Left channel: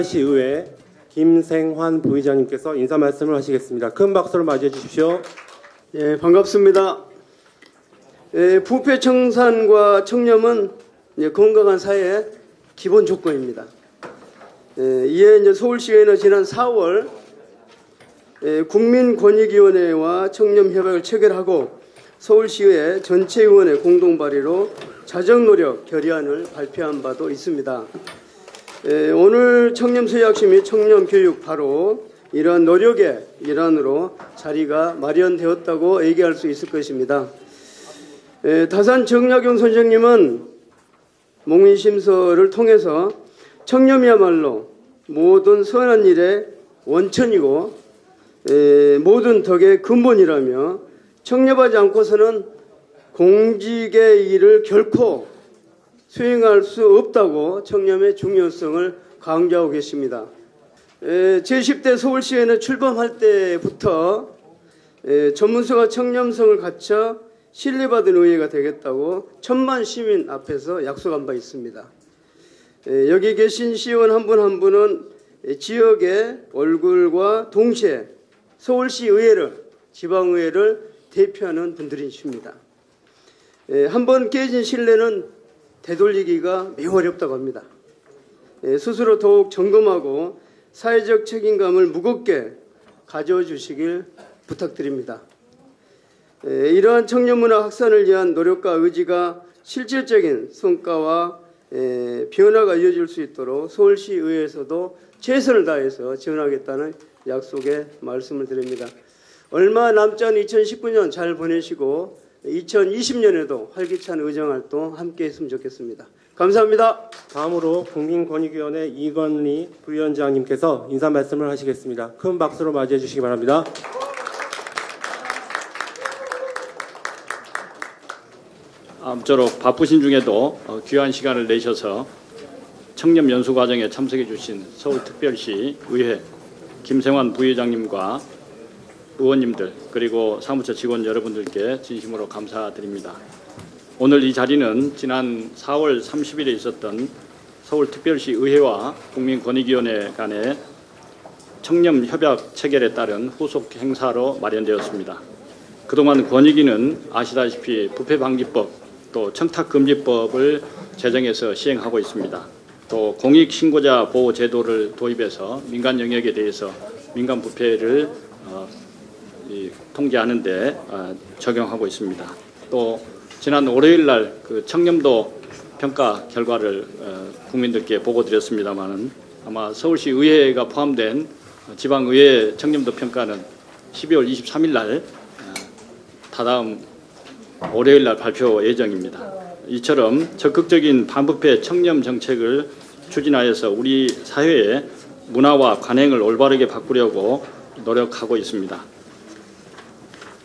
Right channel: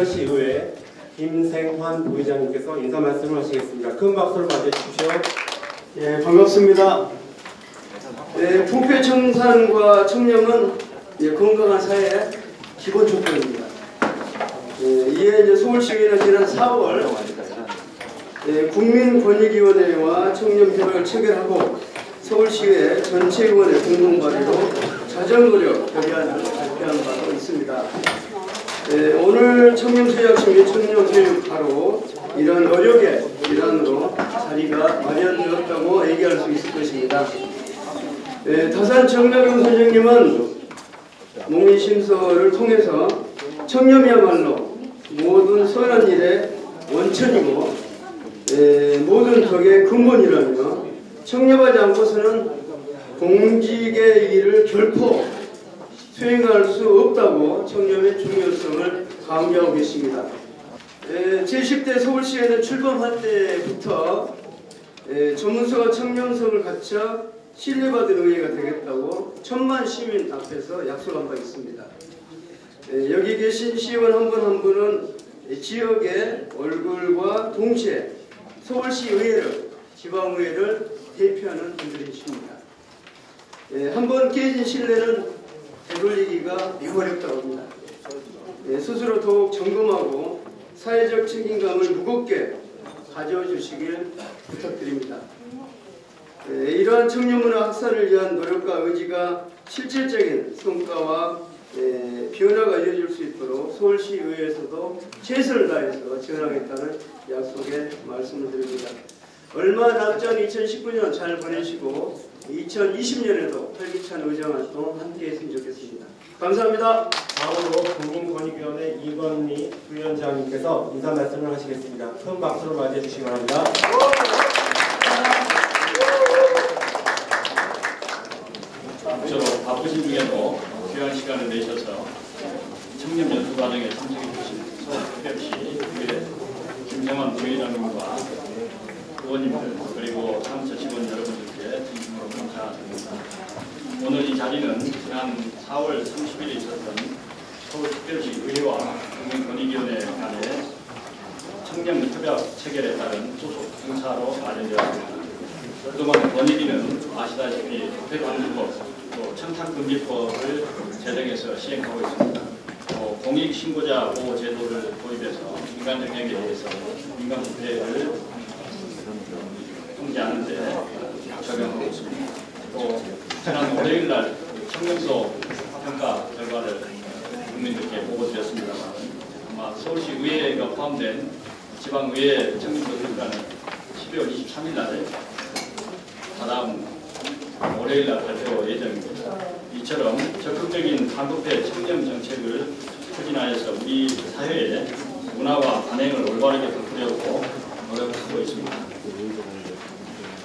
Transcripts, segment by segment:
특별시 의회 김생환 부의장님께서 인사 말씀을 하시겠습니다. 큰 박수로 맞이해 주십시오. 예, 반갑습니다. 부패 청산과 청렴은 건강한 사회의 기본 조건입니다. 이에 서울시의회는 지난 4월 국민권익위원회와 청렴협약을 체결하고 서울시의회 전체 의원의 공동 발의로 자정노력 결의안을 발표한 바도 있습니다. 오늘 청렴서약심 및 청렴교육 바로 이런 노력의 일환으로 자리가 마련되었다고 얘기할 수 있을 것입니다. 다산 정약용 선생님은 목민심서를 통해서 청렴이야말로 모든 선한 일의 원천이고 모든 덕의 근본이라며 청렴하지 않고서는 공직의 일을 결코 수행할 수 없다고 청렴의 중요성을 강조하고 계십니다. 제10대 서울시의회는 출범할 때부터 전문성과 청렴성을 갖춰 신뢰받은 의회가 되겠다고 천만 시민 앞에서 약속한 바 있습니다. 여기 계신 시의원 한 분 한 분은 지역의 얼굴과 동시에 서울시의회를, 지방의회를 대표하는 분들이십니다. 한번 깨진 신뢰는 되돌리기가 매우 어렵다고 합니다. 스스로 더욱 점검하고 사회적 책임감을 무겁게 가져주시길 부탁드립니다. 이러한 청년문화 확산을 위한 노력과 의지가 실질적인 성과와 변화가 이어질 수 있도록 서울시의회에서도 최선을 다해서 지원하겠다는 약속의 말씀을 드립니다. 얼마 남지 않은 2019년 잘 보내시고 2020년에도 활기찬 의정활동 함께 했으면 좋겠습니다. 감사합니다. 다음으로 국민권익위원회 이건희 부위원장님께서 인사 말씀을 하시겠습니다. 큰 박수로 맞이해 주시기 바랍니다. 아무쪼록 바쁘신 중에도 귀한 시간을 내셔서 청렴 연수 과정에 참석해 주신 서울특별시 의회 김생환 부의장님과 의원님들 그리고 사무처 직원 여러분들께 진심으로 감사드립니다. 오늘 이 자리는 지난 4월 30일에 있었던 서울특별시 의회와 국민권익위원회 간의 청렴협약 체결에 따른 후속 행사로 마련되었습니다. 그동안 권익위는 아시다시피 부패방지법 또 청탁금지법을 제정해서 시행하고 있습니다. 또 공익신고자 보호제도를 도입해서 민간 영역에 대해서 민간 부패를 통제하는 데 적용하고 있습니다. 또 지난 월요일 날 그 청렴도 평가 결과를 국민들께 보고드렸습니다만 아마 서울시 의회가 포함된 지방의회 청렴도 평가는 12월 23일 날 다다음 월요일 날 발표 예정입니다. 이처럼 적극적인 반부패 청렴 정책을 추진하여서 우리 사회의 문화와 관행을 올바르게 바꾸려고 노력하고 있습니다.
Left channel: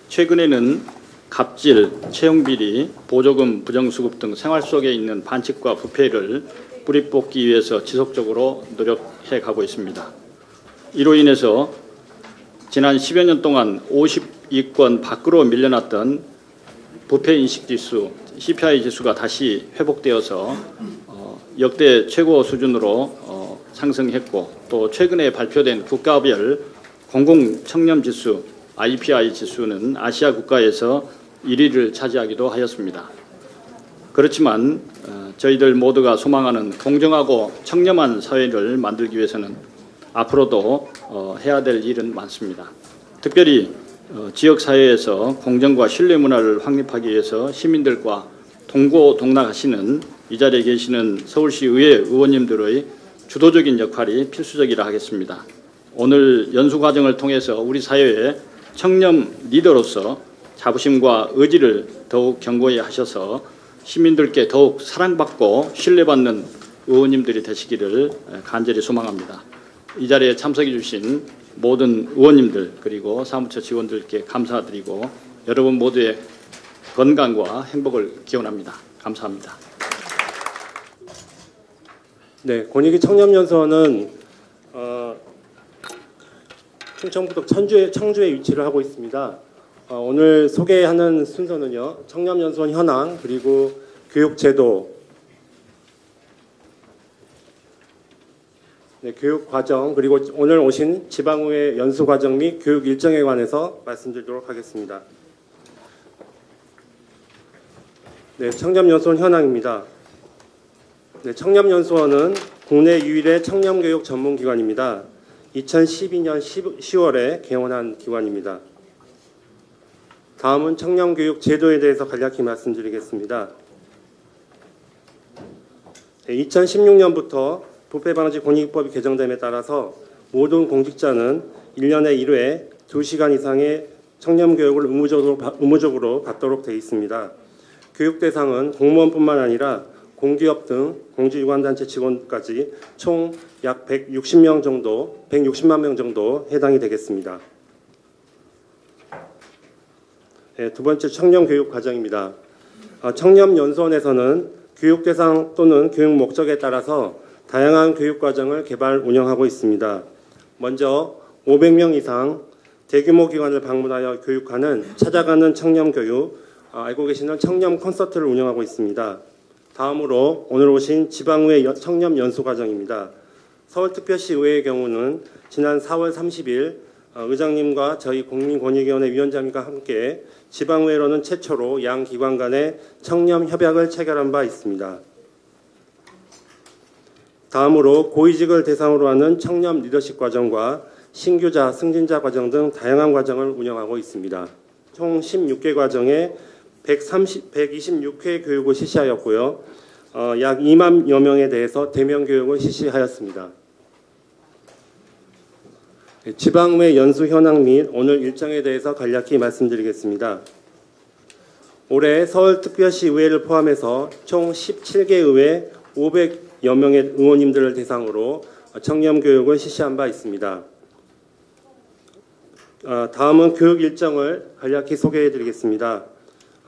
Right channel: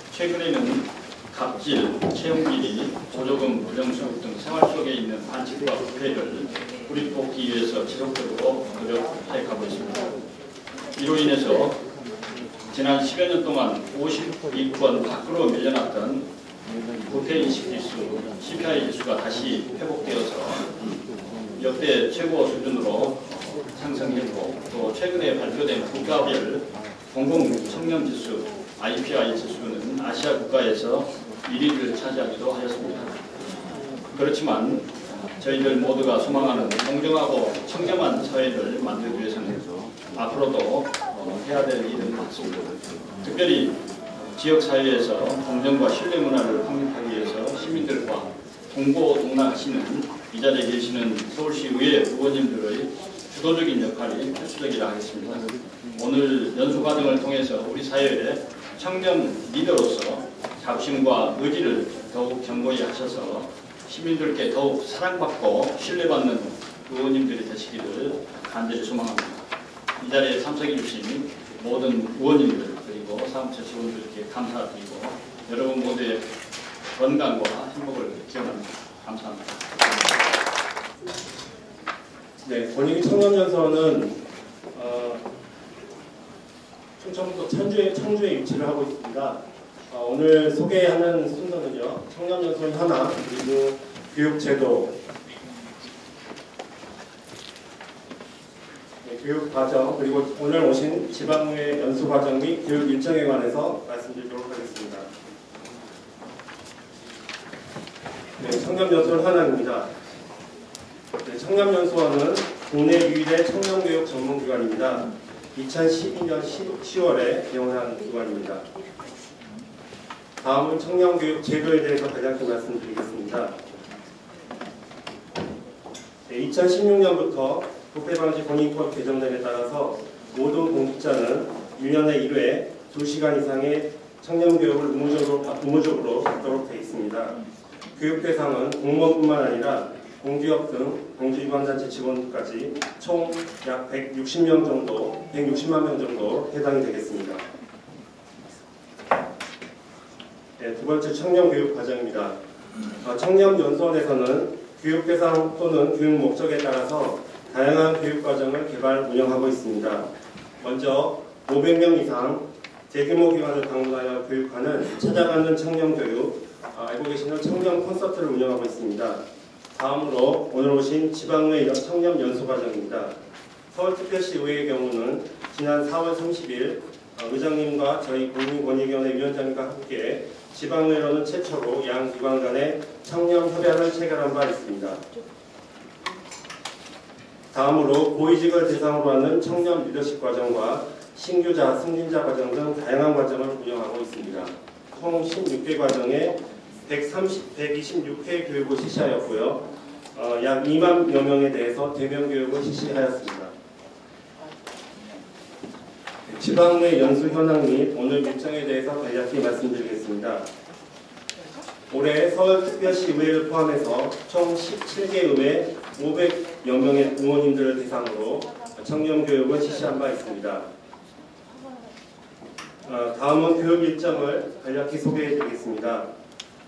최근에는 갑질, 채용비리, 보조금 부정수급 등 생활 속에 있는 반칙과 부패를 뿌리 뽑기 위해서 지속적으로 노력해 가고 있습니다. 이로 인해서 지난 10여 년 동안 50위권 밖으로 밀려났던 부패인식지수, CPI 지수가 다시 회복되어서 역대 최고 수준으로 상승했고 또 최근에 발표된 국가별 공공청렴지수 IPI 지수는 아시아 국가에서 1위를 차지하기도 하였습니다. 그렇지만 저희들 모두가 소망하는 공정하고 청렴한 사회를 만들기 위해서는 앞으로도 해야 될 일은 많습니다. 특별히 지역사회에서 공정과 신뢰 문화를 확립하기 위해서 시민들과 동고동락하시는 이 자리에 계시는 서울시 의회 의원님들의 주도적인 역할이 필수적이라 하겠습니다. 오늘 연수 과정을 통해서 우리 사회의 청렴 리더로서 자부심과 의지를 더욱 견고히 하셔서 시민들께 더욱 사랑받고 신뢰받는 의원님들이 되시기를 간절히 소망합니다. 이 자리에 참석해 주신 모든 의원님들 그리고 사무처 직원들께 감사드리고 여러분 모두의 건강과 행복을 기원합니다. 감사합니다. 네, 권익위 청렴연수원은 충청북도 청주에 위치를 하고 있습니다. 오늘 소개하는 순서는요. 청렴연수원 현황 그리고 교육제도 네, 교육 과정 그리고 오늘 오신 지방의회 연수 과정 및 교육 일정에 관해서 말씀드리도록 하겠습니다. 네, 청렴연수원 현황입니다. 네, 청렴연수원은 국내 유일의 청렴교육 전문기관입니다. 2012년 10월에 개원한 기관입니다. 다음은 청렴교육 제도에 대해서 간략히 말씀드리겠습니다. 네, 2016년부터 부패방지 권익법 개정됨에 따라서 모든 공직자는 1년에 1회 2시간 이상의 청렴교육을 의무적으로 받도록 되어 있습니다. 교육 대상은 공무원뿐만 아니라 공기업 등 공주유관단체 직원까지 총 약 160만 명 정도 해당이 되겠습니다. 네, 두 번째 청렴교육 과정입니다. 청렴연수원에서는 교육 대상 또는 교육 목적에 따라서 다양한 교육 과정을 개발 운영하고 있습니다. 먼저 500명 이상 대규모 기관을 방문하여 교육하는 찾아가는 청렴교육, 알고 계시는 청렴 콘서트를 운영하고 있습니다. 다음으로 오늘 오신 지방의회 청렴연수과정입니다. 서울특별시 의회의 경우는 지난 4월 30일 의장님과 저희 국민권익위원회 위원장님과 함께 지방의회로는 최초로 양 기관 간의 청렴협약을 체결한 바 있습니다. 다음으로 고위직을 대상으로 하는 청렴 리더십 과정과 신규자, 승진자 과정 등 다양한 과정을 운영하고 있습니다. 총 16개 과정에 126회 교육을 실시하였고요. 약 2만여 명에 대해서 대면 교육을 실시하였습니다. 지방의회 연수 현황 및 오늘 일정에 대해서 간략히 말씀드리겠습니다. 올해 서울특별시 의회를 포함해서 총 17개 의회 500여 명의 의원님들을 대상으로 청렴교육을 실시한 바 있습니다. 다음은 교육 일정을 간략히 소개해 드리겠습니다.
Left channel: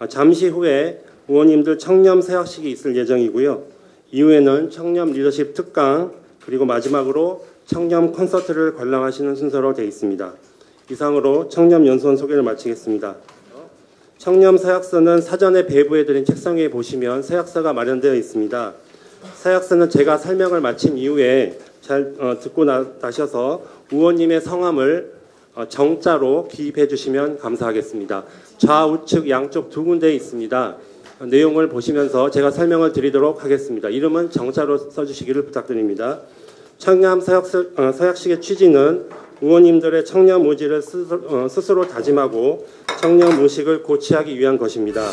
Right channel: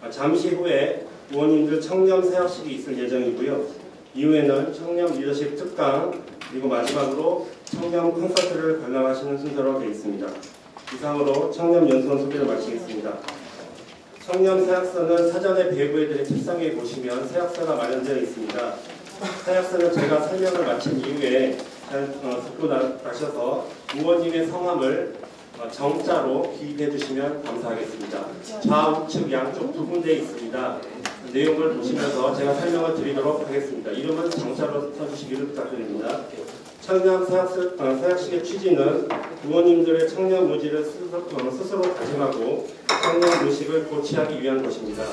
잠시 후에 의원님들 청렴 세학식이 있을 예정이고요. 이후에는 청렴 리더십 특강 그리고 마지막으로 청렴 콘서트를 관람하시는 순서로 되어 있습니다. 이상으로 청렴연수원 소개를 마치겠습니다. 청렴 사약서는 사전에 배부해드린 책상 위에 보시면 사약서가 마련되어 있습니다. 사약서는 제가 설명을 마친 이후에 잘 듣고 나셔서 의원님의 성함을 정자로 기입해 주시면 감사하겠습니다. 좌우측 양쪽 두 군데에 있습니다. 내용을 보시면서 제가 설명을 드리도록 하겠습니다. 이름은 정자로 써주시기를 부탁드립니다. 청렴 사약식의 취지는 의원님들의 청렴 의지를 스스로 다짐하고 청렴 의식을 고취하기 위한 것입니다.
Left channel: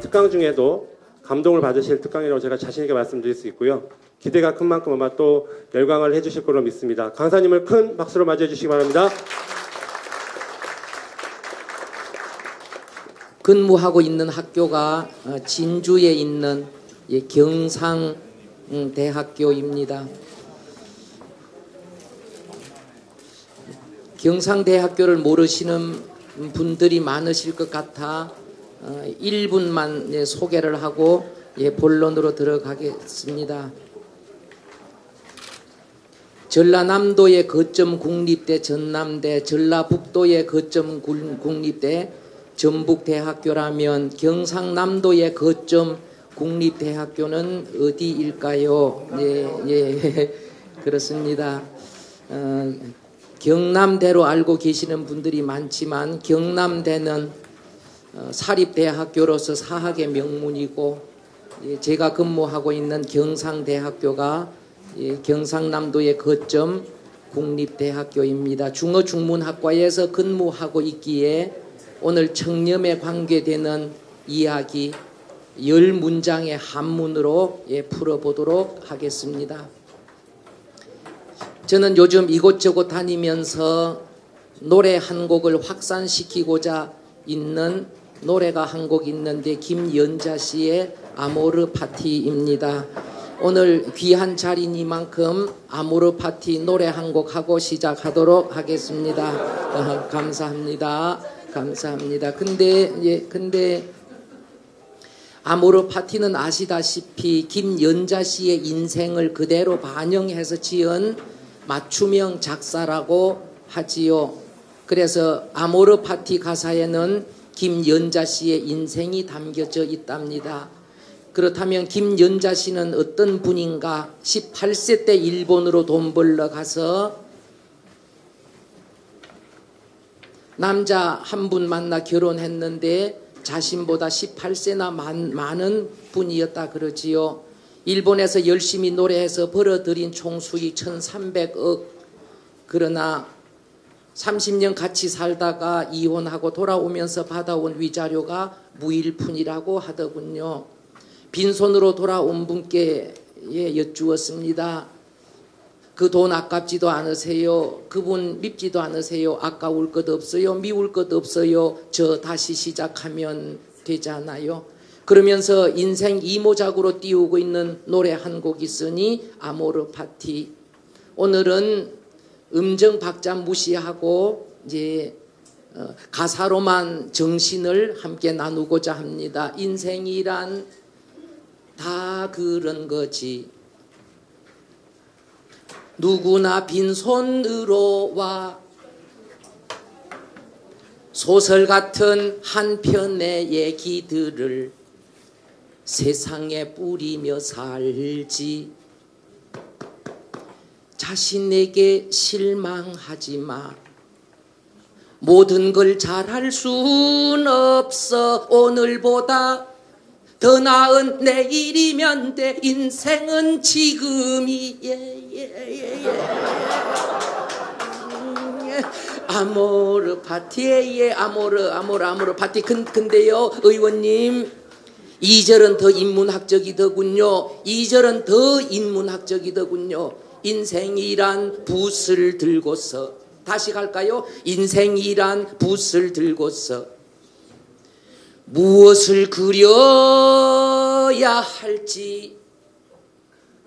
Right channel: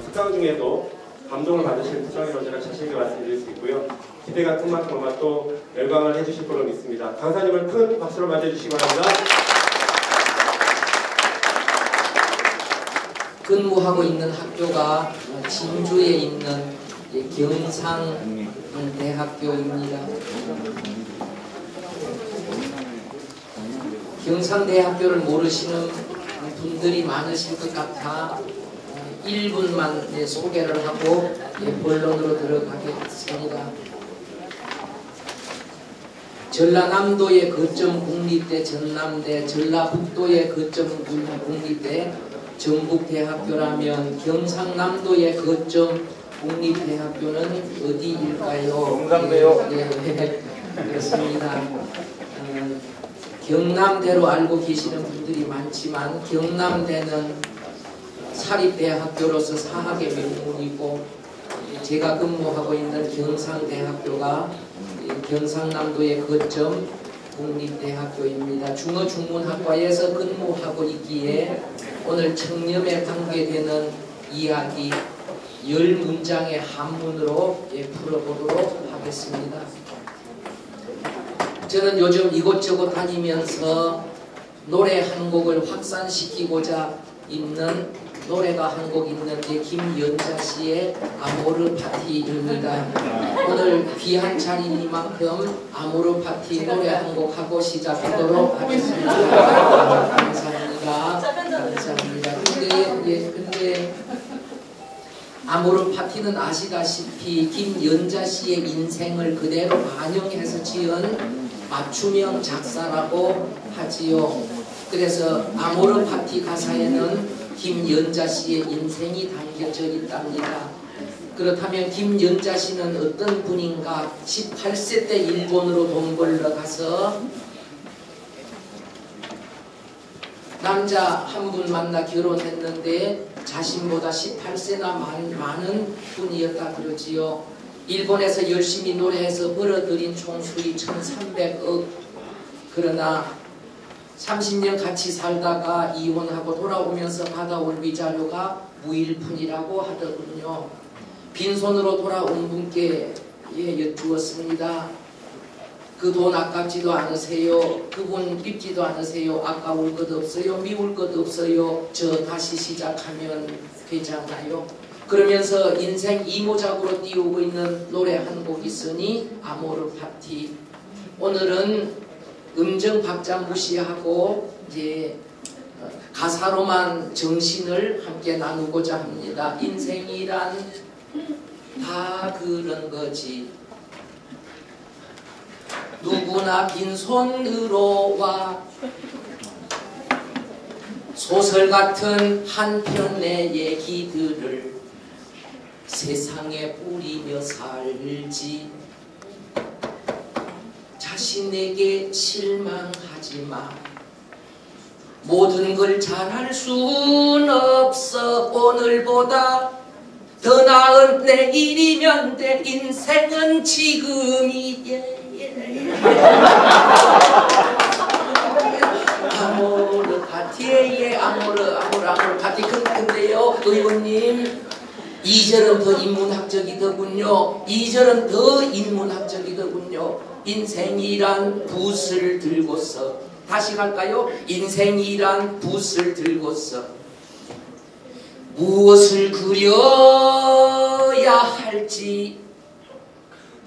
특강 중에도 감동을 받으실 특강이라고 제가 자신 있게 말씀드릴 수 있고요. 기대가 큰 만큼 아마 또 열광을 해주실 걸로 믿습니다. 강사님을 큰 박수로 맞이해 주시기 바랍니다. 근무하고 있는 학교가 진주에 있는 경상대학교입니다. 경상대학교를 모르시는 분들이 많으실 것 같아 1분만 소개를 하고 본론으로 들어가겠습니다. 전라남도의 거점 국립대 전남대, 전라북도의 거점 국립대 전북대학교라면 경상남도의 거점 국립대학교는 어디일까요? 경상대요. 예, 그렇습니다. 경남대로 알고 계시는 분들이 많지만 경남대는 사립대학교로서 사학의 명문이고, 제가 근무하고 있는 경상대학교가 경상남도의 거점 국립대학교입니다. 중어중문학과에서 근무하고 있기에 오늘 청렴에 관계되는 이야기 10문장의 한문으로 풀어보도록 하겠습니다. 저는 요즘 이곳저곳 다니면서 노래 한 곡을 확산시키고자 있는 노래가 한 곡 있는데 김연자 씨의 아모르 파티입니다. 오늘 귀한 자리니만큼 아모르 파티 노래 한 곡 하고 시작하도록 하겠습니다. 감사합니다. 감사합니다. 근데 아모르 파티는 아시다시피 김연자 씨의 인생을 그대로 반영해서 지은 맞춤형 작사라고 하지요. 그래서 아모르 파티 가사에는 김연자 씨의 인생이 담겨져 있답니다. 그렇다면 김연자 씨는 어떤 분인가? 18세 때 일본으로 돈 벌러 가서 남자 한 분 만나 결혼했는데 자신보다 18세나 많은 분이었다 그러지요. 일본에서 열심히 노래해서 벌어들인 총수익 1300억. 그러나 30년 같이 살다가 이혼하고 돌아오면서 받아온 위자료가 무일푼이라고 하더군요. 빈손으로 돌아온 분께 여쭈었습니다. 그 돈 아깝지도 않으세요? 그분 밉지도 않으세요? 아까울 것 없어요? 미울 것 없어요? 저 다시 시작하면 되잖아요. 그러면서 인생 이모작으로 띄우고 있는 노래 한 곡 있으니 아모르 파티. 오늘은 음정 박자 무시하고 이제 가사로만 정신을 함께 나누고자 합니다. 인생이란 다 그런 거지. 누구나 빈손으로 와. 소설 같은 한 편의 얘기들을 세상에 뿌리며 살지. 자신에게 실망하지 마. 모든 걸 잘할 순 없어. 오늘보다 더 나은 내일이면 돼. 인생은 지금이. 아모르 파티에 아모르 파티. 근데요 의원님, 2절은 더 인문학적이더군요. 2절은 더 인문학적이더군요. 인생이란 붓을 들고서. 다시 갈까요? 인생이란 붓을 들고서 무엇을 그려야 할지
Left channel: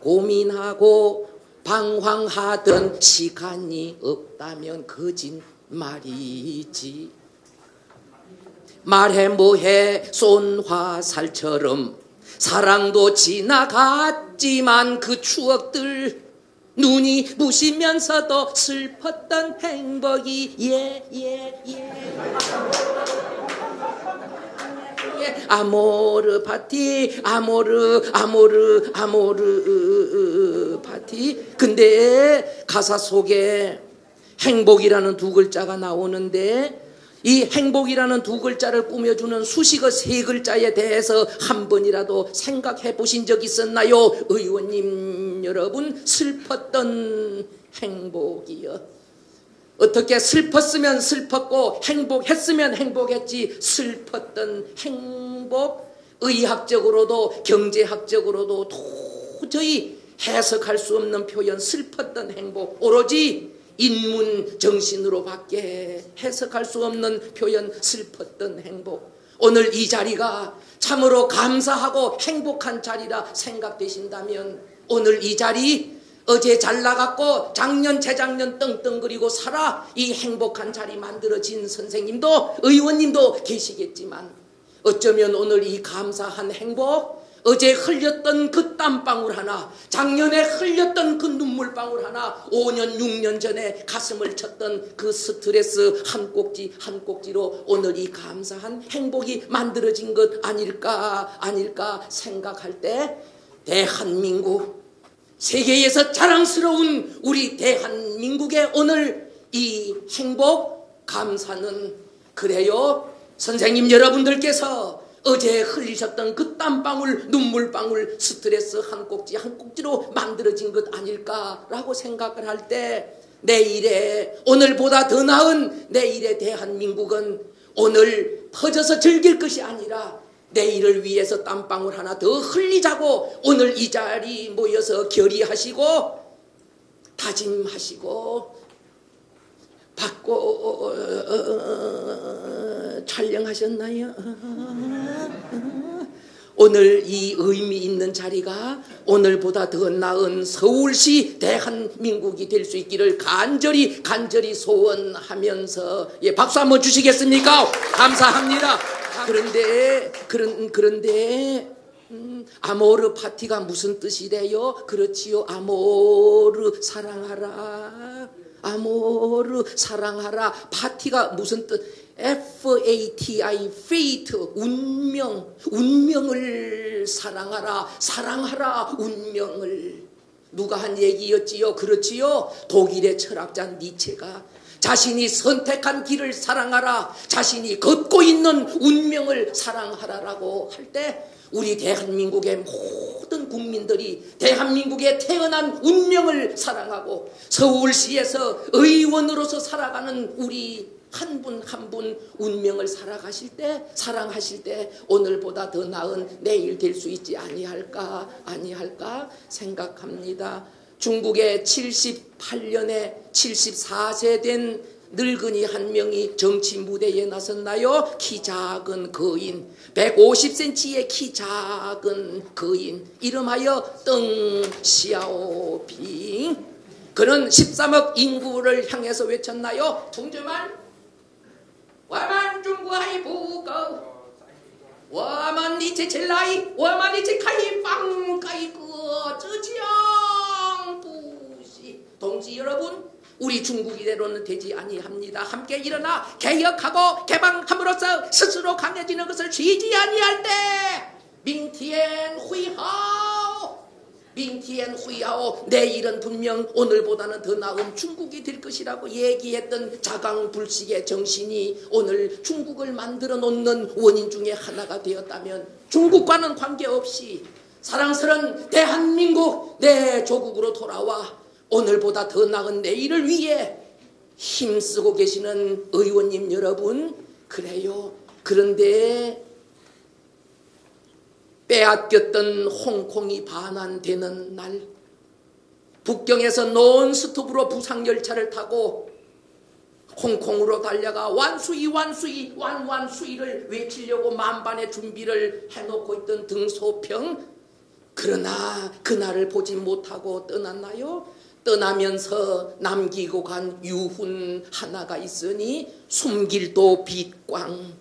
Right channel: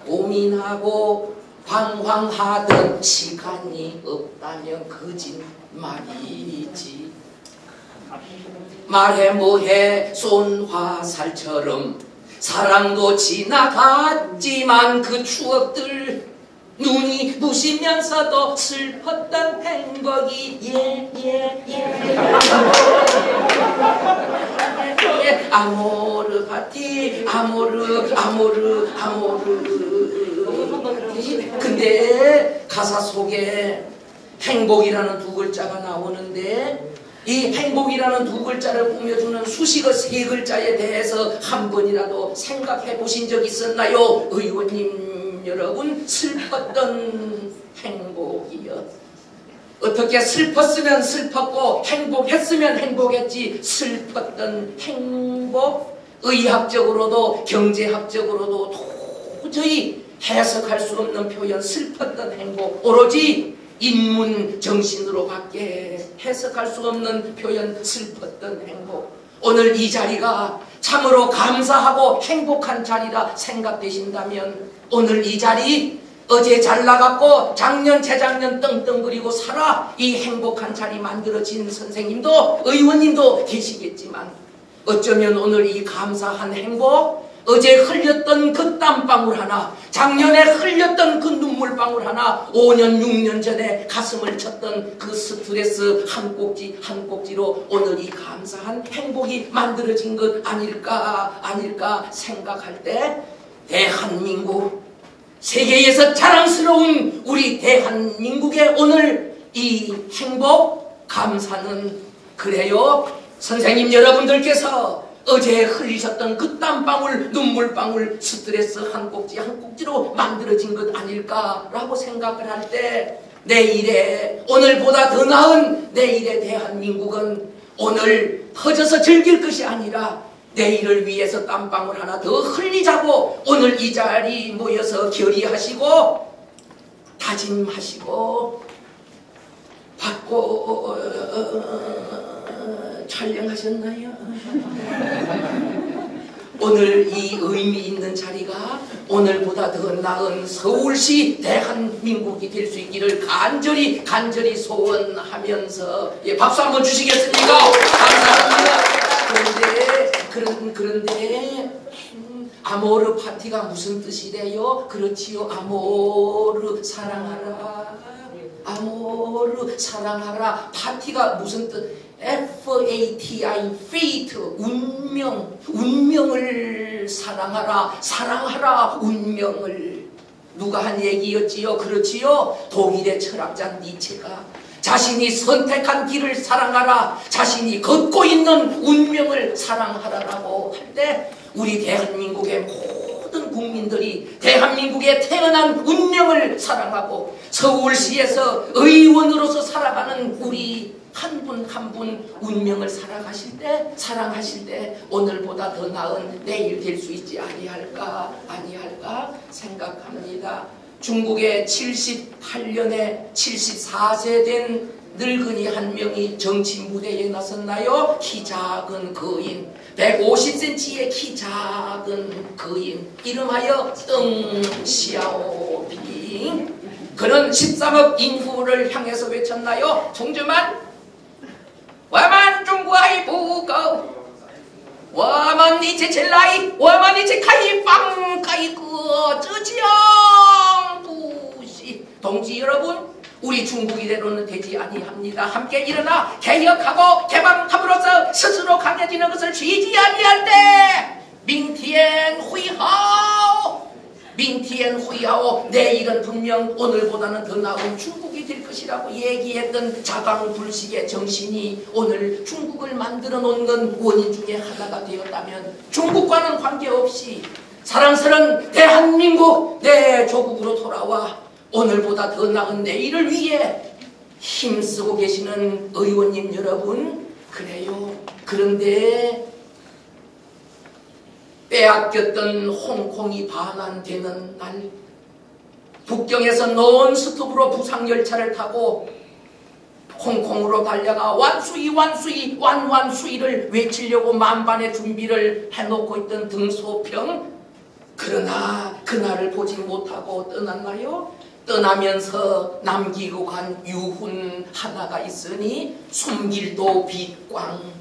고민하고 방황하던 시간이 없다면 거짓말이지. 말해 뭐해 손화살처럼 사랑도 지나갔지만 그 추억들 눈이 부시면서도 슬펐던 행복이 아모르 파티 아모르 파티. 근데 가사 속에 행복이라는 두 글자가 나오는데 이 행복이라는 두 글자를 꾸며주는 수식어 세 글자에 대해서 한 번이라도 생각해 보신 적 있었나요? 의원님 여러분, 슬펐던 행복이요. 어떻게 슬펐으면 슬펐고 행복했으면 행복했지. 슬펐던 행복, 의학적으로도 경제학적으로도 도저히 해석할 수 없는 표현. 슬펐던 행복, 오로지 인문 정신으로밖에 해석할 수 없는 표현. 슬펐던 행복. 오늘 이 자리가 참으로 감사하고 행복한 자리라 생각되신다면 오늘 이 자리, 어제 잘 나갔고 작년 재작년 떵떵거리고 살아 이 행복한 자리 만들어진 선생님도 의원님도 계시겠지만 어쩌면 오늘 이 감사한 행복, 어제 흘렸던 그 땀방울 하나, 작년에 흘렸던 그 눈물방울 하나, 5년 6년 전에 가슴을 쳤던 그 스트레스 한 꼭지 한 꼭지로 오늘 이 감사한 행복이 만들어진 것 아닐까 생각할 때, 대한민국, 세계에서 자랑스러운 우리 대한민국의 오늘 이 행복, 감사는 그래요. 선생님 여러분들께서 어제 흘리셨던 그 땀방울, 눈물방울, 스트레스 한 꼭지 한 꼭지로 만들어진 것 아닐까라고 생각을 할 때, 내일의, 오늘보다 더 나은 내일의 대한민국은 오늘 허져서 즐길 것이 아니라 내일을 위해서 땀방울 하나 더 흘리자고 오늘 이 자리 모여서 결의하시고 다짐하시고 받고 촬영하셨나요? 오늘 이 의미 있는 자리가 오늘보다 더 나은 서울시 대한민국이 될 수 있기를 간절히 소원하면서, 예, 박수 한번 주시겠습니까? 감사합니다. 그런데 아모르 파티가 무슨 뜻이래요? 그렇지요, 아모르 사랑하라. 아모르 사랑하라. 파티가 무슨 뜻? F-A-T-I, fate, 운명을 사랑하라, 운명을. 누가 한 얘기였지요? 그렇지요? 독일의 철학자 니체가 자신이 선택한 길을 사랑하라, 자신이 걷고 있는 운명을 사랑하라라고 할 때, 우리 대한민국의 모든 국민들이 대한민국에 태어난 운명을 사랑하고 서울시에서 의원으로서 살아가는 우리 한 분 한 분 운명을 사랑하실 때 오늘보다 더 나은 내일 될 수 있지 아니할까 생각합니다. 중국의 78년에 74세 된 늙은이 한 명이 정치 무대에 나섰나요? 키 작은 거인, 150cm의 키 작은 거인, 이름하여 덩 시아오핑. 그는 13억 인구를 향해서 외쳤나요? 동주만, 我们中国不够，我们一起起来，我们一起开放改革，这将不行。 동지 여러분, 우리 중국 이대로는 되지 아니합니다. 함께 일어나 개혁하고 개방함으로써 스스로 강해지는 것을 쉬지 아니할 때, 明天会好， 내일은 분명 오늘보다는 더 나은 중국이 될 것이라고 얘기했던 자강불식의 정신이 오늘 중국을 만들어 놓는 원인 중에 하나가 되었다면, 중국과는 관계없이 사랑스러운 대한민국, 내 조국으로 돌아와 오늘보다 더 나은 내일을 위해 힘쓰고 계시는 의원님 여러분, 그래요. 그런데 빼앗겼던 홍콩이 반환되는 날, 북경에서 논스톱으로 부상열차를 타고 홍콩으로 달려가 완수이를 외치려고 만반의 준비를 해놓고 있던 등소평, 그러나 그날을 보지 못하고 떠났나요? 떠나면서 남기고 간 유훈 하나가 있으니, 숨길도 빛광,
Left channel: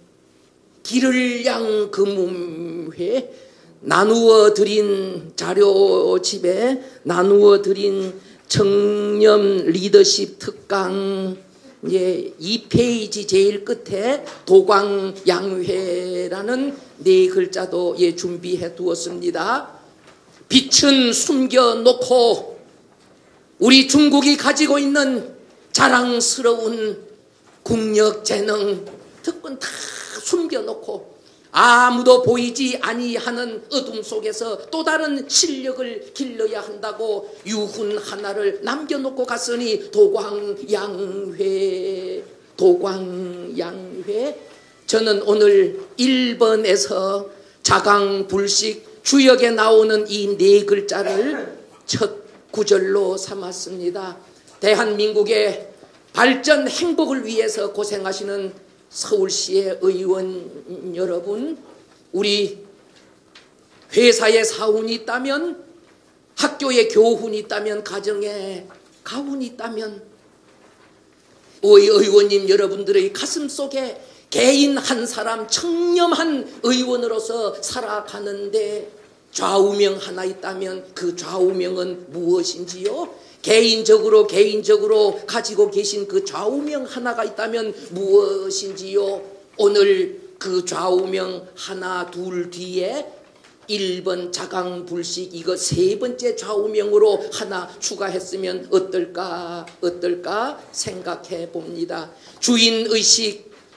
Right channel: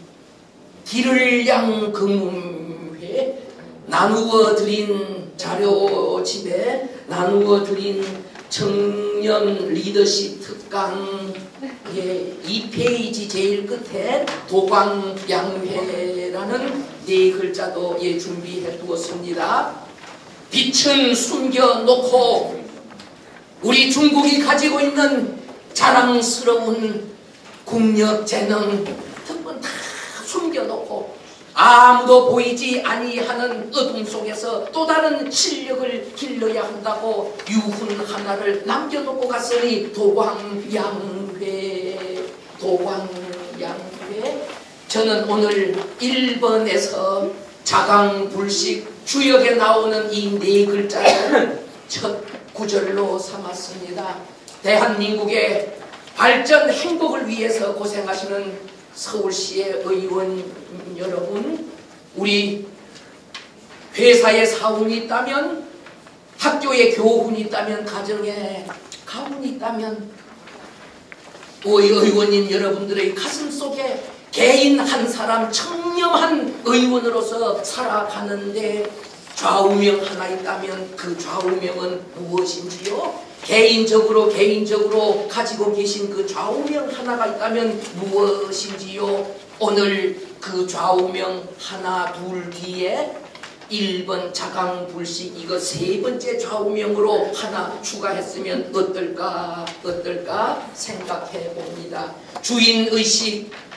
길을 양 금음회, 나누어 드린 자료집에 나누어 드린 청년 리더십 특강, 예, 2페이지 제일 끝에 도광양회라는 네 글자도, 예, 준비해 두었습니다. 빛은 숨겨놓고 우리 중국이 가지고 있는 자랑스러운 국력, 재능, 특권 다 숨겨놓고 아무도 보이지 아니하는 어둠 속에서 또 다른 실력을 길러야 한다고 유훈 하나를 남겨놓고 갔으니, 도광양회. 저는 오늘 1번에서 자강불식 주역에 나오는 이 네 글자를 첫 구절로 삼았습니다. 대한민국의 발전, 행복을 위해서 고생하시는 서울시의 의원 여러분, 우리 회사에 사운이 있다면, 학교에 교훈이 있다면, 가정에 가훈이 있다면, 우리 의원님 여러분들의 가슴 속에 개인 한 사람 청렴한 의원으로서 살아가는데 좌우명 하나 있다면 그 좌우명은 무엇인지요? 개인적으로 가지고 계신 그 좌우명 하나가 있다면 무엇인지요? 오늘 그 좌우명 하나 둘 뒤에 1번 자강불식 이거 세 번째 좌우명으로 하나 추가했으면 어떨까 생각해 봅니다.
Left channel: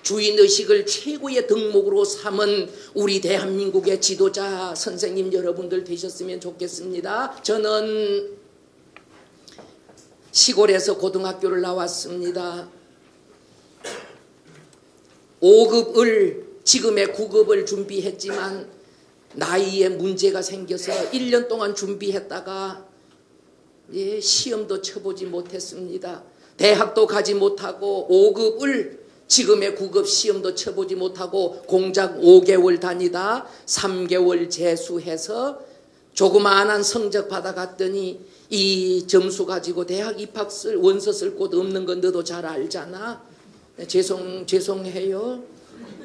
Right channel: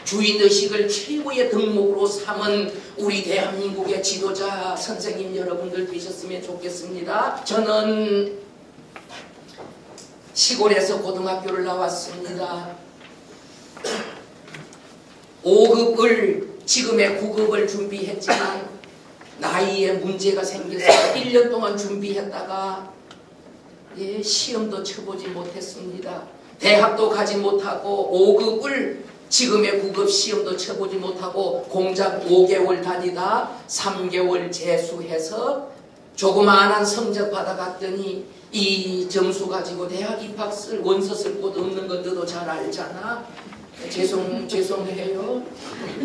주인의식을 최고의 덕목으로 삼은 우리 대한민국의 지도자 선생님 여러분들 되셨으면 좋겠습니다. 저는 시골에서 고등학교를 나왔습니다. 5급을 지금의 9급을 준비했지만 나이에 문제가 생겨서 1년 동안 준비했다가 시험도 쳐보지 못했습니다. 대학도 가지 못하고 5급을 지금의 9급 시험도 쳐보지 못하고 공작 5개월 다니다 3개월 재수해서 조그마한 성적 받아갔더니 이 점수 가지고 대학 입학 쓸 원서 쓸 곳 없는 건 너도 잘 알잖아. 죄송해요.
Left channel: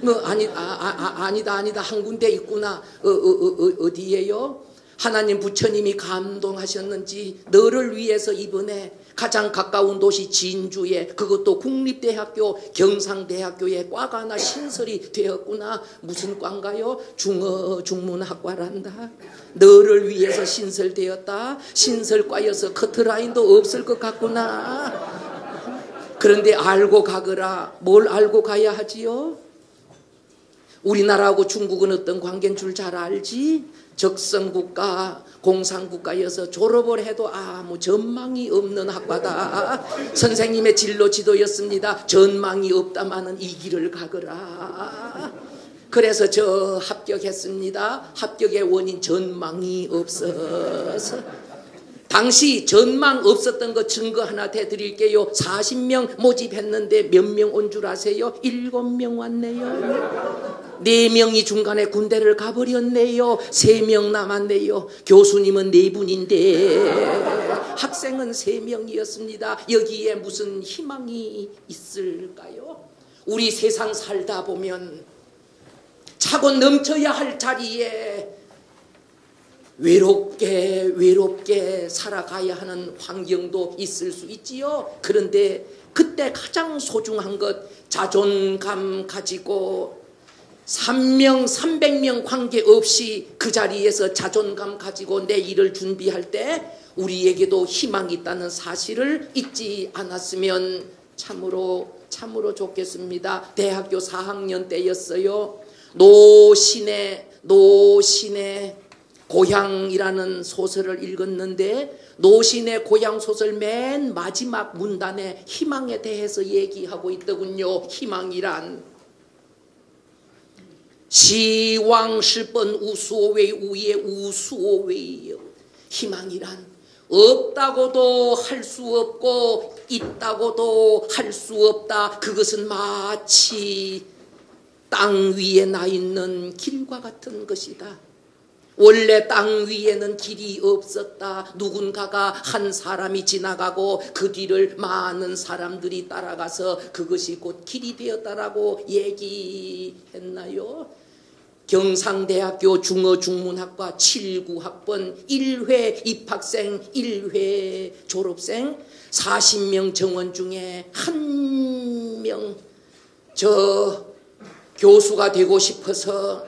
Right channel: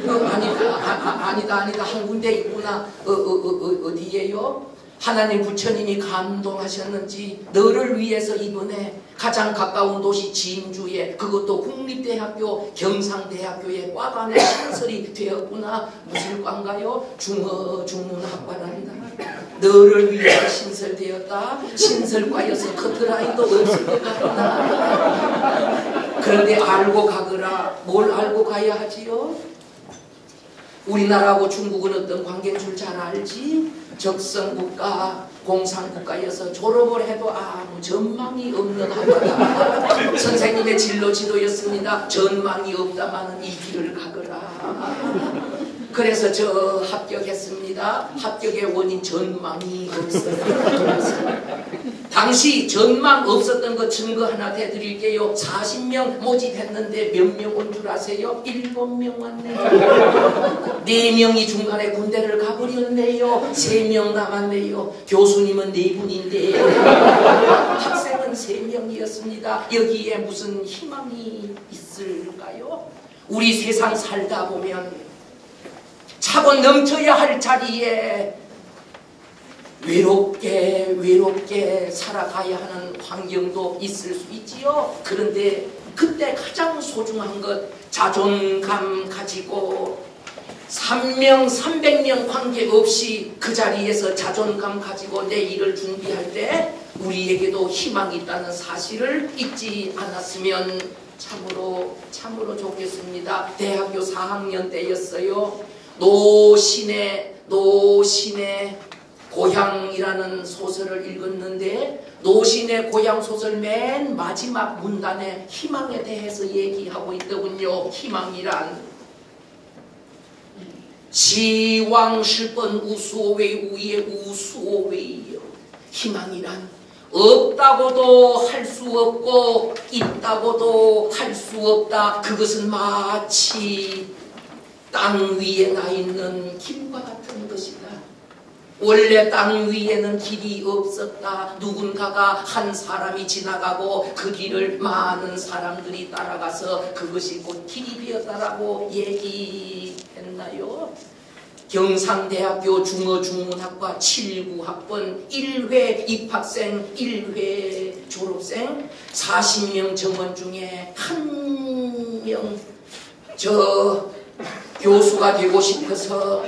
아니다 한 군데 있구나. 어디예요? 하나님 부처님이 감동하셨는지 너를 위해서 이번에 가장 가까운 도시 진주에 그것도 국립대학교 경상대학교에 과가 하나 신설이 되었구나. 무슨 과인가요? 중문학과란다. 너를 위해서 신설되었다. 신설과여서 커트라인도 없을 것 같구나. 그런데 알고 가거라. 뭘 알고 가야 하지요? 우리나라하고 중국은 어떤 관계인 줄 잘 알지? 적성국가, 공산국가여서 졸업을 해도 아무 전망이 없는 학과다. 선생님의 진로 지도였습니다. 전망이 없다마는 이 길을 가거라. 그래서 저 합격했습니다. 합격의 원인 전망이 없어요. 당시 전망 없었던 거 증거 하나 대드릴게요. 40명 모집했는데 몇 명 온 줄 아세요? 7명 왔네요. 4명이 중간에 군대를 가버렸네요. 3명 남았네요. 교수님은 4분인데 학생은 3명이었습니다. 여기에 무슨 희망이 있을까요? 우리 세상 살다 보면 차고 넘쳐야 할 자리에 외롭게 살아가야 하는 환경도 있을 수 있지요. 그런데 그때 가장 소중한 것 자존감 가지고 3명 300명 관계없이 그 자리에서 자존감 가지고 내 일을 준비할 때 우리에게도 희망이 있다는 사실을 잊지 않았으면 참으로 좋겠습니다. 대학교 4학년 때였어요. 노신의 고향이라는 소설을 읽었는데 노신의 고향 소설 맨 마지막 문단에 희망에 대해서 얘기하고 있더군요. 희망이란 시왕실번 우수오웨이 우의 우수오웨이요. 희망이란 없다고도 할 수 없고 있다고도 할 수 없다. 그것은 마치 땅 위에 나 있는 길과 같은 것이다. 원래 땅 위에는 길이 없었다. 누군가가 한 사람이 지나가고 그 길을 많은 사람들이 따라가서 그것이 곧 길이 되었다라고 얘기했나요? 경상대학교 중어중문학과 79학번 1회 입학생 1회 졸업생 40명 정원 중에 한 명 교수가 되고 싶어서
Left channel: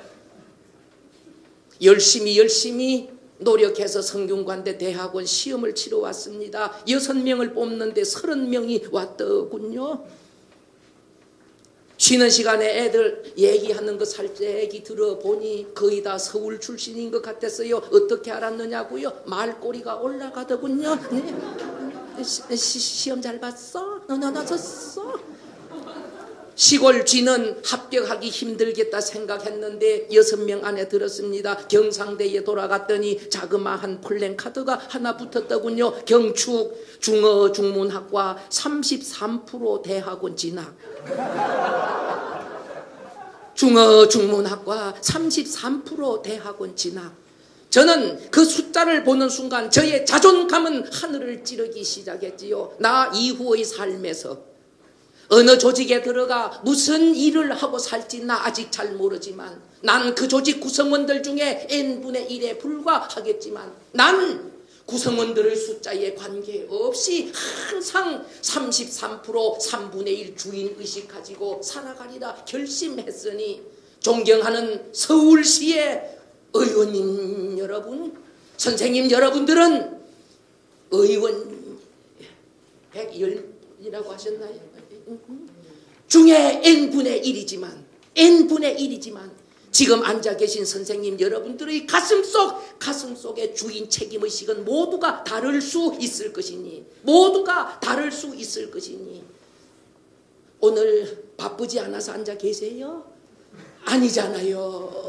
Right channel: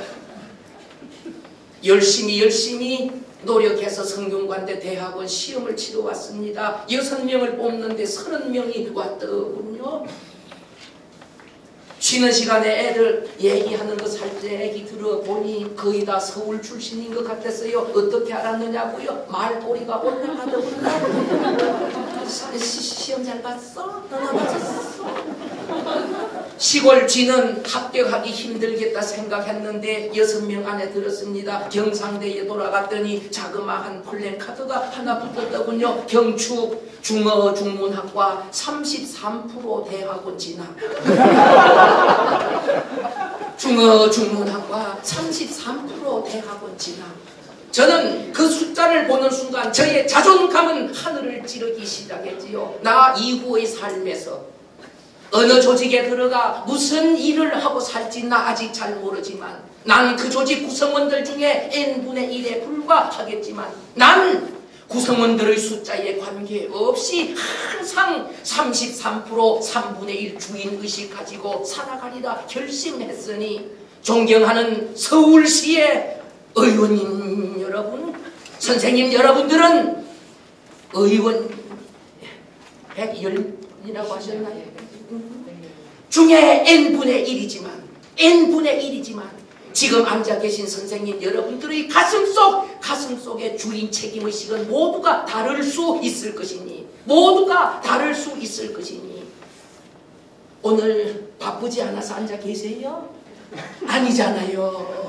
열심히 노력해서 성균관대 대학원 시험을 치러 왔습니다. 6명을 뽑는데 30명이 왔더군요. 쉬는 시간에 애들 얘기하는 거 살 때 애기 들어보니 거의 다 서울 출신인 것 같았어요. 어떻게 알았느냐고요? 말꼬리가 올라가더군요. 시험 잘 봤어? 너 맞았어? 시골 쥐는 합격하기 힘들겠다 생각했는데 6명 안에 들었습니다. 경상대에 돌아갔더니 자그마한 플랜카드가 하나 붙었더군요. 경축 중어중문학과 33% 대학원 진학. 중어중문학과 33% 대학원 진학. 저는 그 숫자를 보는 순간 저의 자존감은 하늘을 찌르기 시작했지요. 나 이후의 삶에서 어느 조직에 들어가 무슨 일을 하고 살지 나 아직 잘 모르지만 난 그 조직 구성원들 중에 n분의 1에 불과하겠지만 난 구성원들의 숫자에 관계없이 항상 33% 3분의 1 주인의식 가지고 살아가리라 결심했으니 존경하는 서울시의 의원님 여러분, 선생님 여러분들은 의원 110이라고 하셨나요? 중에 n분의 1이지만 지금 앉아 계신 선생님 여러분들의 가슴속의 주인 책임의식은 모두가 다를 수 있을 것이니 오늘 바쁘지 않아서 앉아 계세요? 아니잖아요.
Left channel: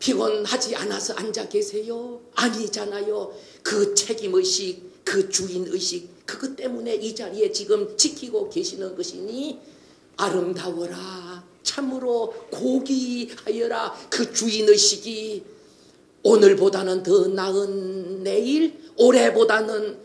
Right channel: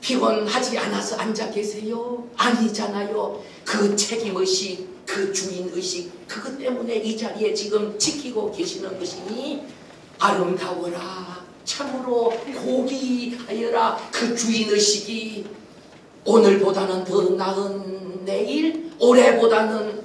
피곤하지 않아서 앉아 계세요? 아니잖아요. 그 책임의식, 그 주인의식, 그것 때문에 이 자리에 지금 지키고 계시는 것이니 아름다워라, 참으로 고귀하여라. 그 주인의식이 오늘보다는 더 나은 내일, 올해보다는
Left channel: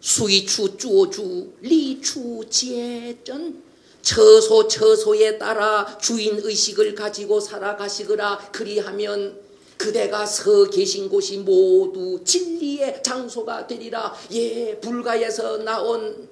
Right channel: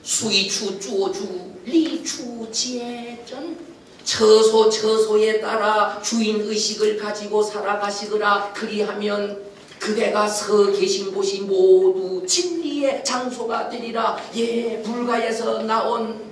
수이추 주어주 리추지에전 처소에 따라 주인의식을 가지고 살아가시거라. 그리하면 그대가 서 계신 곳이 모두 진리의 장소가 되리라. 예, 불가에서 나온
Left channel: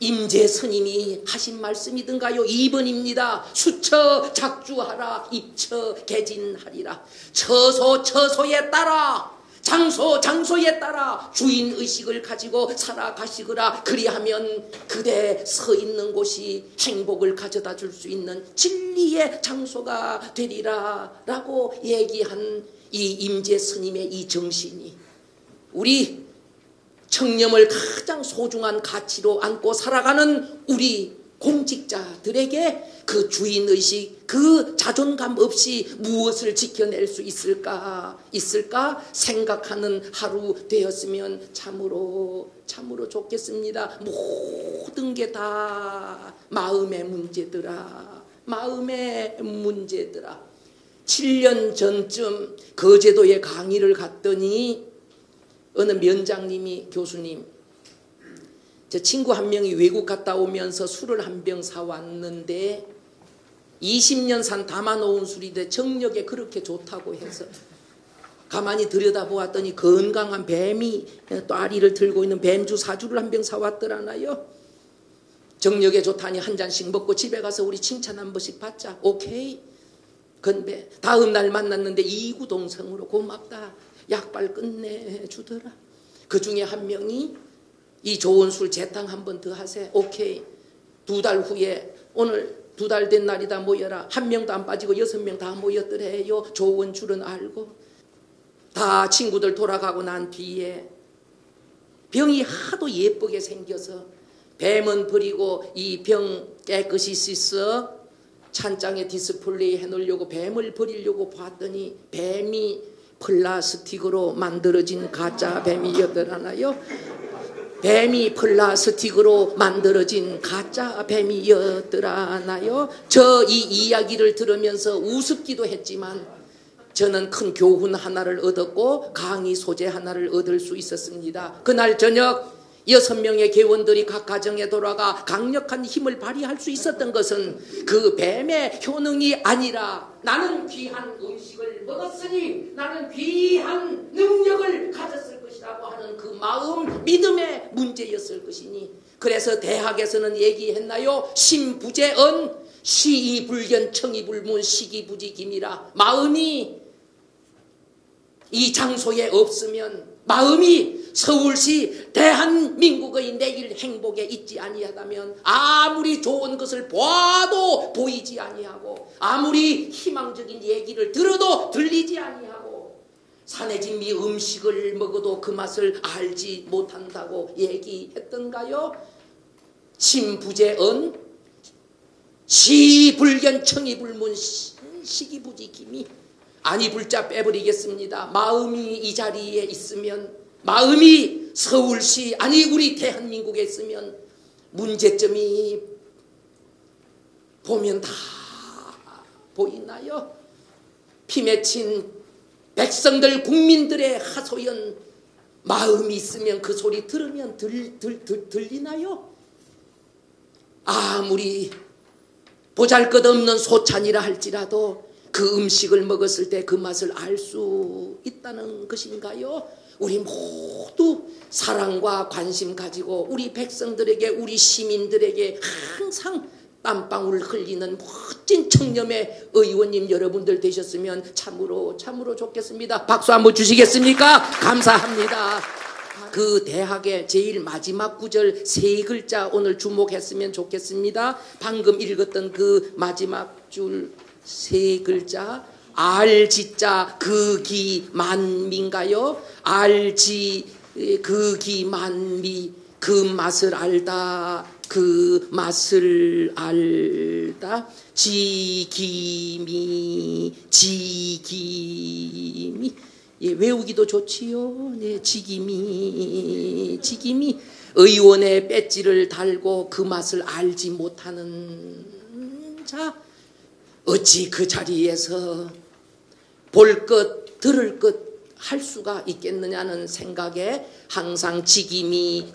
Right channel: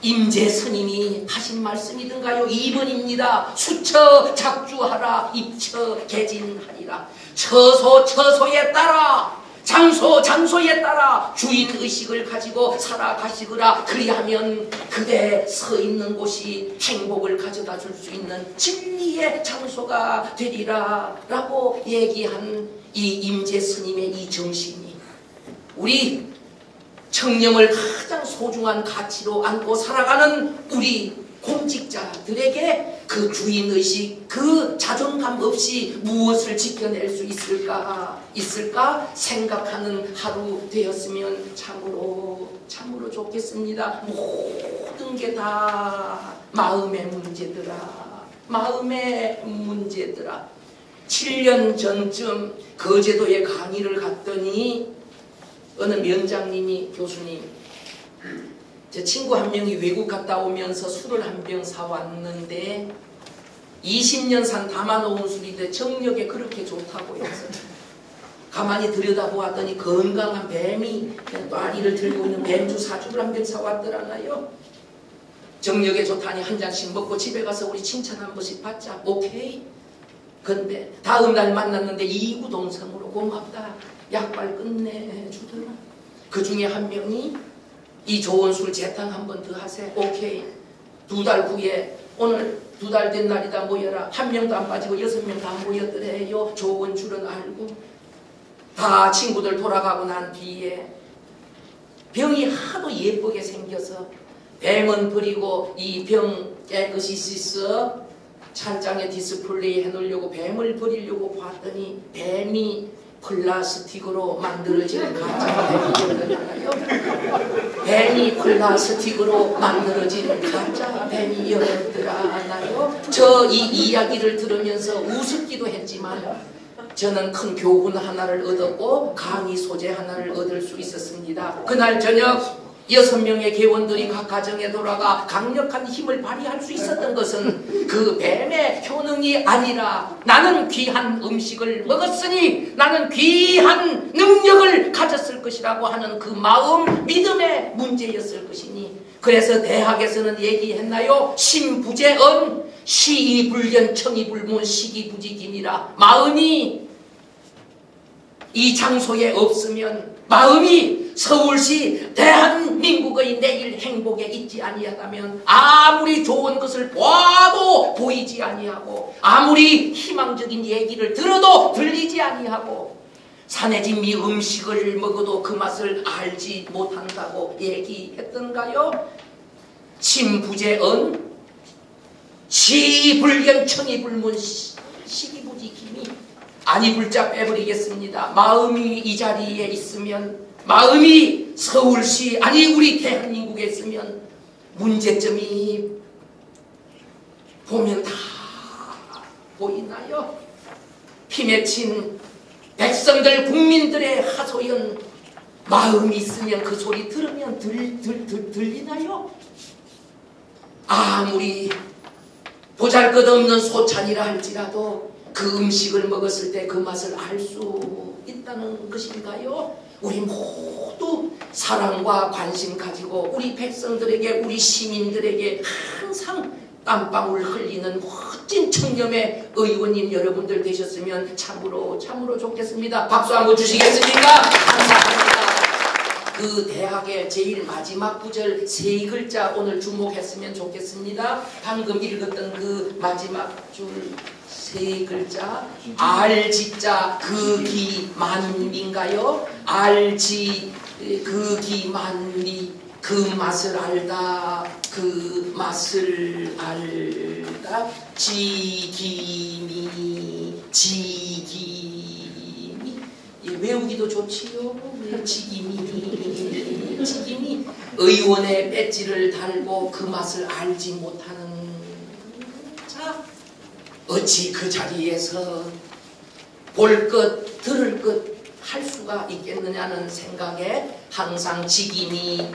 임재 스님이 하신 말씀이든가요? 2번입니다. 수처 작주하라, 입처 개진하리라. 처소에 따라, 장소에 따라 주인의식을 가지고 살아가시거라. 그리하면 그대 서 있는 곳이 행복을 가져다 줄 수 있는 진리의 장소가 되리라 라고 얘기한 이 임재 스님의 이 정신이 우리 청렴을 가장 소중한 가치로 안고 살아가는 우리 공직자들에게 그 주인의식, 그 자존감 없이 무엇을 지켜낼 수 있을까 생각하는 하루 되었으면 참으로 좋겠습니다. 모든 게 다 마음의 문제더라. 7년 전쯤 거제도에 강의를 갔더니 어느 면장님이 교수님, 제 친구 한 명이 외국 갔다 오면서 술을 한 병 사왔는데 20년 산 담아놓은 술인데 정력에 그렇게 좋다고 해서 가만히 들여다보았더니 건강한 뱀이 또아리를 들고 있는 뱀주 사주를 한 병 사왔더라나요. 정력에 좋다니 한 잔씩 먹고 집에 가서 우리 칭찬 한 번씩 받자. 오케이. 근데 다음 날 만났는데 이구동성으로 고맙다. 약발 끝내주더라. 그 중에 한 명이 이 좋은 술 재탕 한 번 더 하세요. 오케이. 2달 후에 오늘 2달 된 날이다 모여라. 한 명도 안 빠지고 6명 다 모였더래요. 좋은 줄은 알고. 다 친구들 돌아가고 난 뒤에 병이 하도 예쁘게 생겨서 뱀은 버리고 이 병 깨끗이 씻어 찬장에 디스플레이 해놓으려고 뱀을 버리려고 봤더니 뱀이 플라스틱으로 만들어진 가짜 뱀이었나요? 뱀이 플라스틱으로 만들어진 가짜 뱀이었더라나요? 저 이 이야기를 들으면서 우습기도 했지만 저는 큰 교훈 하나를 얻었고 강의 소재 하나를 얻을 수 있었습니다. 그날 저녁 6명의 개원들이 각 가정에 돌아가 강력한 힘을 발휘할 수 있었던 것은 그 뱀의 효능이 아니라 나는 귀한 음식을 먹었으니 나는 귀한 능력을 가졌을 것이라고 하는 그 마음, 믿음의 문제였을 것이니 그래서 대학에서는 얘기했나요? 신부재언 시이불견 청이불문 시기부지김이라. 마음이 이 장소에 없으면 마음이 서울시 대한민국의 내일 행복에 있지 아니하다면 아무리 좋은 것을 봐도 보이지 아니하고 아무리 희망적인 얘기를 들어도 들리지 아니하고 산해진미 음식을 먹어도 그 맛을 알지 못한다고 얘기했던가요? 신부재언 시불견 청이불문 시기부지김이 아니 불자 빼버리겠습니다. 마음이 이 자리에 있으면 마음이 서울시 아니 우리 대한민국에 있으면 문제점이 보면 다 보이나요? 피 맺힌 백성들 국민들의 하소연 마음이 있으면 그 소리 들으면 들리나요? 아무리 보잘것없는 소찬이라 할지라도 그 음식을 먹었을 때 그 맛을 알 수 있다는 것인가요? 우리 모두 사랑과 관심 가지고 우리 백성들에게, 우리 시민들에게 항상 땀방울 흘리는 멋진 청렴의 의원님 여러분들 되셨으면 참으로 좋겠습니다. 박수 한번 주시겠습니까? 감사합니다. 그 대학의 제일 마지막 구절 세 글자 오늘 주목했으면 좋겠습니다. 방금 읽었던 그 마지막 줄 세 글자, 알지자 극이만미인가요? 알지 극이만미, 그 맛을 알다, 그 맛을 알다, 지기미 예, 외우기도 좋지요. 네, 지기미 의원의 배지를 달고 그 맛을 알지 못하는 자, 어찌 그 자리에서 볼 것 들을 것 할 수가 있겠느냐는 생각에 항상 지기미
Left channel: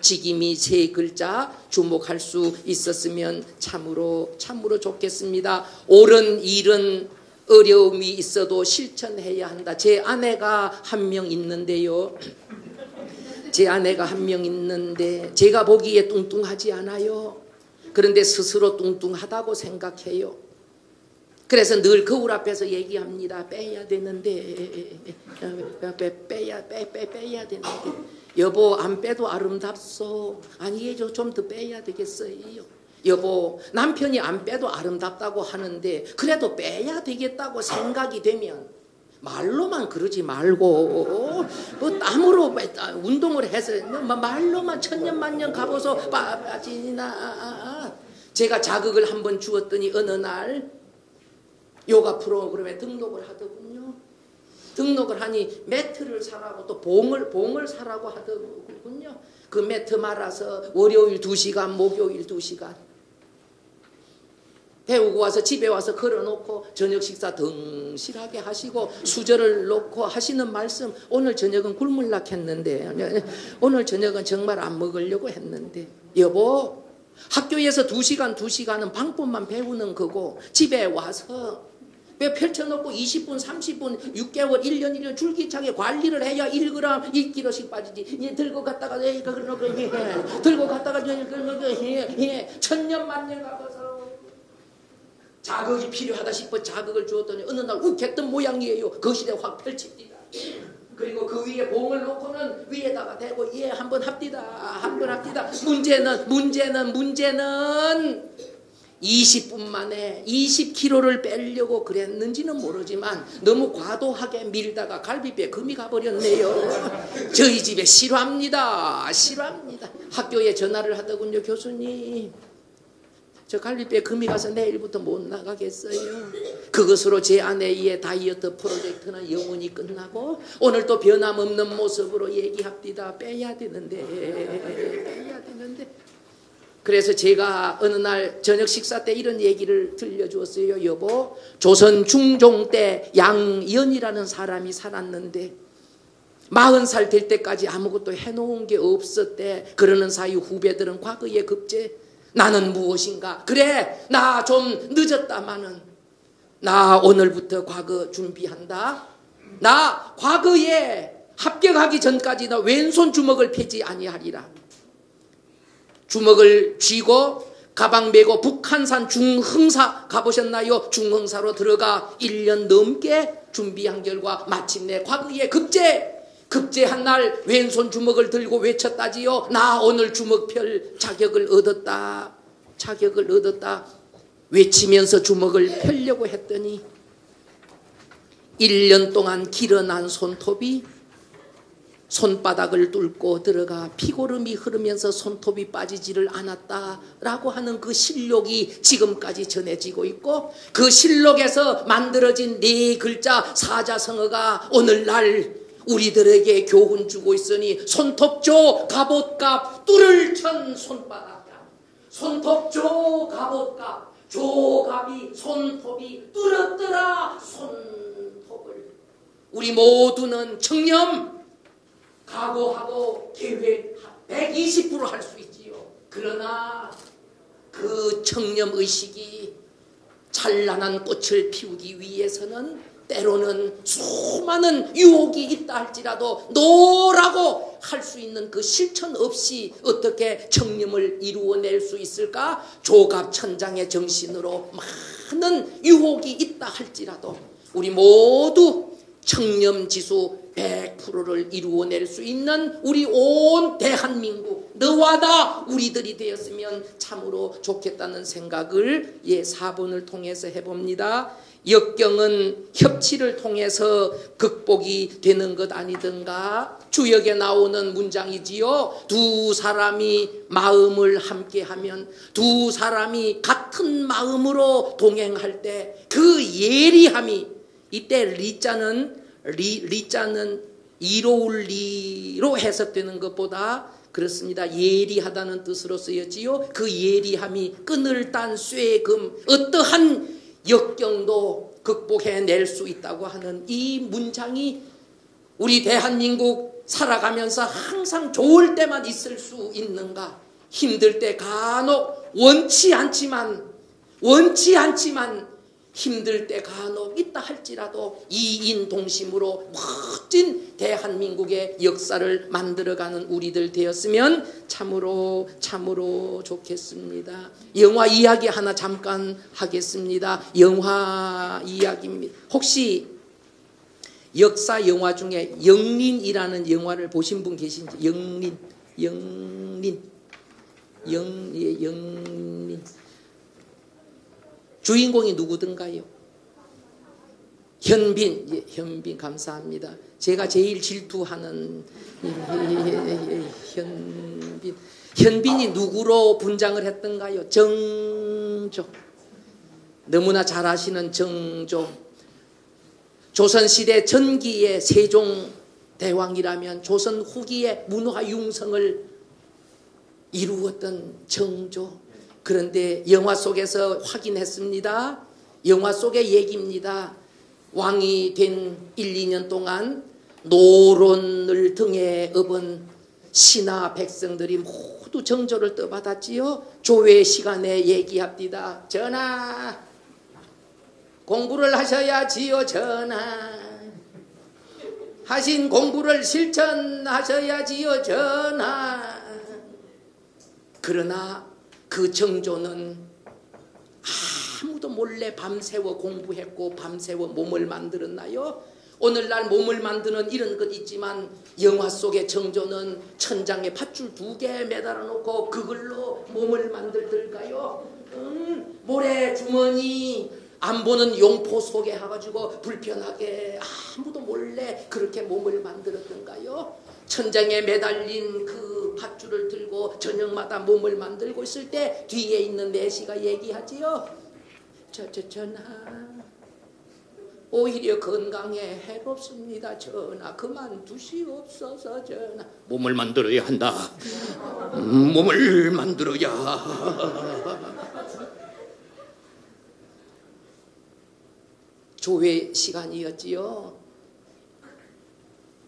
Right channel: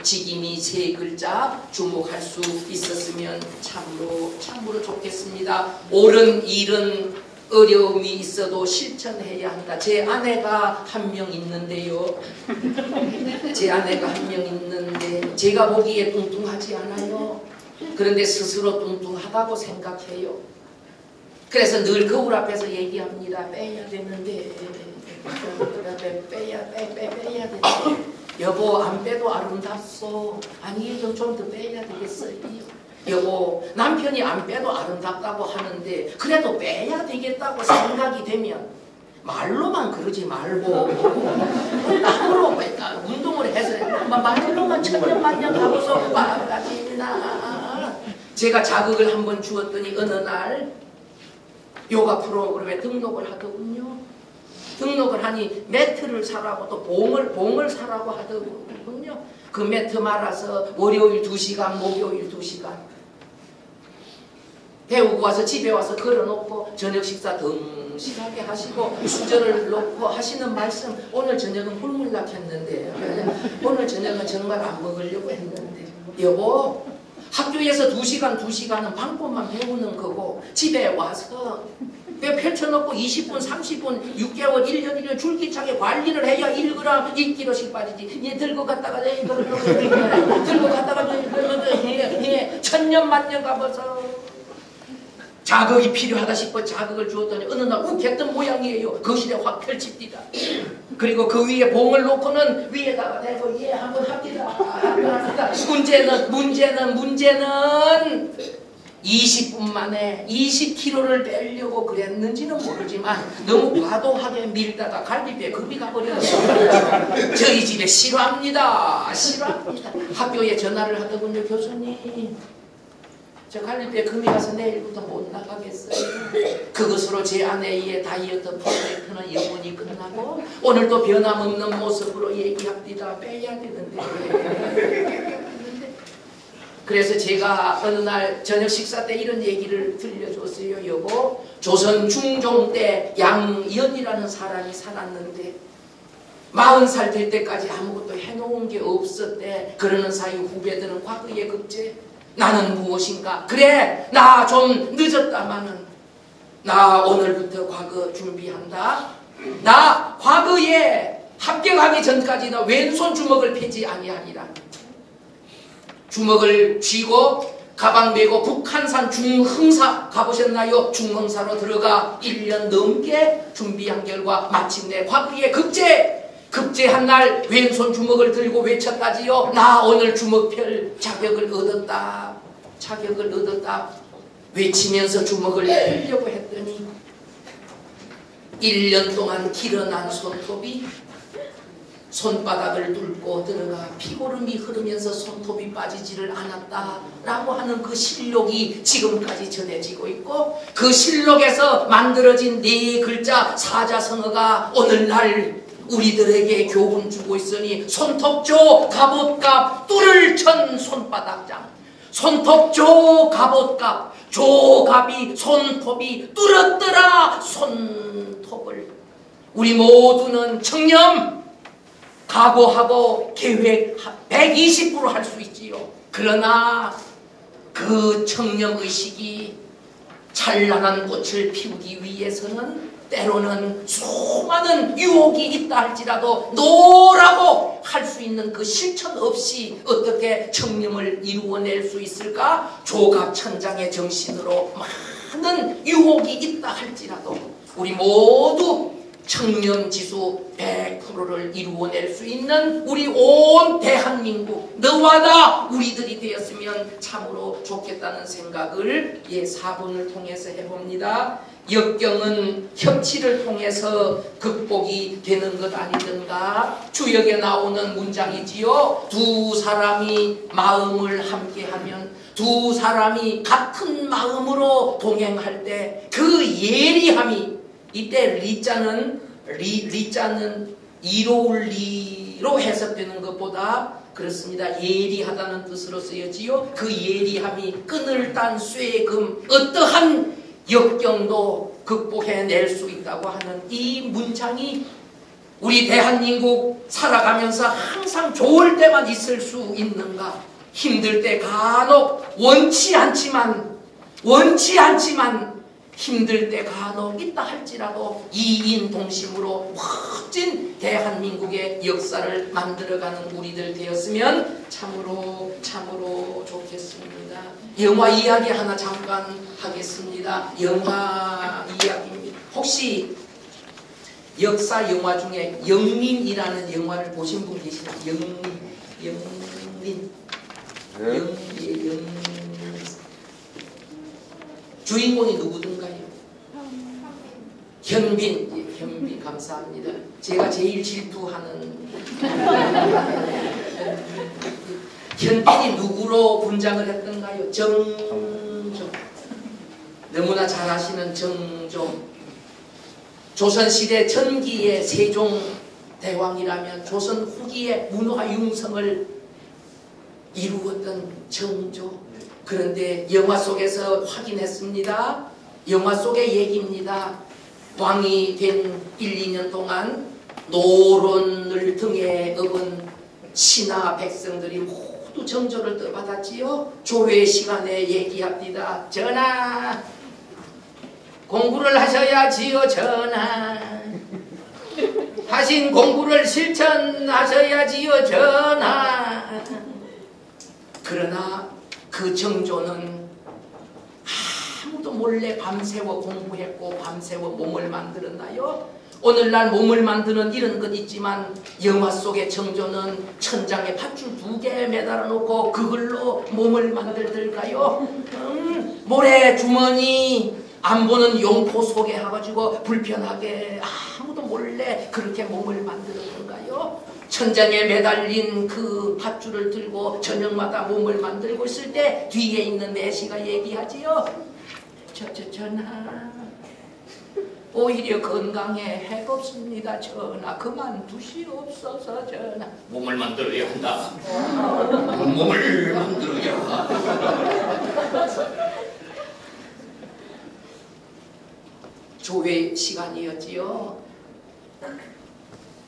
세 글자 주목할 수 있었으면 참으로 좋겠습니다. 옳은 일은 어려움이 있어도 실천해야 한다. 제 아내가 한 명 있는데요. 제가 보기에 뚱뚱하지 않아요. 그런데 스스로 뚱뚱하다고 생각해요. 그래서 늘 거울 앞에서 얘기합니다. 빼야 되는데 빼야 되는데 여보 안 빼도 아름답소. 아니에요, 좀 더 빼야 되겠어요. 여보 남편이 안 빼도 아름답다고 하는데 그래도 빼야 되겠다고 생각이 되면 말로만 그러지 말고 땀으로 운동을 해서 말로만 천년만년 가고서 빠집니다. 제가 자극을 한번 주었더니 어느 날 요가 프로그램에 등록을 하더군요. 등록을 하니 매트를 사라고 또 봉을 사라고 하더군요. 그 매트 말아서 월요일 2시간, 목요일 2시간 배우고 와서 집에 와서 걸어놓고 저녁 식사 덩실하게 하시고 수저를 놓고 하시는 말씀, 오늘 저녁은 굶을락 했는데 오늘 저녁은 정말 안 먹으려고 했는데 여보 학교에서 2시간은 방법만 배우는 거고 집에 와서 왜 펼쳐놓고 20분, 30분, 6개월, 1년, 1년 줄기차게 관리를 해야 1g, 1kg씩 빠지지. 얘 들고 갔다가 들고 갔다가 천년만년 가면서 자극이 필요하다 싶어 자극을 주었더니 어느 날 욱했던 모양이에요. 거실에 확 펼칩니다. 그리고 그 위에 봉을 놓고는 위에다가 대고 예 한번 합니다. 문제는 20분 만에 20kg를 빼려고 그랬는지는 모르지만 너무 과도하게 밀다가 갈비뼈에 금이 가버렸어요. 저희 집에 싫어합니다. 학교에 전화를 하더군요. 교수님 저 갈비뼈에 금이 가서 내일부터 못 나가겠어요. 그것으로 제 아내의 다이어트 프로젝트는 여분이 끝나고 오늘도 변함없는 모습으로 얘기합니다. 빼야 되는데. 그래서 제가 어느 날 저녁 식사 때 이런 얘기를 들려주었어요. 여보, 조선 중종 때 양연이라는 사람이 살았는데 40살 될 때까지 아무것도 해놓은 게 없었대. 그러는 사이 후배들은 과거에 급제. 나는 무엇인가? 그래, 나 좀 늦었다마는 나 오늘부터 과거 준비한다. 나 과거에 합격하기 전까지도 왼손 주먹을 펴지 아니하리라. 주먹을 쥐고 가방 메고 북한산 중흥사 가보셨나요? 중흥사로 들어가 1년 넘게 준비한 결과 마침내 과거에 급제한 날 왼손 주먹을 들고 외쳤다지요. 나 오늘 주먹 펼 자격을 얻었다. 외치면서 주먹을 펴려고 했더니 1년 동안 길어난 손톱이 손바닥을 뚫고 들어가 피고름이 흐르면서 손톱이 빠지지를 않았다라고 하는 그 실록이 지금까지 전해지고 있고 그 실록에서 만들어진 4글자 사자성어가 오늘날 우리들에게 교훈 주고 있으니 손톱조 갑옷갑 뚫을 천 손바닥장. 손톱조 갑옷갑 조갑이 손톱이 뚫었더라 손톱을. 우리 모두는 청렴 각오하고 계획 120% 할 수 있지요. 그러나 그 청렴의식이 찬란한 꽃을 피우기 위해서는 때로는 수많은 유혹이 있다 할지라도 노라고 할 수 있는 그 실천 없이 어떻게 청렴을 이루어낼 수 있을까? 조갑천장의 정신으로 많은 유혹이 있다 할지라도 우리 모두 청렴지수 100%를 이루어낼 수 있는 우리 온 대한민국 너와 나 우리들이 되었으면 참으로 좋겠다는 생각을 4번을 통해서 해봅니다. 역경은 협치를 통해서 극복이 되는 것 아니든가. 주역에 나오는 문장이지요. 두 사람이 마음을 함께하면, 두 사람이 같은 마음으로 동행할 때 그 예리함이, 이때 리자는 이로울 리로 해석되는 것보다 그렇습니다. 예리하다는 뜻으로 쓰여지요. 그 예리함이 끈을 딴 쇠금, 어떠한 역경도 극복해낼 수 있다고 하는 이 문장이 우리 대한민국 살아가면서 항상 좋을 때만 있을 수 있는가? 힘들 때 간혹 원치 않지만 힘들 때 간혹 있다 할지라도 이인동심으로 멋진 대한민국의 역사를 만들어가는 우리들 되었으면 참으로 좋겠습니다. 영화 이야기 하나 잠깐 하겠습니다. 영화 이야기입니다. 혹시 역사 영화 중에 영린이라는 영화를 보신 분 계시나요? 영린. 주인공이 누구든가요? 현빈 감사합니다. 제가 제일 질투하는 현빈이 누구로 분장을 했던가요? 정종. 너무나 잘 아시는 정종. 조선시대 전기의 세종대왕이라면 조선 후기의 문화 융성을 이루었던 정조. 그런데 영화 속에서 확인했습니다. 영화 속의 얘기입니다. 왕이 된 1, 2년 동안 노론을 등에 업은 신하 백성들이 모두 정조를 떠받았지요. 조회 시간에 얘기합니다. 전하, 공부를 하셔야지요. 전하, 하신 공부를 실천하셔야지요. 전하. 그러나 그 정조는 아무도 몰래 밤새워 공부했고 밤새워 몸을 만들었나요? 오늘날 몸을 만드는 이런 것 있지만 영화 속의 정조는 천장에 밧줄 2개 매달아 놓고 그걸로 몸을 만들들까요? 모래 주머니 안 보는 용포 속에 해가지고 불편하게 아무도 몰래 그렇게 몸을 만들었던가요? 천장에 매달린 그 밧줄을 들고 저녁마다 몸을 만들고 있을 때 뒤에 있는 내시가 얘기하지요. 전하, 오히려 건강에 해가 없습니다. 전하, 그만두시옵소서. 전하, 몸을 만들어야 한다. 몸을 만들어야. 조회 시간이었지요.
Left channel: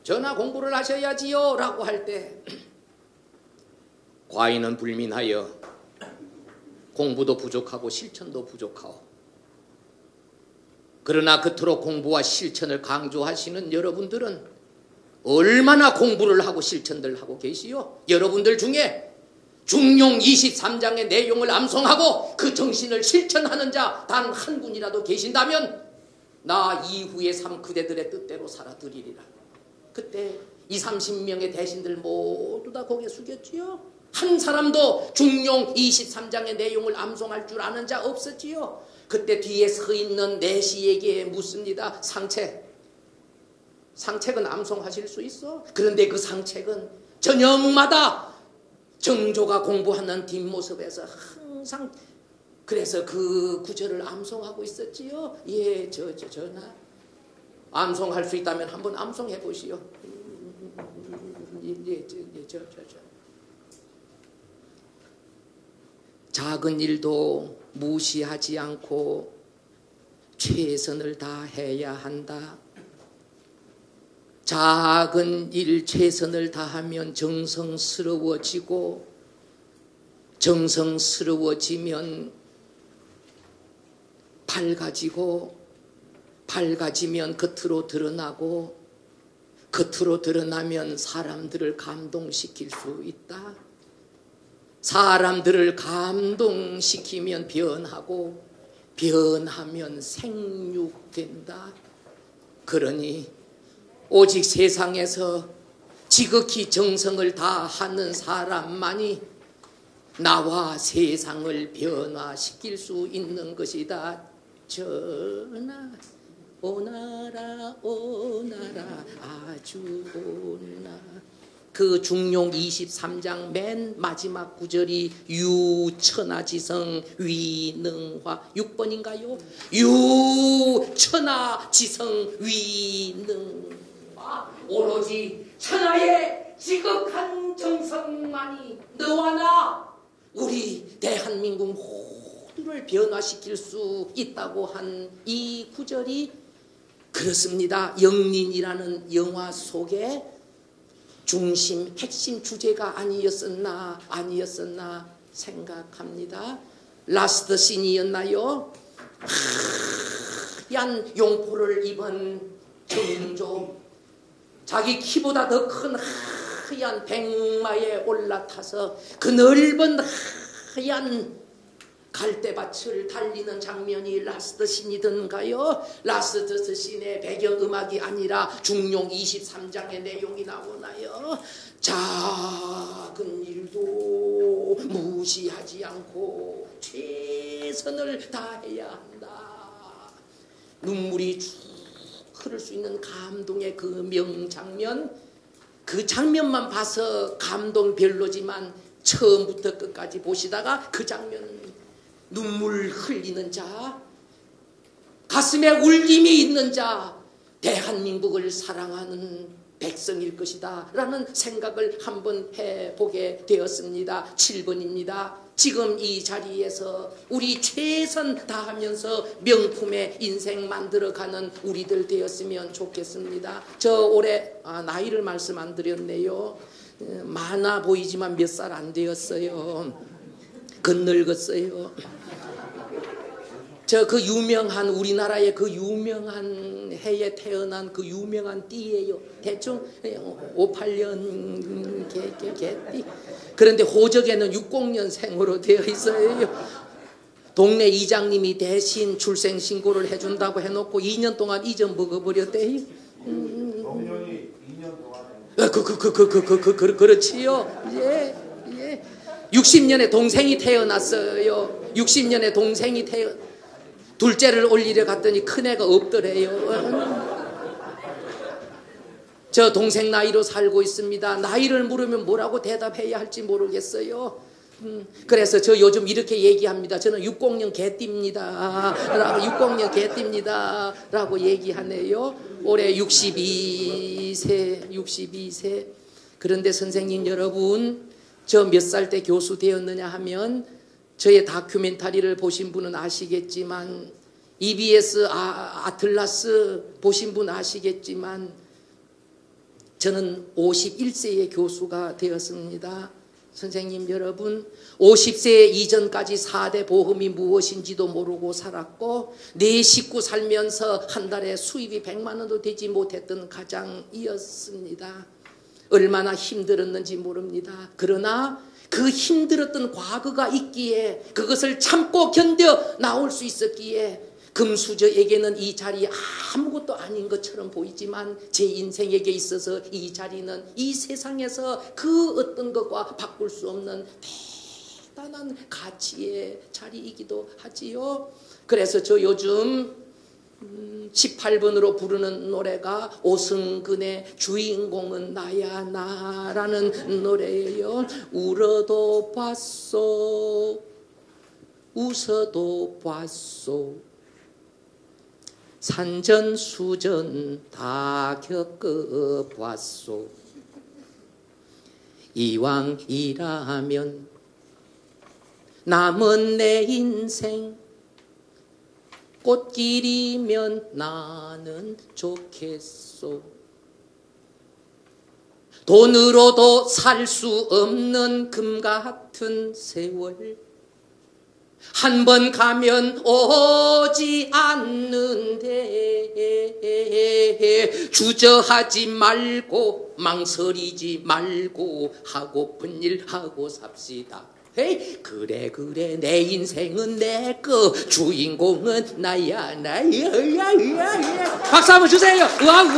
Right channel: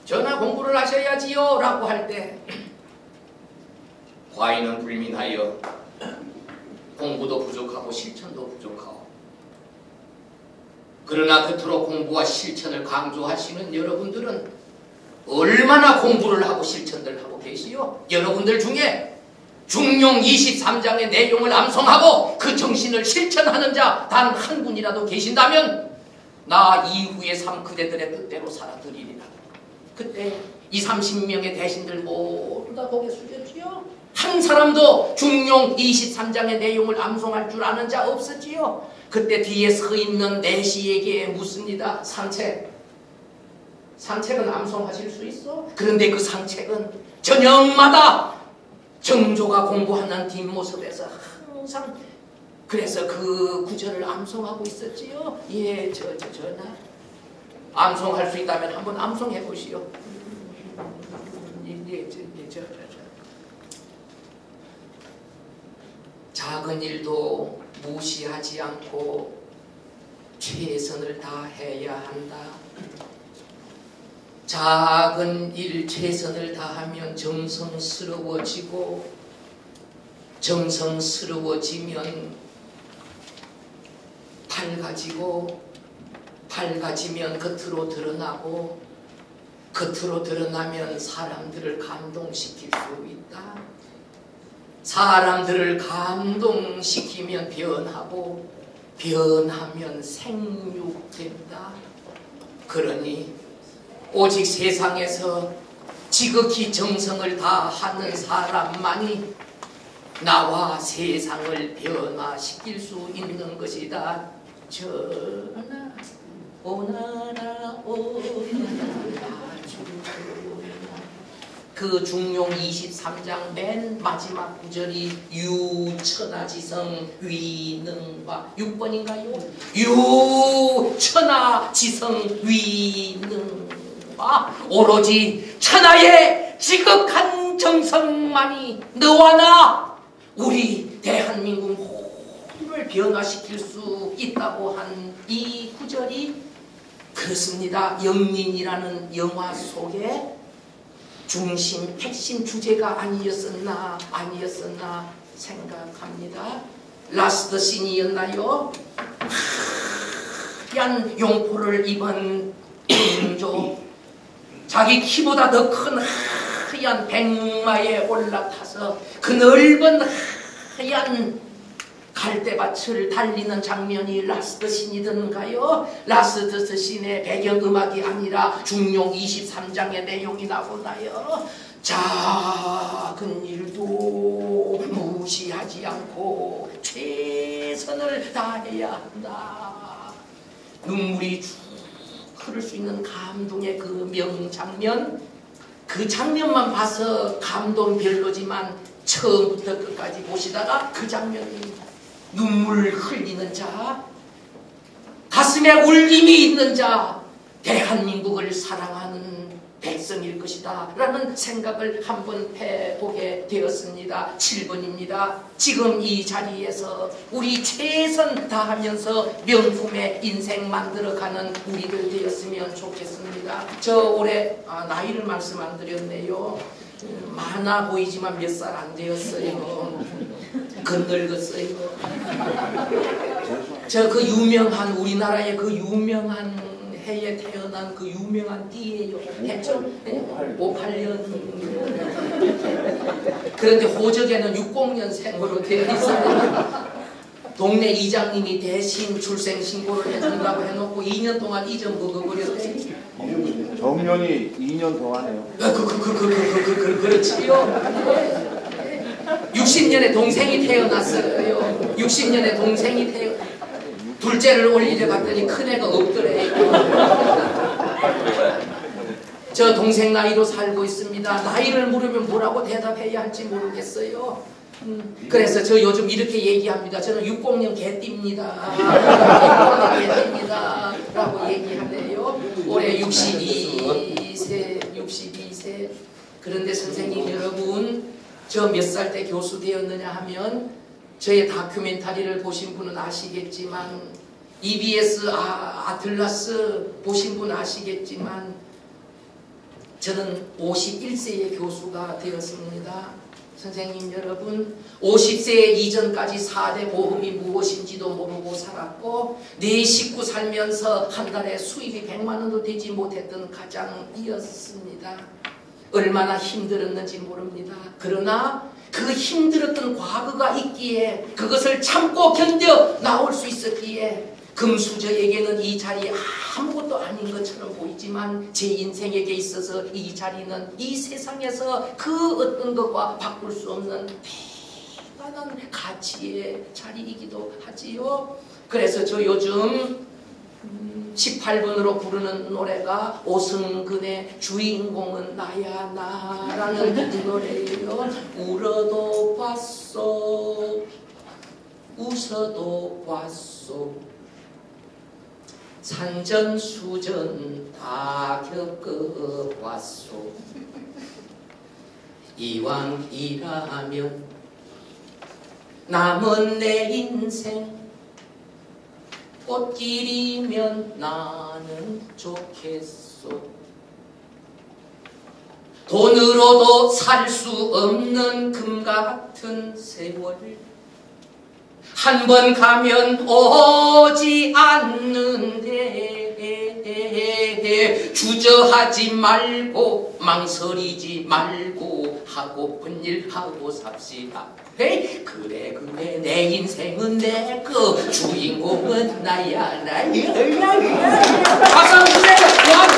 전하, 공부를 하셔야지요 라고 할 때 과인은 불민하여 공부도 부족하고 실천도 부족하고, 그러나 그토록 공부와 실천을 강조하시는 여러분들은 얼마나 공부를 하고 실천들 하고 계시요? 여러분들 중에 중용 23장의 내용을 암송하고 그 정신을 실천하는 자 단 한 분이라도 계신다면 나 이후의 삶 그대들의 뜻대로 살아드리리라. 그때 20, 30명의 대신들 모두 다 고개 숙였지요. 한 사람도 중용 23장의 내용을 암송할 줄 아는 자 없었지요. 그때 뒤에 서 있는 내시에게 묻습니다. 산책은 암송하실 수 있어? 그런데 그 산책은 저녁마다 정조가 공부하는 뒷모습에서 항상 그래서 그 구절을 암송하고 있었지요. 예, 전하, 암송할 수 있다면 한번 암송해 보시오. 작은 일도 무시하지 않고 최선을 다해야 한다. 작은 일 최선을 다하면 정성스러워지고, 정성스러워지면 밝아지고, 밝아지면 겉으로 드러나고, 겉으로 드러나면 사람들을 감동시킬 수 있다. 사람들을 감동시키면 변하고, 변하면 생육된다. 그러니 오직 세상에서 지극히 정성을 다하는 사람만이 나와 세상을 변화시킬 수 있는 것이다. 전하 오나라 오나라 아주나. 그 중용 23장 맨 마지막 구절이 유천하지성 위능화 6번인가요? 유천하지성 위능화. 오로지 천하의 지극한 정성만이 너와 나 우리 대한민국 모두를 변화시킬 수 있다고 한 이 구절이 그렇습니다. 영린이라는 영화 속에 중심, 핵심 주제가 아니었었나 생각합니다. 라스트 씬이었나요? 하얀 용포를 입은 인조, 자기 키보다 더 큰 하얀 백마에 올라타서 그 넓은 하얀 갈대밭을 달리는 장면이 라스트 씬이던가요? 라스트 씬의 배경음악이 아니라 중용 23장의 내용이 나오나요? 작은 일도 무시하지 않고 최선을 다해야 한다. 눈물이 쭉 흐를 수 있는 감동의 그 명장면, 그 장면만 봐서 감동 별로지만 처음부터 끝까지 보시다가 그 장면이 눈물 흘리는 자, 가슴에 울림이 있는 자, 대한민국을 사랑하는 백성일 것이다 라는 생각을 한번 해보게 되었습니다. 7번입니다. 지금 이 자리에서 우리 최선 다하면서 명품의 인생 만들어가는 우리들 되었으면 좋겠습니다. 저 올해 나이를 말씀 안 드렸네요. 많아 보이지만 몇 살 안 되었어요. 건늙었어요. 저 그 유명한 우리나라의 그 유명한 해에 태어난 그 유명한 띠예요. 대충 58년. 그런데 호적에는 60년생으로 되어 있어요. 동네 이장님이 대신 출생 신고를 해준다고 해놓고 2년 동안 잊어먹어버렸대. 정년이 2년 더 하네요. 그렇지요. 60년에 동생이 태어났어요. 60년에 동생이 둘째를 올리려 갔더니 큰애가 없더래요. 저 동생 나이로 살고 있습니다. 나이를 물으면 뭐라고 대답해야 할지 모르겠어요. 그래서 저 요즘 이렇게 얘기합니다. 저는 60년 개띠입니다. 60년 개띠입니다. 라고 얘기하네요. 올해 62세. 그런데 선생님 여러분, 저 몇 살 때 교수 되었느냐 하면 저의 다큐멘터리를 보신 분은 아시겠지만, EBS 아틀라스 보신 분은 아시겠지만 저는 51세의 교수가 되었습니다. 선생님 여러분, 50세 이전까지 4대 보험이 무엇인지도 모르고 살았고 내 식구 살면서 한 달에 수입이 100만 원도 되지 못했던 가장이었습니다. 얼마나 힘들었는지 모릅니다. 그러나 그 힘들었던 과거가 있기에, 그것을 참고 견뎌 나올 수 있었기에 금수저에게는 이 자리에 아무것도 아닌 것처럼 보이지만 제 인생에게 있어서 이 자리는 이 세상에서 그 어떤 것과 바꿀 수 없는 대단한 가치의 자리이기도 하지요. 그래서 저 요즘 18번으로 부르는 노래가 오승근의 주인공은 나야 나라는 노래예요. 울어도 봤소, 웃어도 봤소, 산전수전 다 겪어봤소. 이왕이라면 남은 내 인생 꽃길이면 나는 좋겠소. 돈으로도 살 수 없는 금 같은 세월 한 번 가면 오지 않는데 주저하지 말고 망설이지 말고 하고픈 일 하고 삽시다. 에이, 그래 내 인생은 내 거 주인공은 나야. 박수 한번 주세요. 그만.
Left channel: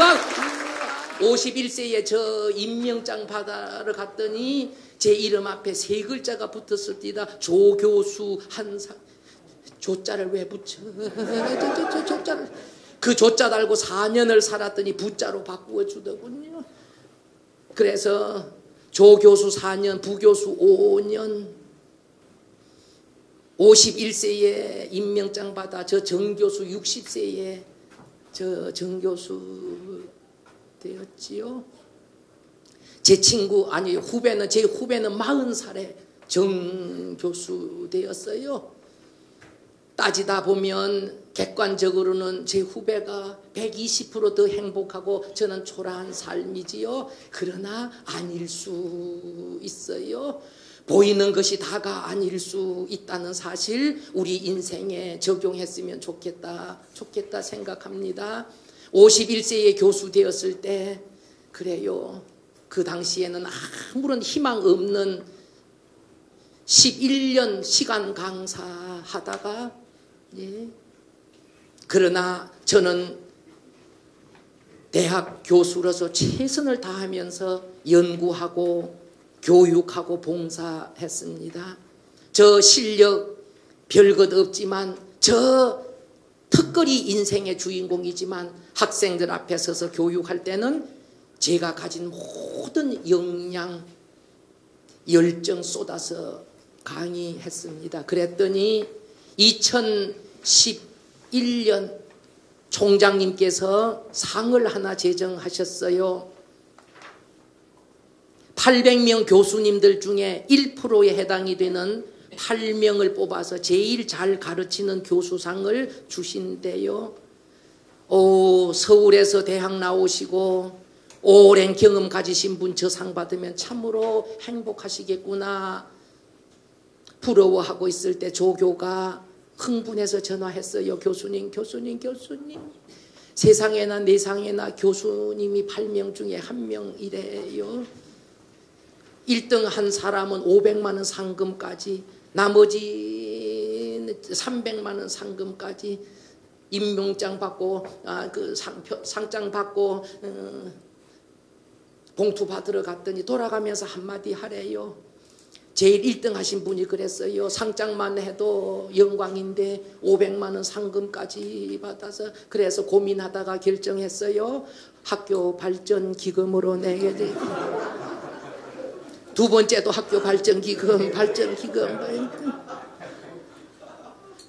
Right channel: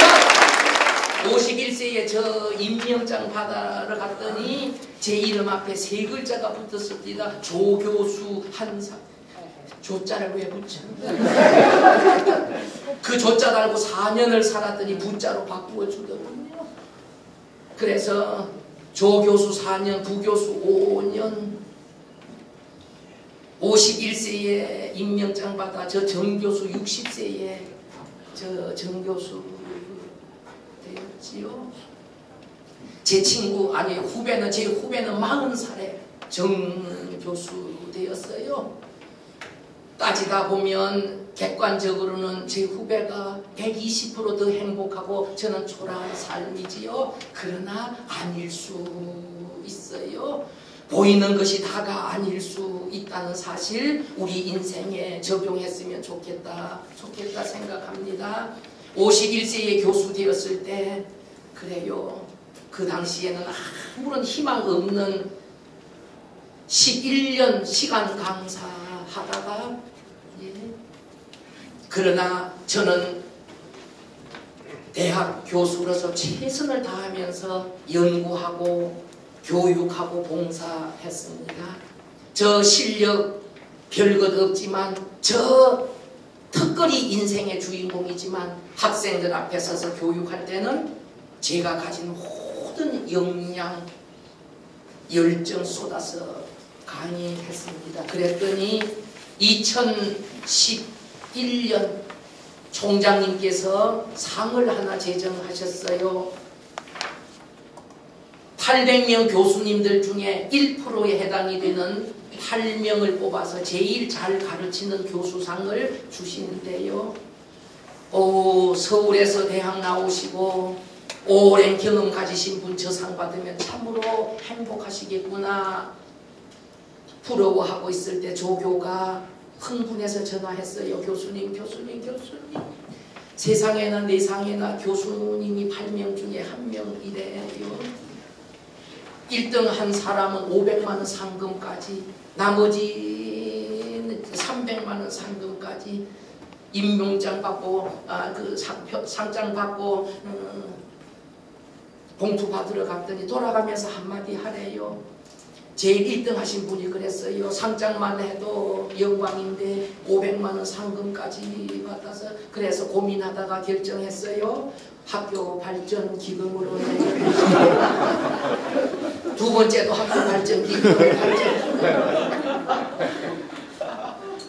51세에 저 임명장 받아러 갔더니 제 이름 앞에 세 글자가 붙었습니다. 조교수 한상. 조자를 왜 붙여? 그 조자 달고 4년을 살았더니 부자로 바꾸어 주더군요. 그래서 조교수 4년, 부교수 5년, 51세에 임명장 받아 저 정교수 60세에 저 정교수 되었지요. 제 친구 아니 후배는 제 후배는 40살에 정교수 되었어요. 따지다 보면 객관적으로는 제 후배가 120% 더 행복하고 저는 초라한 삶이지요. 그러나 아닐 수 있어요. 보이는 것이 다가 아닐 수 있다는 사실 우리 인생에 적용했으면 좋겠다 생각합니다. 51세의 교수 되었을 때 그래요. 그 당시에는 아무런 희망 없는 11년 시간 강사하다가 그러나 저는 대학 교수로서 최선을 다하면서 연구하고 교육하고 봉사했습니다. 저 실력 별것 없지만 저 특거리 인생의 주인공이지만 학생들 앞에 서서 교육할 때는 제가 가진 모든 역량, 열정 쏟아서 강의했습니다. 그랬더니 2011년 총장님께서 상을 하나 제정하셨어요. 800명 교수님들 중에 1%에 해당이 되는 8명을 뽑아서 제일 잘 가르치는 교수상을 주시는데요. 서울에서 대학 나오시고 오랜 경험 가지신 분 저 상 받으면 참으로 행복하시겠구나 부러워하고 있을 때 조교가 흥분해서 전화했어요. 교수님 세상에나 내상에나 교수님이 8명 중에 1명이래요. 1등 한 사람은 500만 원 상금까지, 나머지 300만 원 상금까지 임명장 받고 그 상장 받고 봉투 받으러 갔더니 돌아가면서 한마디 하래요. 제일 1등 하신 분이 그랬어요. 상장만 해도 영광인데 500만 원 상금까지 받아서 그래서 고민하다가 결정했어요. 학교 발전 기금으로 내겠다. 두 번째도 학교 발전 기금.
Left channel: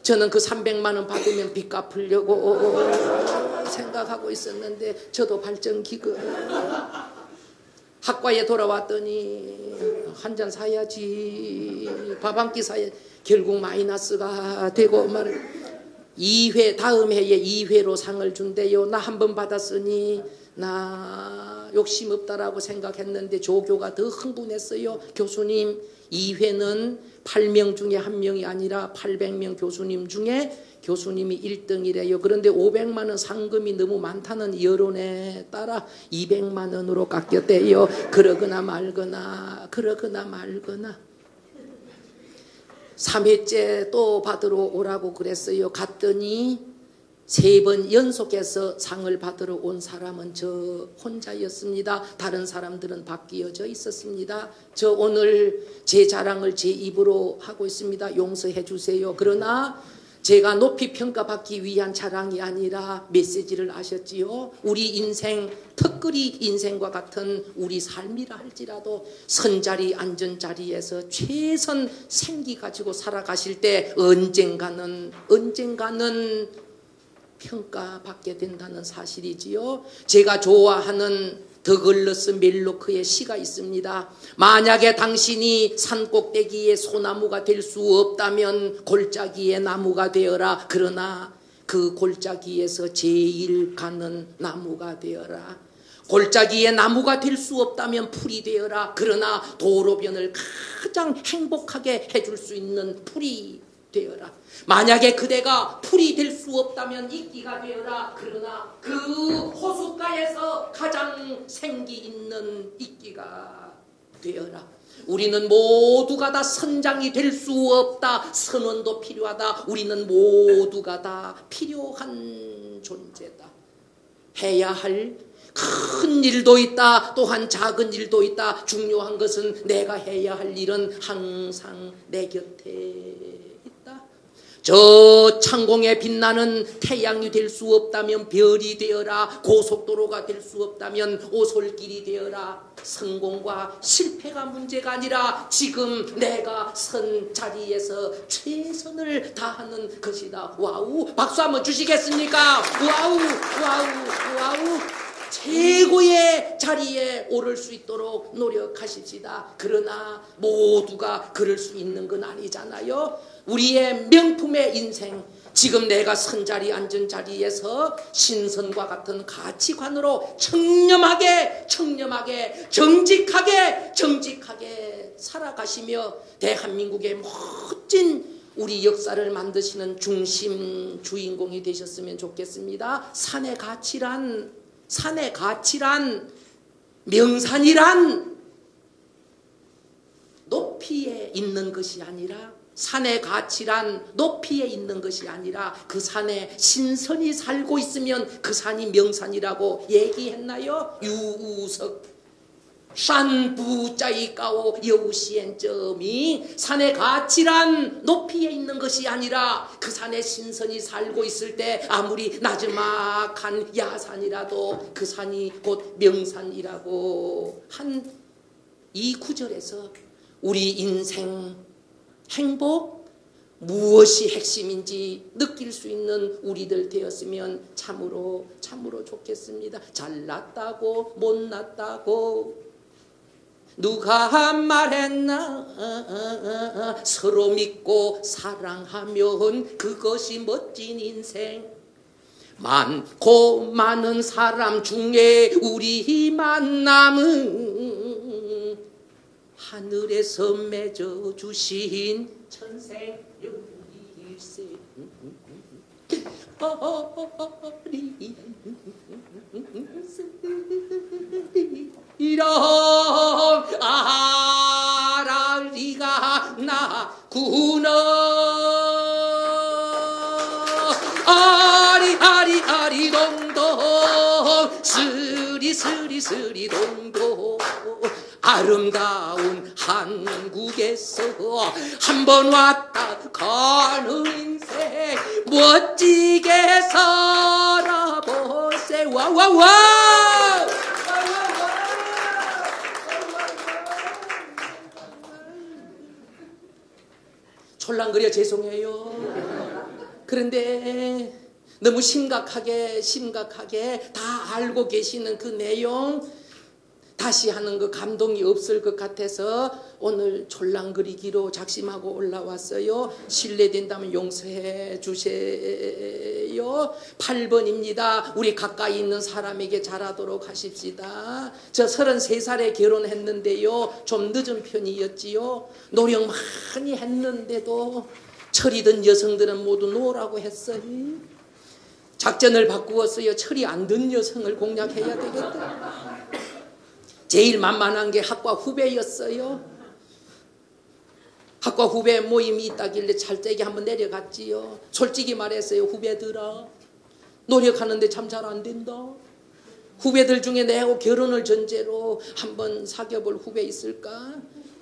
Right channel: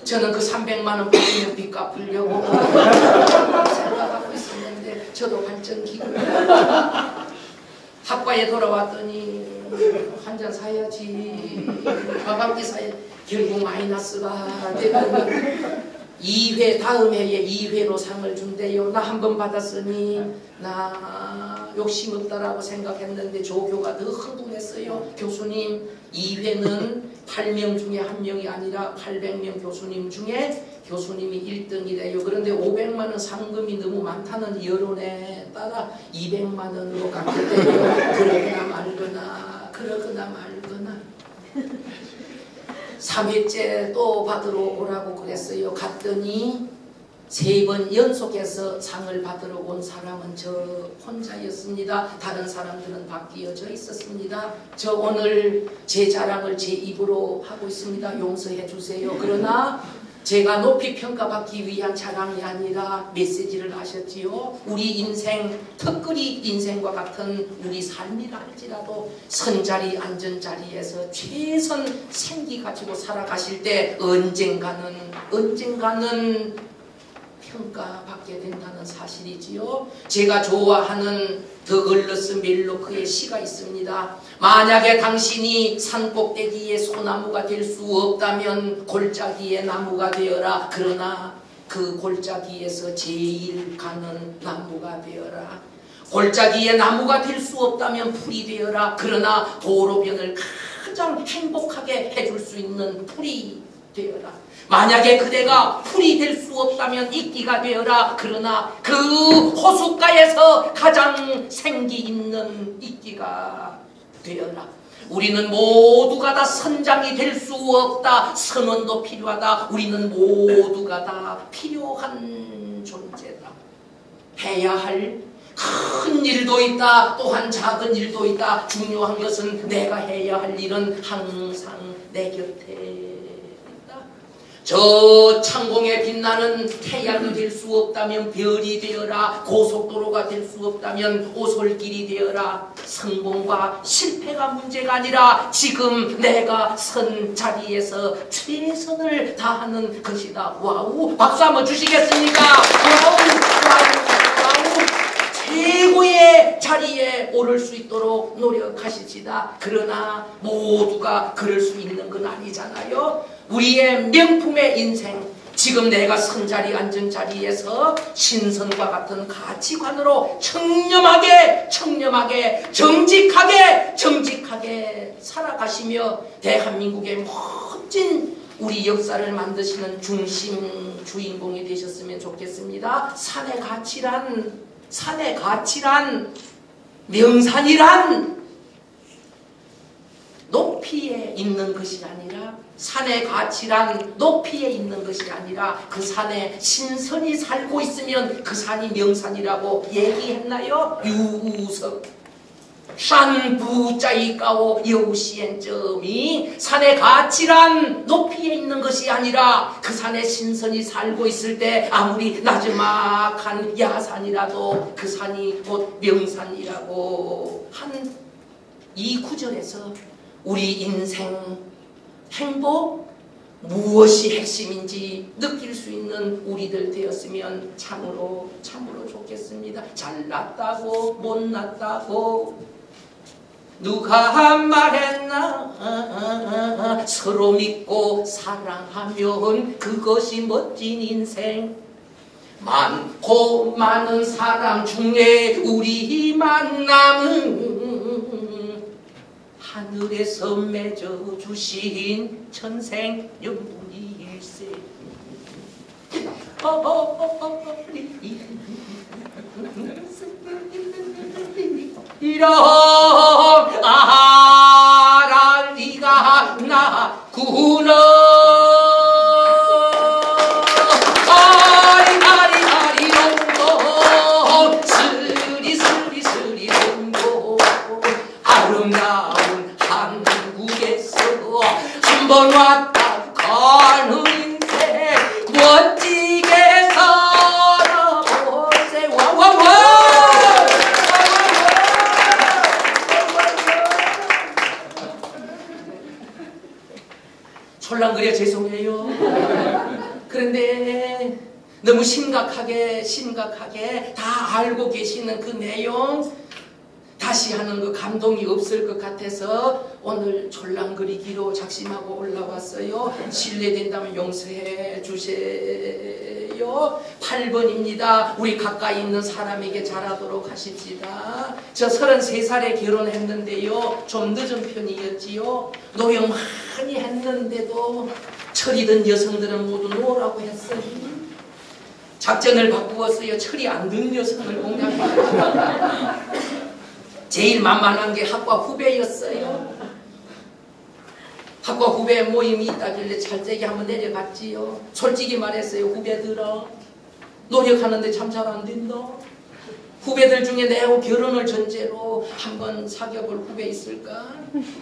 저는 그 300만 원 받으면 빚 갚으려고 생각하고 있었는데 저도 발전 기금. 학과에 돌아왔더니 한 잔 사야지. 밥 한 끼 사야 결국 마이너스가 되고 2회 다음 해에 2회로 상을 준대요. 나 한 번 받았으니 나 욕심 없다라고 생각했는데 조교가 더 흥분했어요. 교수님 2회는 8명 중에 1명이 아니라 800명 교수님 중에 교수님이 1등이래요. 그런데 500만 원 상금이 너무 많다는 여론에 따라 200만 원으로 깎였대요. 그러거나 말거나 3회째 또 받으러 오라고 그랬어요. 갔더니 3번 연속해서 상을 받으러 온 사람은 저 혼자였습니다. 다른 사람들은 바뀌어져 있었습니다. 저 오늘 제 자랑을 제 입으로 하고 있습니다. 용서해 주세요. 그러나 제가 높이 평가받기 위한 자랑이 아니라 메시지를 하셨지요. 우리 인생, 특거리 인생과 같은 우리 삶이라 할지라도 선자리 앉은 자리에서 최선 생기 가지고 살아가실 때 언젠가는 평가받게 된다는 사실이지요. 제가 좋아하는 더글러스 멜로크의 시가 있습니다. 만약에 당신이 산꼭대기의 소나무가 될 수 없다면 골짜기의 나무가 되어라. 그러나 그 골짜기에서 제일 가는 나무가 되어라. 골짜기에 나무가 될 수 없다면 풀이 되어라. 그러나 도로변을 가장 행복하게 해줄 수 있는 풀이 되어라. 만약에 그대가 풀이 될 수 없다면 이끼가 되어라. 그러나 그 호숫가에서 가장 생기 있는 이끼가 되어라. 우리는 모두가 다 선장이 될 수 없다. 선원도 필요하다. 우리는 모두가 다 필요한 존재다. 해야 할 큰 일도 있다. 또한 작은 일도 있다. 중요한 것은 내가 해야 할 일은 항상 내 곁에 있다. 저 창공에 빛나는 태양이 될 수 없다면 별이 되어라. 고속도로가 될 수 없다면 오솔길이 되어라. 성공과 실패가 문제가 아니라 지금 내가 선 자리에서 최선을 다하는 것이다. 와우! 박수 한번 주시겠습니까? 와우! 와우! 와우! 최고의 자리에 오를 수 있도록 노력하시지다. 그러나 모두가 그럴 수 있는 건 아니잖아요. 우리의 명품의 인생, 지금 내가 선자리 앉은 자리에서 신선과 같은 가치관으로 청렴하게 정직하게 살아가시며 대한민국의 멋진 우리 역사를 만드시는 중심 주인공이 되셨으면 좋겠습니다. 산의 가치란 명산이란 높이에 있는 것이 아니라 산의 가치란 높이에 있는 것이 아니라 그 산에 신선이 살고 있으면 그 산이 명산이라고 얘기했나요? 유우석 산부자이가오 여우시엔점이 산의 가치란 높이에 있는 것이 아니라 그 산에 신선이 살고 있을 때 아무리 나지막한 야산이라도 그 산이 곧 명산이라고 한 이 구절에서 우리 인생 행복 무엇이 핵심인지 느낄 수 있는 우리들 되었으면 참으로 좋겠습니다. 잘났다고 못났다고 누가 말했나. 서로 믿고 사랑하면 그것이 멋진 인생. 많고 많은 사람 중에 우리 만남은 하늘에서 맺어주신 천생연분일세. 이런 아랄리가 나구나. 아리아리아리롱롱 스리스리스리롱롱. 아름다운 한국에서 한번 왔다 가는 인생 멋지게 살아보세. 와와와. 촐랑거려 죄송해요. 그런데 너무 심각하게 다 알고 계시는 그 내용 다시 하는 그 감동이 없을 것 같아서 오늘 촐랑거리기로 작심하고 올라왔어요. 실례된다면 용서해 주세요. 8번입니다. 우리 가까이 있는 사람에게 잘하도록 하십시다. 저 33살에 결혼했는데요. 좀 늦은 편이었지요. 노력 많이 했는데도 철이 든 여성들은 모두 노라고 했어요. 작전을 바꾸었어요. 철이 안 든 여성을 공략해요. 제일 만만한 게 학과 후배였어요. 학과 후배 모임이 있다길래 잘되게 한번 내려갔지요. 솔직히 말했어요. 후배들아, 노력하는데 참 잘 안 된다. 후배들 중에 내하고 결혼을 전제로 한번 사귀어볼 후배 있을까?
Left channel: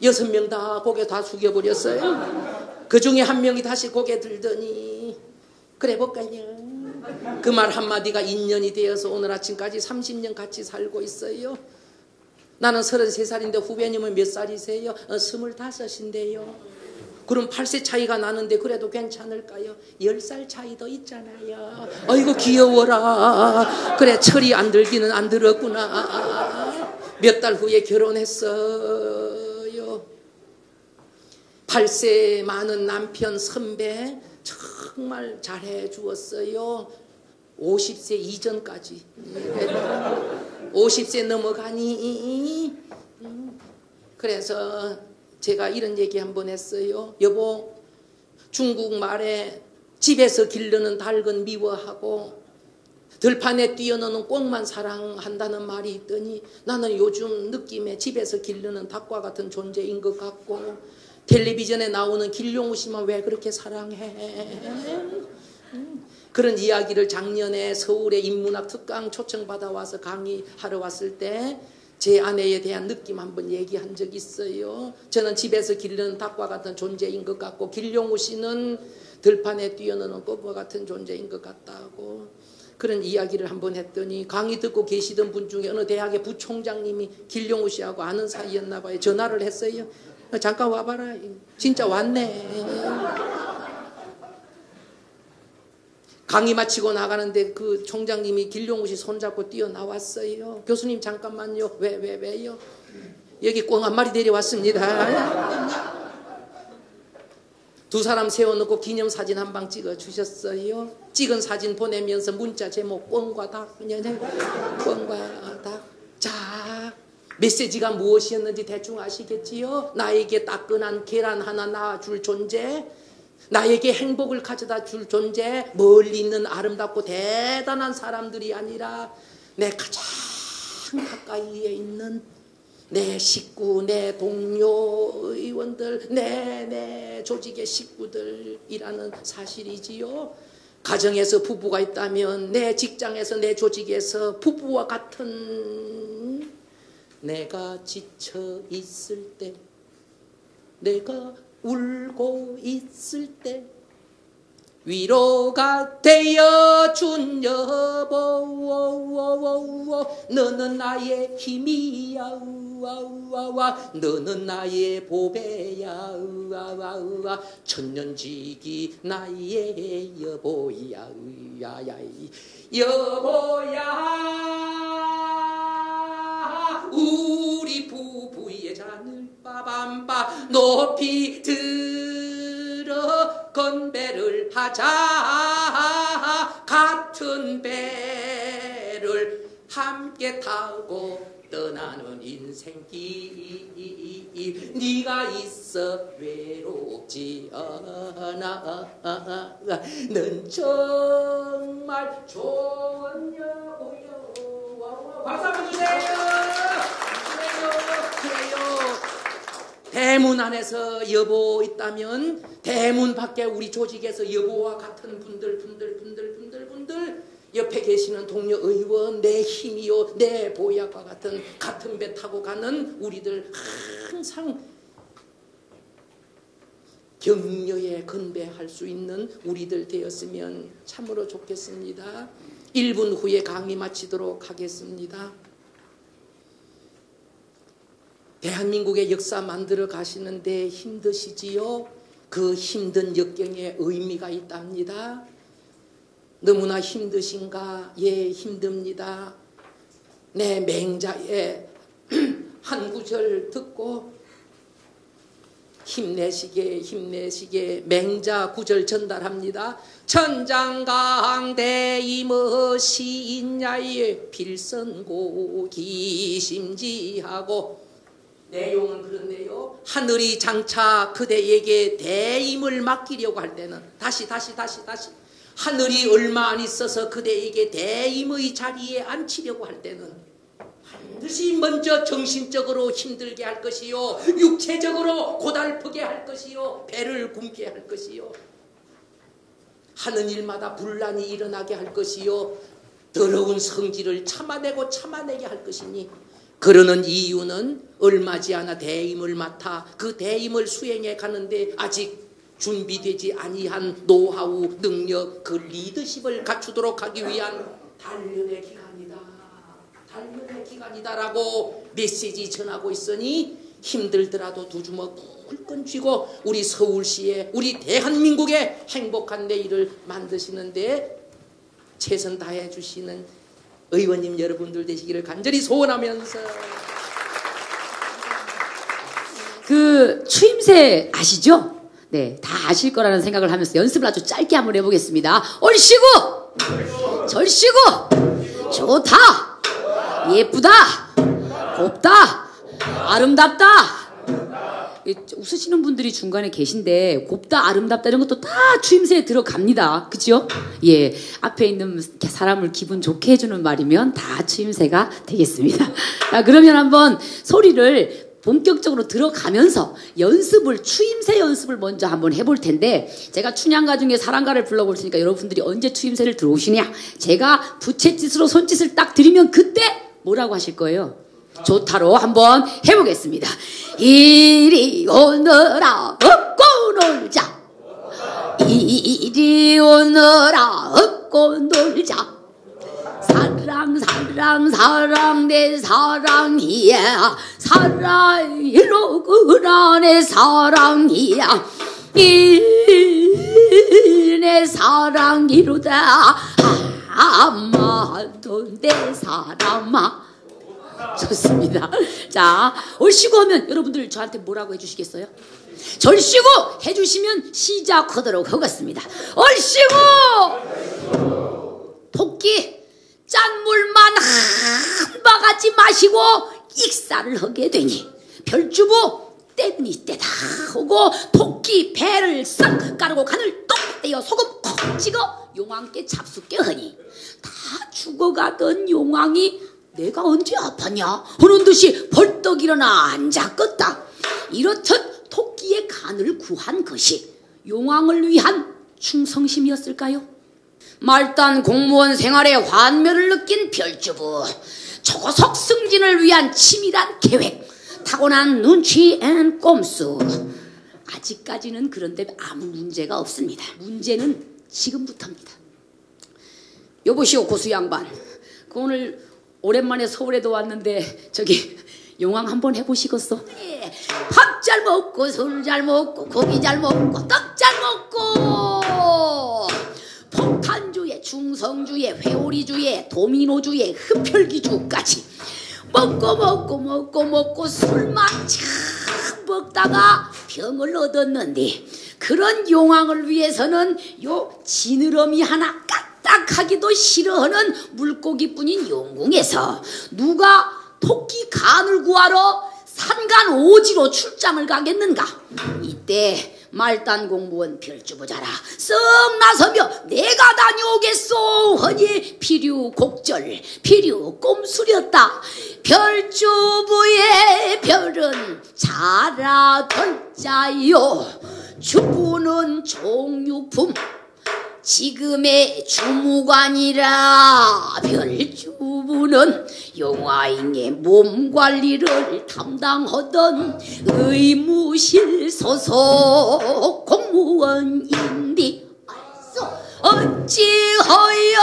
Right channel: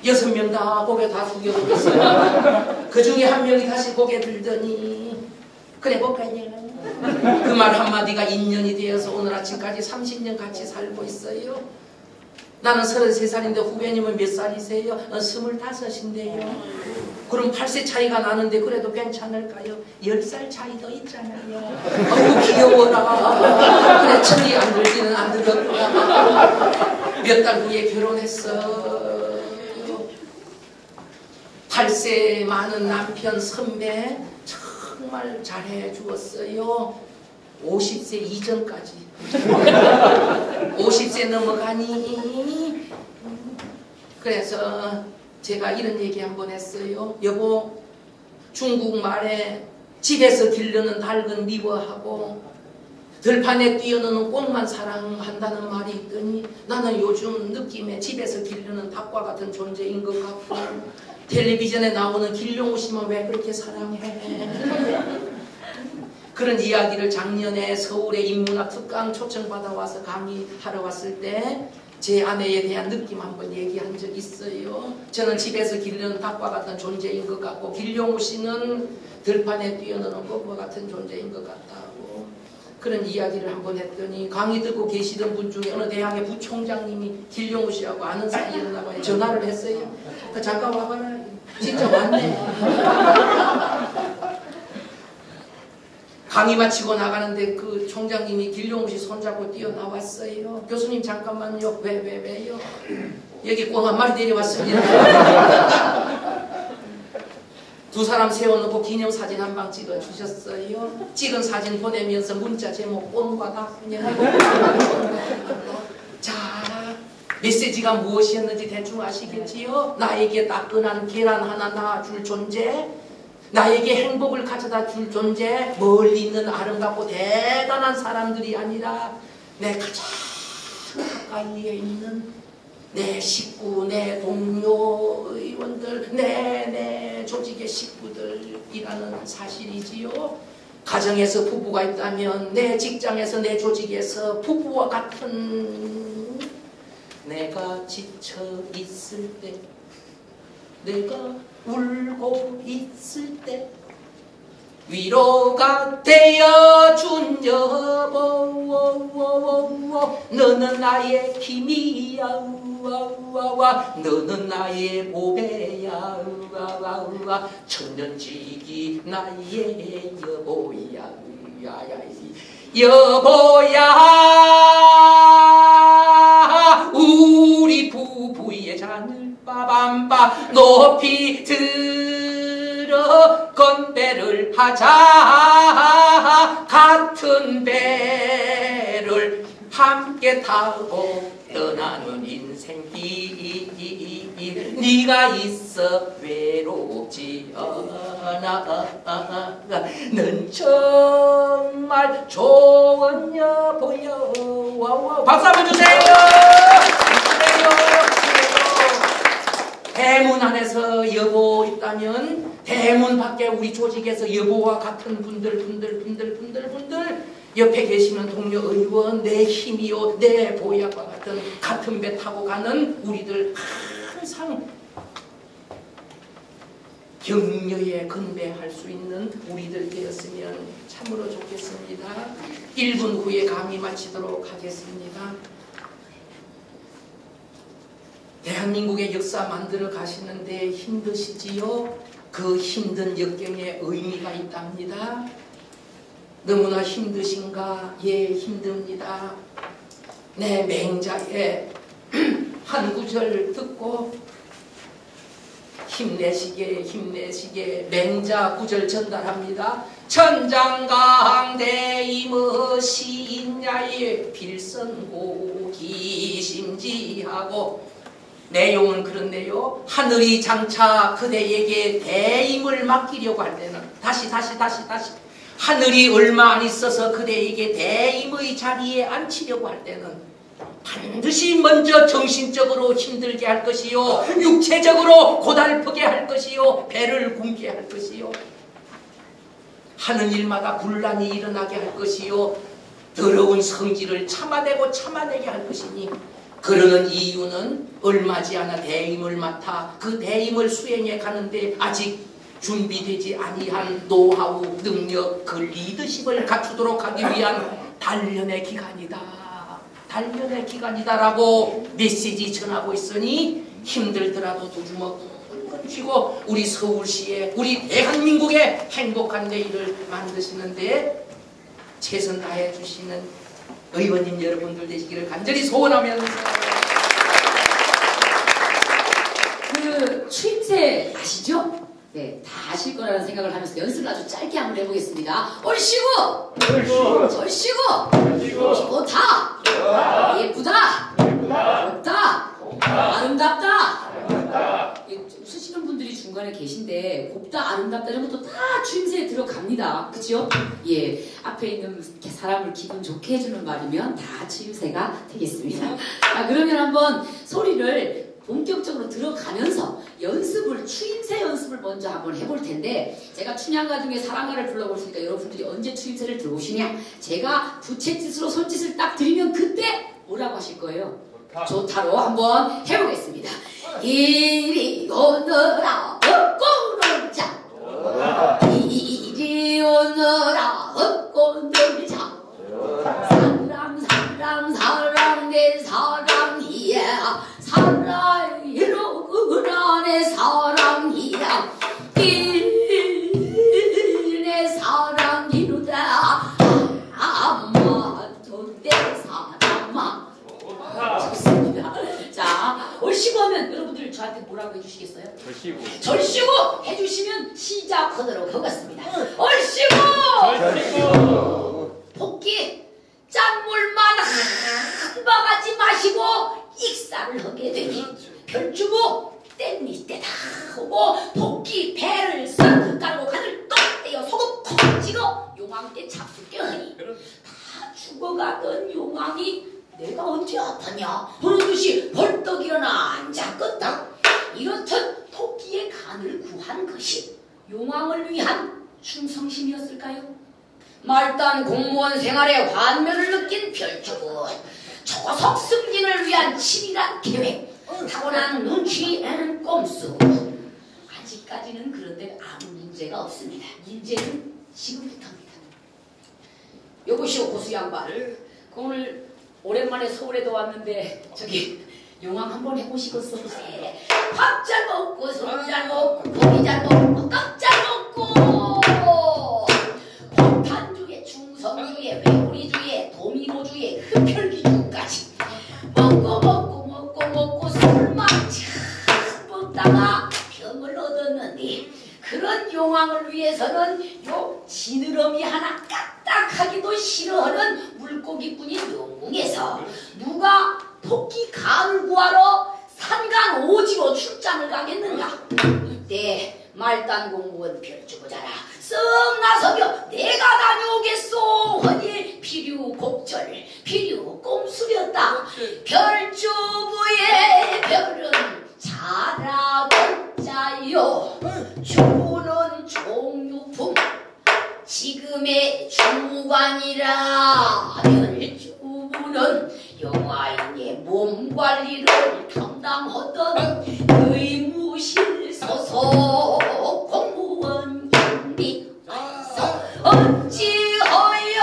6명 다 고개 다 숙여버렸어요. 그 중에 한 명이 다시 고개 들더니 그래 볼까요? 그 말 한마디가 인연이 되어서 오늘 아침까지 30년 같이 살고 있어요. 나는 33살인데 후배님은 몇 살이세요? 25인데요. 그럼 8세 차이가 나는데 그래도 괜찮을까요? 10살 차이도 있잖아요. 어이구 귀여워라. 그래 철이 안 들기는 안 들었구나. 몇 달 후에 결혼했어요. 8세 많은 남편 선배 정말 잘해 주었어요. 50세 이전까지 50세 넘어가니 그래서 제가 이런 얘기 한번 했어요. 여보, 중국 말에 집에서 기르는 닭은 미워하고 들판에 뛰어노는 꽃만 사랑한다는 말이 있더니 나는 요즘 느낌에 집에서 기르는 닭과 같은 존재인 것 같고 텔레비전에 나오는 길룡우 씨만 왜 그렇게 사랑해? 그런 이야기를 작년에 서울의 인문학 특강 초청받아 와서 강의하러 왔을 때 제 아내에 대한 느낌 한번 얘기한 적 있어요. 저는 집에서 기르는 닭과 같은 존재인 것 같고 길룡우 씨는 들판에 뛰어노는 꽃과 같은 존재인 것 같다고 그런 이야기를 한번 했더니 강의 듣고 계시던 분 중에 어느 대학의 부총장님이 길룡우 씨하고 아는 사이였나 봐요. 전화를 했어요. 잠깐 와봐라. 진짜 왔네. 강의 마치고 나가는데 그 총장님이 길룡우 씨 손잡고 뛰어나왔어요. 교수님 잠깐만요. 왜요? 여기 꽁 한 마리 데려왔습니다. 두 사람 세워놓고 기념사진 한 방 찍어주셨어요. 찍은 사진 보내면서 문자 제목 꽁과 닭 자, 메시지가 무엇이었는지 대충 아시겠지요? 나에게 따끈한 계란 하나 놔줄 존재, 나에게 행복을 가져다 줄 존재, 멀리 있는 아름답고 대단한 사람들이 아니라 내 가장 가까이에 있는 내 식구, 내 동료, 의원들, 내 조직의 식구들이라는 사실이지요. 가정에서 부부가 있다면 내 직장에서 내 조직에서 부부와 같은 내가 지쳐 있을 때, 내가 울고 있을 때 위로가 되어준 여보, 너는 나의 힘이야, 너는 나의 보배야, 천년지기 나의 여보야, 여보야, 우리 부부의 잔을 빠밤빠 높이 들어 건배를 하자. 같은 배를 함께 타고 떠나는 인생길, 네가 있어 외롭지 않아. 넌 정말 좋은 여보여. 박수 한번 주세요. 대문 안에서 여보 있다면 대문 밖에 우리 조직에서 여보와 같은 분들 옆에 계시는 동료 의원, 내 힘이요, 내 보약과 같은 배 타고 가는 우리들 항상 격려에 근대할 수 있는 우리들 되었으면 참으로 좋겠습니다. 1분 후에 강의 마치도록 하겠습니다. 대한민국의 역사 만들어 가시는데 힘드시지요? 그 힘든 역경에 의미가 있답니다. 너무나 힘드신가? 예, 힘듭니다. 내 맹자의 한 구절 듣고 힘내시게 맹자 구절 전달합니다. 천장강대임의 시인야의 필선고 기심지하고, 내용은 그렇네요. 하늘이 장차 그대에게 대임을 맡기려고 할 때는 다시 하늘이 얼마 안 있어서 그대에게 대임의 자리에 앉히려고 할 때는 반드시 먼저 정신적으로 힘들게 할 것이요, 육체적으로 고달프게 할 것이요, 배를 굶게 할 것이요, 하는 일마다 분란이 일어나게 할 것이요, 더러운 성질을 참아내게 할 것이니, 그러는 이유는 얼마지 않아 대임을 맡아 그 대임을 수행해 가는데 아직 준비되지 아니한 노하우, 능력, 그 리더십을 갖추도록 하기 위한 단련의 기간이다라고 메시지 전하고 있으니, 힘들더라도 두 주먹 쥐고 우리 서울시에, 우리 대한민국의 행복한 내일을 만드시는데 최선 다해 주시는 의원님 여러분들 되시기를 간절히 소원하면서. 그 추임새 아시죠? 네, 다 아실 거라는 생각을 하면서 연습을 아주 짧게 한번 해보겠습니다. 얼씨구! 절씨구! 좋다! 예쁘다! 곱다! 아름답다! 웃으시는 분들이 중간에 계신데 곱다 아름답다 이런 것도 다 추임새에 들어갑니다. 그치요? 예, 앞에 있는 사람을 기분 좋게 해주는 말이면 다 추임새가 되겠습니다. 자, 그러면 한번 소리를 본격적으로 들어가면서 추임새 연습을 먼저 한번 해볼 텐데, 제가 춘향가 중에 사랑가를 불러볼 테니까 여러분들이 언제 추임새를 들어오시냐, 제가 부채짓으로 손짓을 딱 드리면 그때 뭐라고 하실 거예요? 좋다로 한번 해보겠습니다. 이리 오너라 업고 놀자, 이리 오너라 업고 놀자, 사랑 사랑 사랑 내 사랑이야, 사랑이로구나 내 사랑이야, 내 사랑이로다 아마도 내 사람아. 좋습니다. 자, 얼씨구 하면 여러분들 저한테 뭐라고 해주시겠어요? 절씨구 해주시면 시작하도록 하겠습니다. 얼씨구! 토끼 짠물만 한 바가지 마시고 익사를 하게 되니 별주부 땐니 때다 하고 토끼 배를 싹 까르고 간을 똑 떼어 소금 콕 찍어 용왕께 잡숫게 하니 다 죽어가던 용왕이 내가 언제 아팠냐 하는 듯이 벌떡 일어나 앉았겠다. 이렇듯 토끼의 간을 구한 것이 용왕을 위한 충성심이었을까요? 말단 공무원 생활의 환멸을 느낀 별주부, 초속 승진을 위한 치밀한 계획, 타고난 눈치 앤 꼼수. 아직까지는 그런데 아무 문제가 없습니다. 문제는 지금부터입니다. 여보시오 고수 양반, 그 오늘 오랜만에 서울에도 왔는데 저기 용왕 한번 해보시겠어? 밥 잘 먹고 술 잘 먹고 고기 잘 먹고 떡 잘 먹고 폭탄주에 충성주에 회오리주에 도미노주에 흡혈귀주까지 먹고 술만 참 먹다가 병을 얻었는데, 그런 용왕을 위해서는 요 지느러미 하나 까딱하기도 싫어하는 물고기뿐인 용궁에서 누가 토끼 간을 구하러 산간 오지로 출장을 가겠는가? 이때 말단 공무원 별주부자라 썩 나서며 내가 다녀오겠소 하니 필요곡절 필요 꼼수렸다. 별주부의 별은 자라돌자요, 주부는 종유품, 지금의 주무관이라 별주부는 용화인의 몸관리를 담당하던 의무실 소속 공무원인데 어찌하여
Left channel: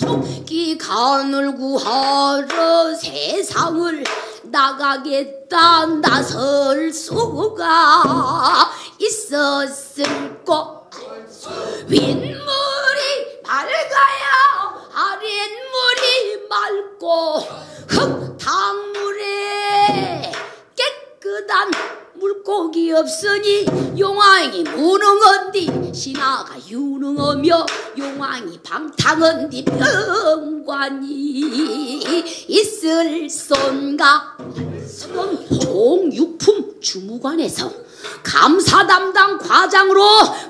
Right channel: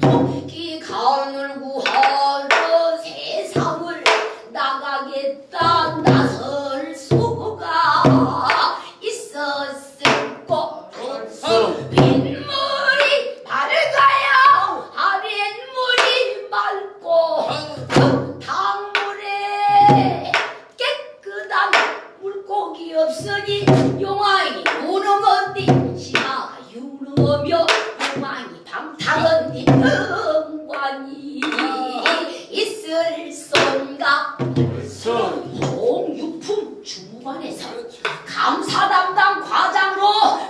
토끼 간을 구하러 세상을 나가겠다 나설 수가 있었을까? 윗물이 밝아야 아랫물이 맑고 흙탕물에 깨끗한 물고기 없으니 용왕이 무능한디 신하가 유능하며 용왕이 방탕한디 병관이 있을 손가? 종유품 주무관에서 감사 담당 과장으로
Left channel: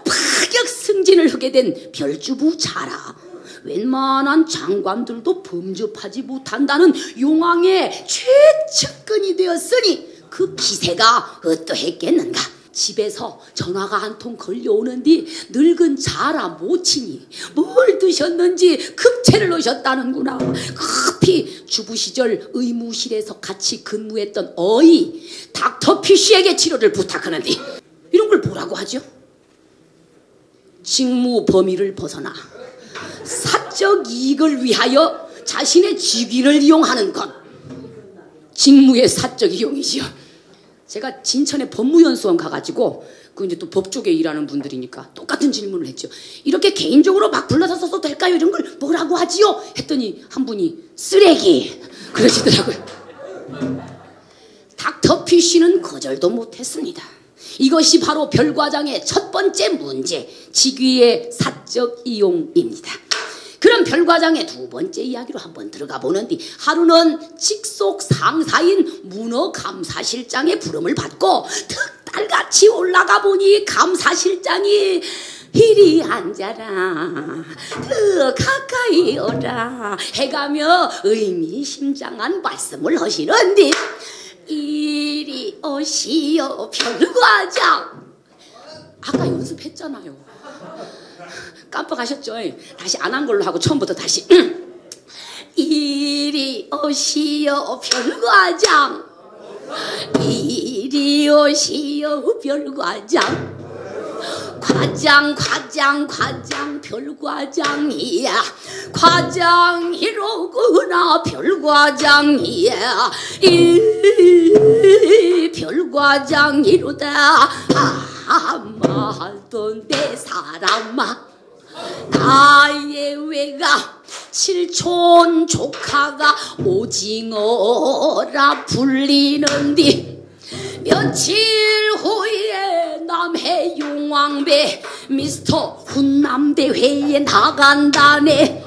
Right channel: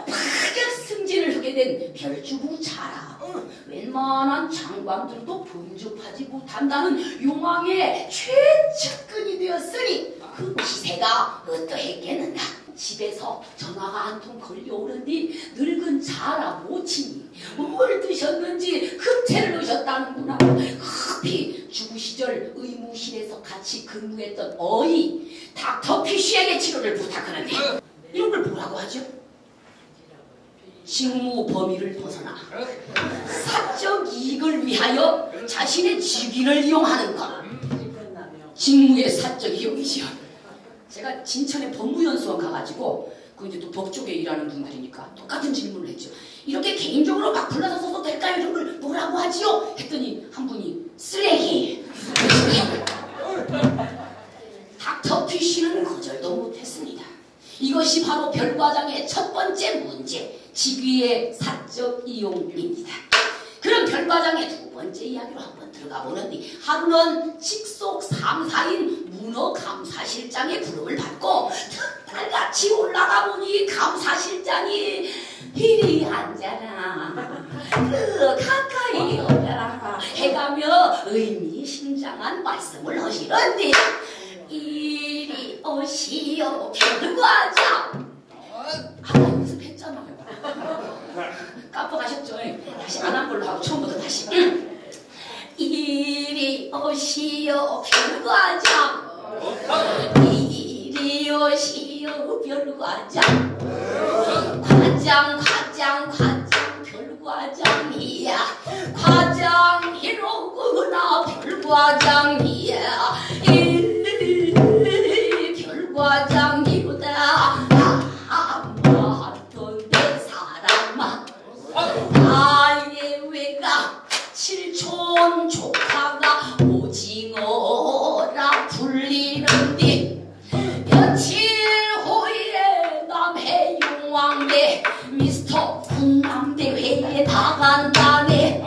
파격 승진을 하게 된 별주부 자라 웬만한 장관들도 범접하지 못한다는 용왕의 최측근이 되었으니 그 기세가 어떠했겠는가? 집에서 전화가 한 통 걸려오는디 늙은 자라 모친이 뭘 드셨는지 급체를 넣으셨다는구나. 급히 주부 시절 의무실에서 같이 근무했던 어이 닥터 피쉬에게 치료를 부탁하는데, 이런 걸 뭐라고 하죠? 직무 범위를 벗어나 사적 이익을 위하여 자신의 직위를 이용하는 것, 직무의 사적 이용이죠. 제가 진천에 법무연수원 가가지고 그 이제 또 법조계 일하는 분들이니까 똑같은 질문을 했죠. 이렇게 개인적으로 막 불러서 써도 될까요? 이런 걸 뭐라고 하지요? 했더니 한 분이 쓰레기 그러시더라고요. 닥터 피쉬는 거절도 못했습니다. 이것이 바로 별과장의 첫 번째 문제, 직위의 사적 이용입니다. 그럼 별과장의 두 번째 이야기로 한번 들어가 보는데, 하루는 직속 상사인 문어감사실장의 부름을 받고 득달같이 올라가 보니 감사실장이 이리 앉아라, 그 가까이 오라 해가며 의미심장한 말씀을 하시는데, 이리 오시오 별과장. 아까 연습했잖아요. 깜빡하셨죠? 다시 안 한 걸로 하고 처음부터 다시. 이리 오시오 별과장. 이리 오시오 별과장. 과장 별과장이야. 과장이로구나 별과장이야. 별과장이로다. 말도 내 사람아, 아예외가 칠촌 조카가 오징어라 불리는디, 며칠 후에 남해 용왕배 미스터 훈남대회에 나간다네.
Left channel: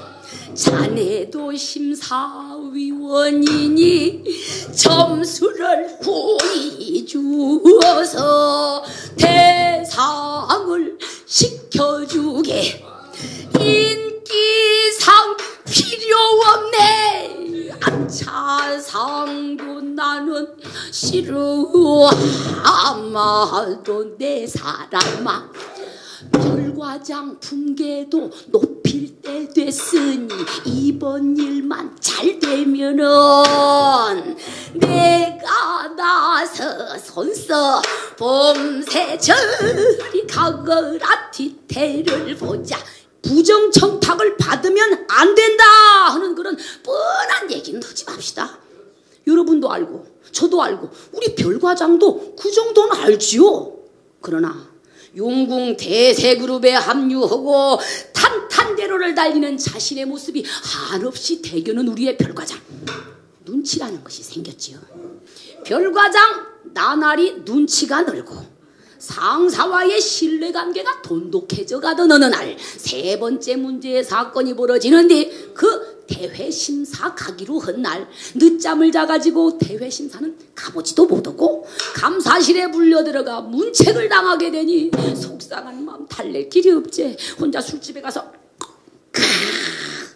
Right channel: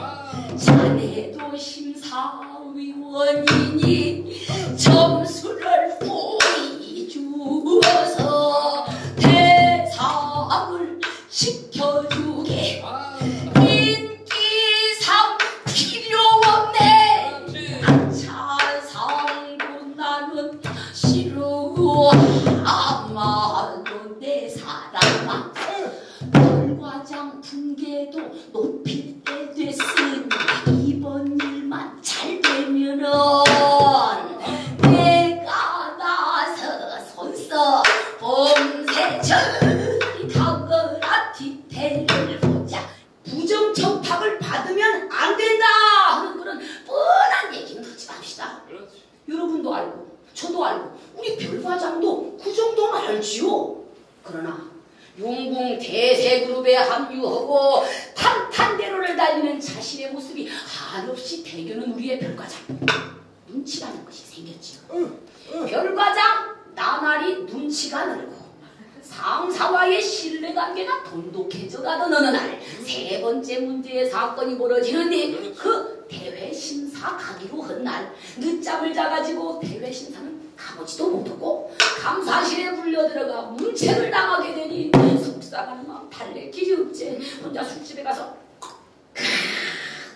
자네도 심사위원이니 점수를 보여주어서 대상을 시켜주게. 인기상 필요 없네. 안차상도 나는 싫어. 아마도 내 사람아, 별과장 분계도 높일 때 됐으니 이번 일만 잘 되면은 내가 나서 손써 봄새 저리 가거라 뒤태를 보자. 부정청탁을 받으면 안 된다 하는 그런 뻔한 얘기는 하지 맙시다. 여러분도 알고 저도 알고 우리 별과장도 그 정도는 알지요. 그러나 용궁 대세그룹에 합류하고 탄탄대로를 달리는 자신의 모습이 한없이 대견한 우리의 별과장, 눈치라는 것이 생겼지요. 별과장 나날이 눈치가 늘고 상사와의 신뢰관계가 돈독해져 가던 어느 날 세 번째 문제의 사건이 벌어지는데, 그 대회심사 가기로 한 날 늦잠을 자가지고 대회심사는 가보지도 못하고 감사실에 물려들어가 문책을 당하게 되니 속상한 마음 달랠 길이 없지. 혼자 술집에 가서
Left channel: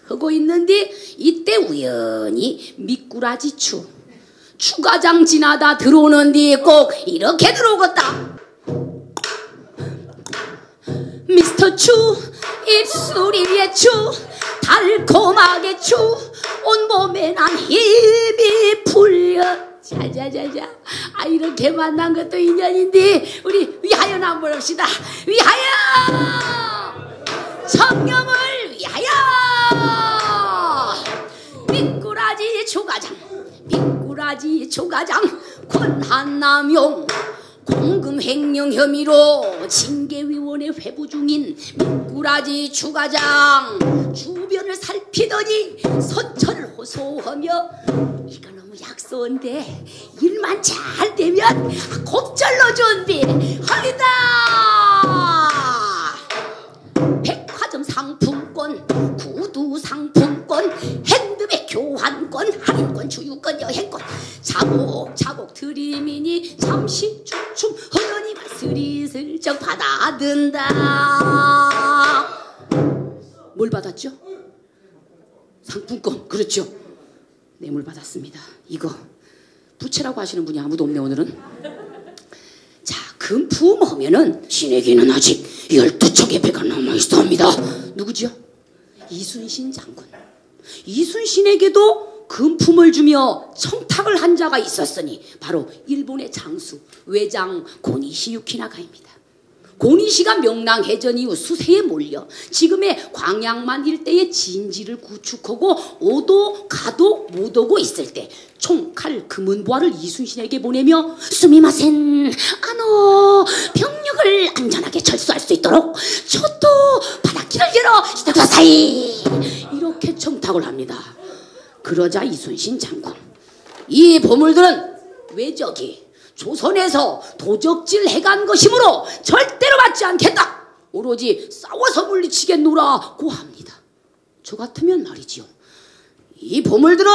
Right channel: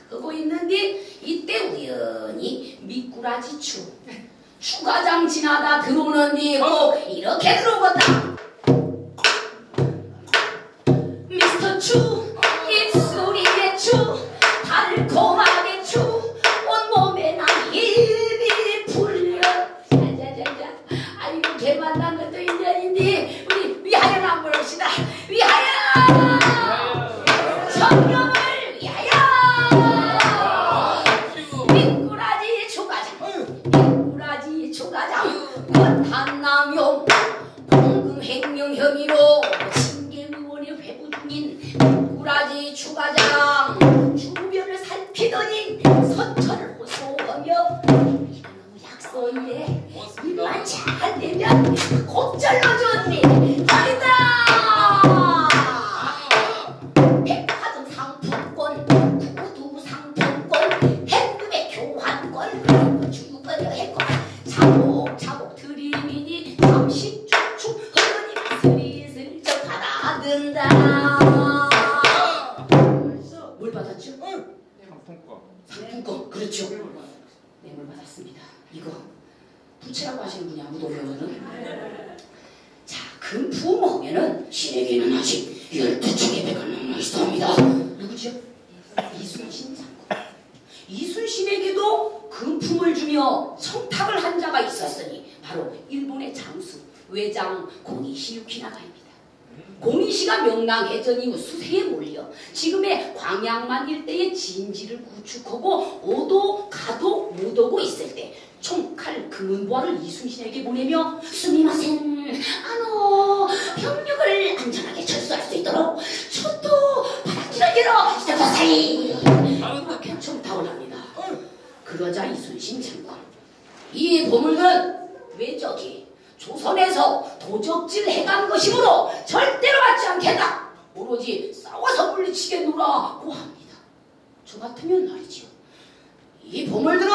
하고 있는데, 이때 우연히 미꾸라지 추과장 지나다 들어오는데 꼭 이렇게 들어오겠다. 미스터 추, 입술이 위에 추, 달콤하게 추, 온몸에 난 힘이 풀려. 자자자자. 아, 이렇게 만난 것도 인연인데 우리 위하여 한번 합시다. 위하여! 청렴을 위하여! 미꾸라지 초과장 권한남용 공금횡령 혐의로 징계위원회 회부 중인 미꾸라지 초과장 주변을 살피더니 서철호소하며 이거 너무 약소인데 일만 잘 되면 곡절로 준비 하이다. 백화점 상품권, 구두 상품권, 핸드백 교환권, 할인권, 주유권, 여행권 차곡차곡 드리미니 잠시 주춤 허니 스리슬쩍 받아든다. 뭘 받았죠? 상품권. 그렇죠. 뇌물 받았습니다. 이거 부채라고 하시는 분이 아무도 없네 오늘은. 자, 금품 하면은 신에게는 아직 12척의 배가 남아있습니다. 누구죠? 이순신 장군. 이순신에게도 금품을 주며 청탁을 한 자가 있었으니 바로 일본의 장수 외장 고니시 유키나가입니다. 고니시가 명랑해전 이후 수세에 몰려 지금의 광양만 일대의 진지를 구축하고 오도 가도 못 오고 있을 때 총칼 금은보화를 이순신에게 보내며 스미마센 아노 병력을 안전하게 철수할 수 있도록 저도 바닷길을 열어 시다사이 이렇게 청탁을 합니다. 그러자 이순신 장군, 이 보물들은 외적이 조선에서 도적질 해간 것이므로 절대로 받지 않겠다. 오로지 싸워서 물리치겠노라고 합니다. 저 같으면 말이지요, 이 보물들은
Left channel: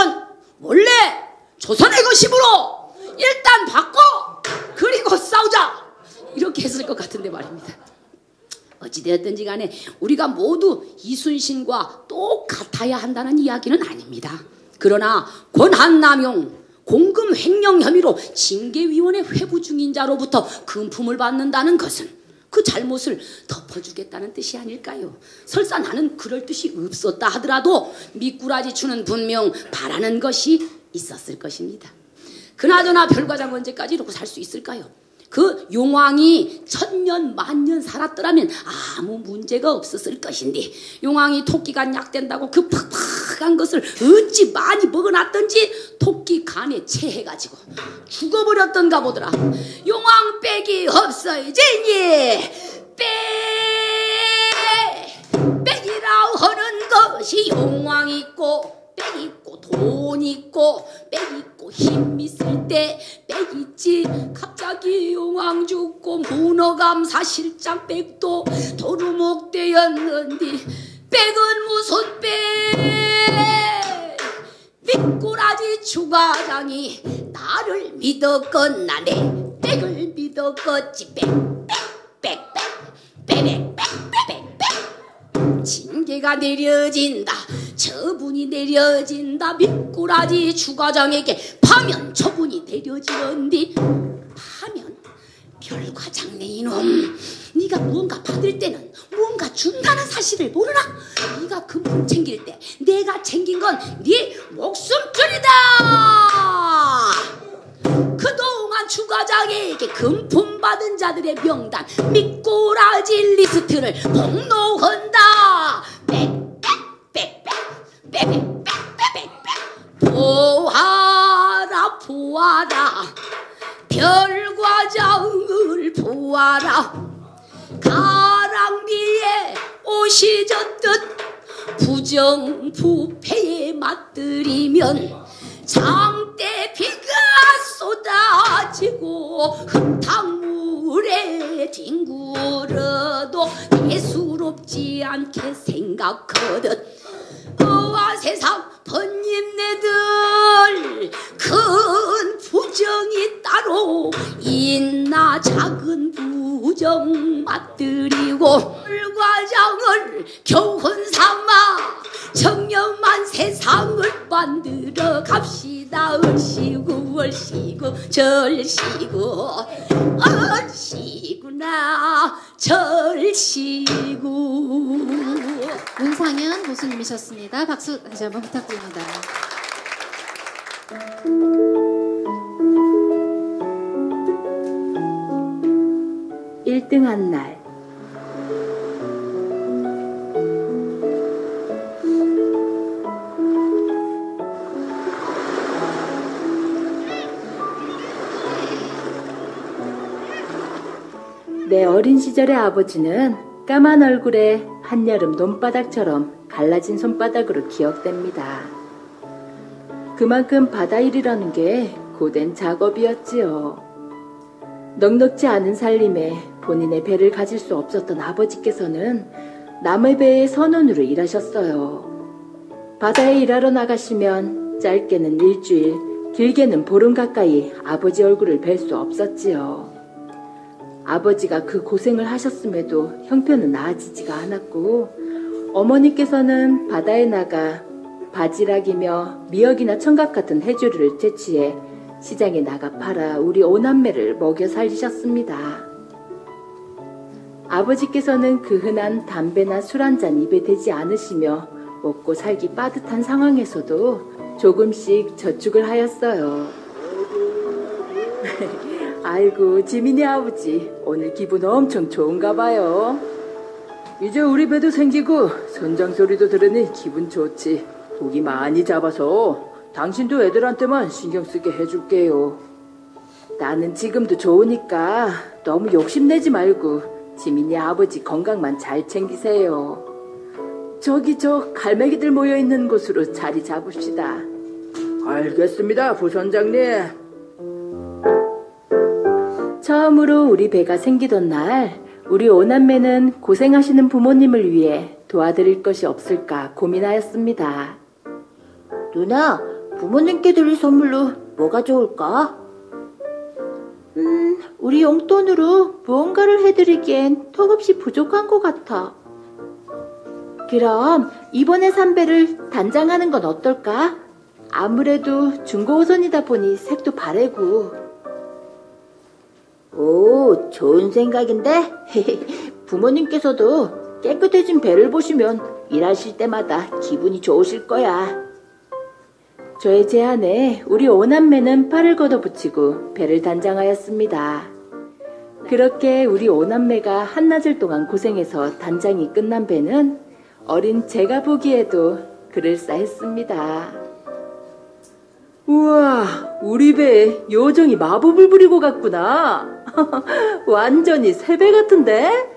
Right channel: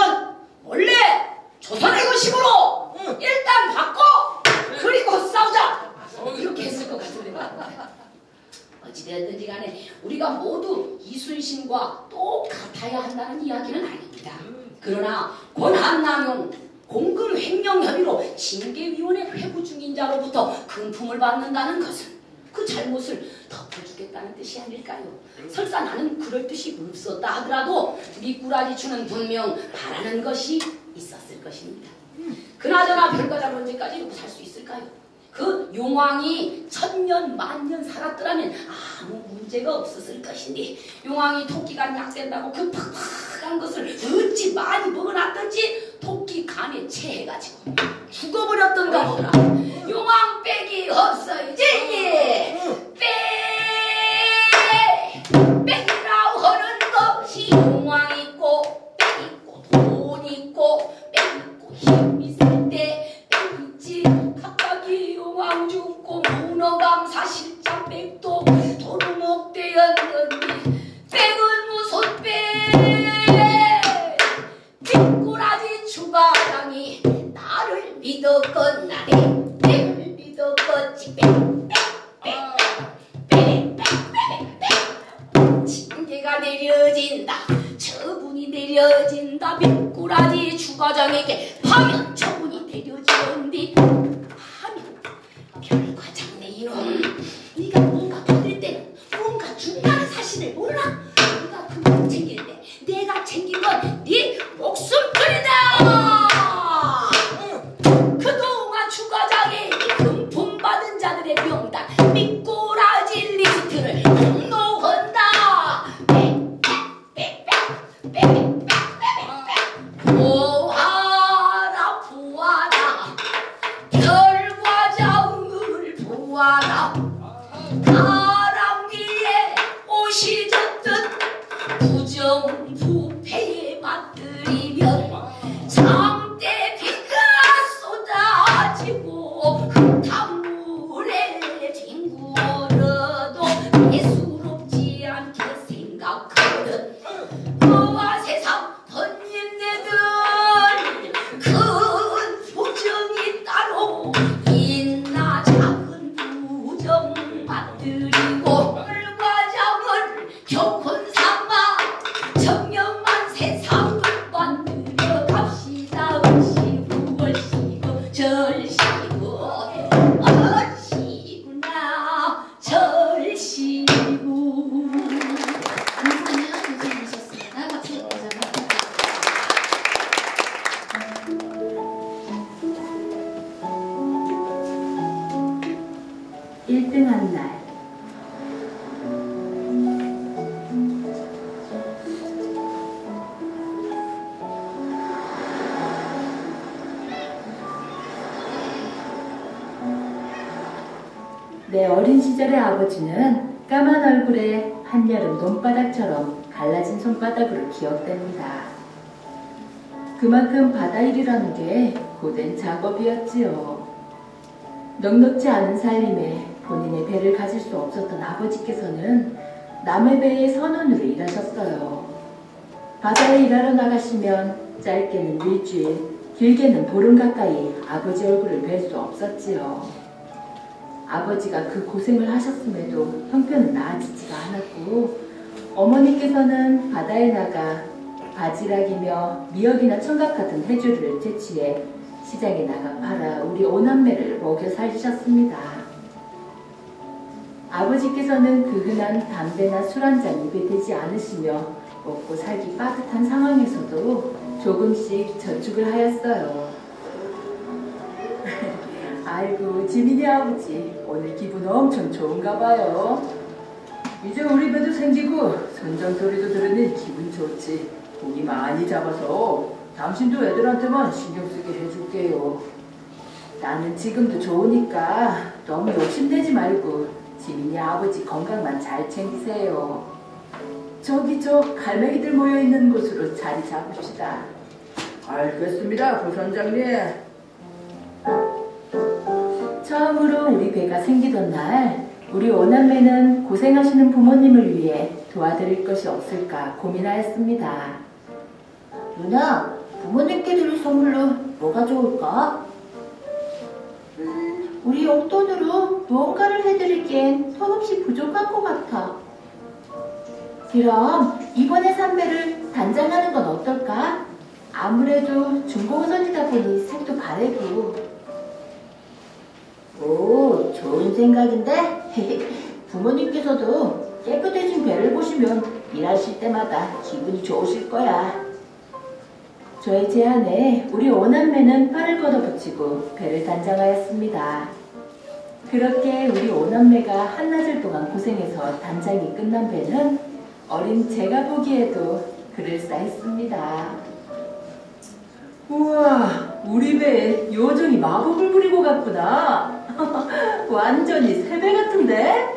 원래 조선의 것이므로 일단 받고 그리고 싸우자, 이렇게 했을 것 같은데 말입니다. 어찌되었든지 간에 우리가 모두 이순신과 똑같아야 한다는 이야기는 아닙니다. 그러나 권한남용, 공금 횡령 혐의로 징계위원회 회부 중인 자로부터 금품을 받는다는 것은 그 잘못을 덮어주겠다는 뜻이 아닐까요? 설사 나는 그럴 뜻이 없었다 하더라도 미꾸라지추는 분명 바라는 것이 있었을 것입니다. 그나저나 별과장 언제까지 이러고 살 수 있을까요? 그 용왕이 1000년 만년 살았더라면 아무 문제가 없었을 것인데, 용왕이 토끼간 약된다고 그 팍팍한 것을 어찌 많이 먹어놨던지 토끼 간에 체해가지고 죽어버렸던가 보더라. 용왕 빽이 없어야지. 빽이라고 하는 것이 용왕 있고 빽 있고 돈 있고 빽 있고 힘 있을 때 빽 있지. 갑자기 용왕 죽고 문어감사 실장 빽도 도루묵 되었는디 빽은 무슨 빽? 미꾸라지 추가장이 나를 믿었건나네 빽을 믿었겠지. 징계가 내려진다. 처분이 내려진다. 미꾸라지 추가장에게 파면 처분이 내려지는디, 파면 별과장네 이놈, 네가 무언가 받을 때는 무언가 준다는 사실을 모르나? 네가 금품 챙길 때 내가 챙긴 건 네 목숨줄이다. 그동안 추가장에게 금품 받은 자들의 명단 미꾸라지 리스트를 공로한다. 보아라 보아라 별과장을 보아라. 가랑비에 옷이 젖듯 부정부패에 맞들이면 장대 비가 쏟아지고 흙탕물에 뒹굴어도 대수롭지 않게 생각하듯 그와 세상 번님네들 큰 부정이 따로 있나? 작은 부정 맞들이고 별과장을 교훈 삼아 청렴한 세상을 만들어 갑시다. 얼씨구 얼씨구 절씨구 얼씨구나 절씨구. 윤상현 교수님이셨습니다. 박수 다시 한번 부탁드립니다. 1등한 날, 내 어린 시절의 아버지는 까만 얼굴에 한여름 논바닥처럼 갈라진 손바닥으로 기억됩니다. 그만큼 바다일이라는 게 고된 작업이었지요. 넉넉지 않은 살림에 본인의 배를 가질 수 없었던 아버지께서는 남의 배의 선원으로 일하셨어요. 바다에 일하러 나가시면 짧게는 일주일, 길게는 보름 가까이 아버지 얼굴을 뵐 수 없었지요. 아버지가 그 고생을 하셨음에도 형편은 나아지지가 않았고, 어머니께서는 바다에 나가 바지락이며 미역이나 청각 같은 해조류를 채취해 시장에 나가 팔아 우리 오남매를 먹여 살리셨습니다. 아버지께서는 그 흔한 담배나 술 한 잔 입에 대지 않으시며 먹고 살기 빠듯한 상황에서도 조금씩 저축을 하였어요. 아이고, 지민이 아버지 오늘 기분 엄청 좋은가 봐요. 이제 우리 배도 생기고 선장 소리도 들으니 기분 좋지. 고기 많이 잡아서 당신도 애들한테만 신경 쓰게 해줄게요. 나는 지금도 좋으니까 너무 욕심내지 말고 지민이 아버지 건강만 잘 챙기세요. 저기 저 갈매기들 모여있는 곳으로 자리 잡읍시다. 알겠습니다, 부선장님. 처음으로 우리 배가 생기던 날, 우리 오남매는 고생하시는 부모님을 위해 도와드릴 것이 없을까 고민하였습니다. 누나, 부모님께 드릴 선물로 뭐가 좋을까? 우리 용돈으로 무언가를 해드리기엔 턱없이 부족한 것 같아. 그럼 이번에 산 배를 단장하는 건 어떨까? 아무래도 중고호선이다 보니 색도 바래고. 오, 좋은 생각인데? 부모님께서도 깨끗해진 배를 보시면 일하실 때마다 기분이 좋으실 거야. 저의 제안에 우리 오남매는 팔을 걷어붙이고 배를 단장하였습니다. 그렇게 우리 오남매가 한나절 동안 고생해서 단장이 끝난 배는 어린 제가 보기에도 그럴싸했습니다. 우와, 우리 배에 요정이 마법을 부리고 갔구나. 완전히 새 배 같은데?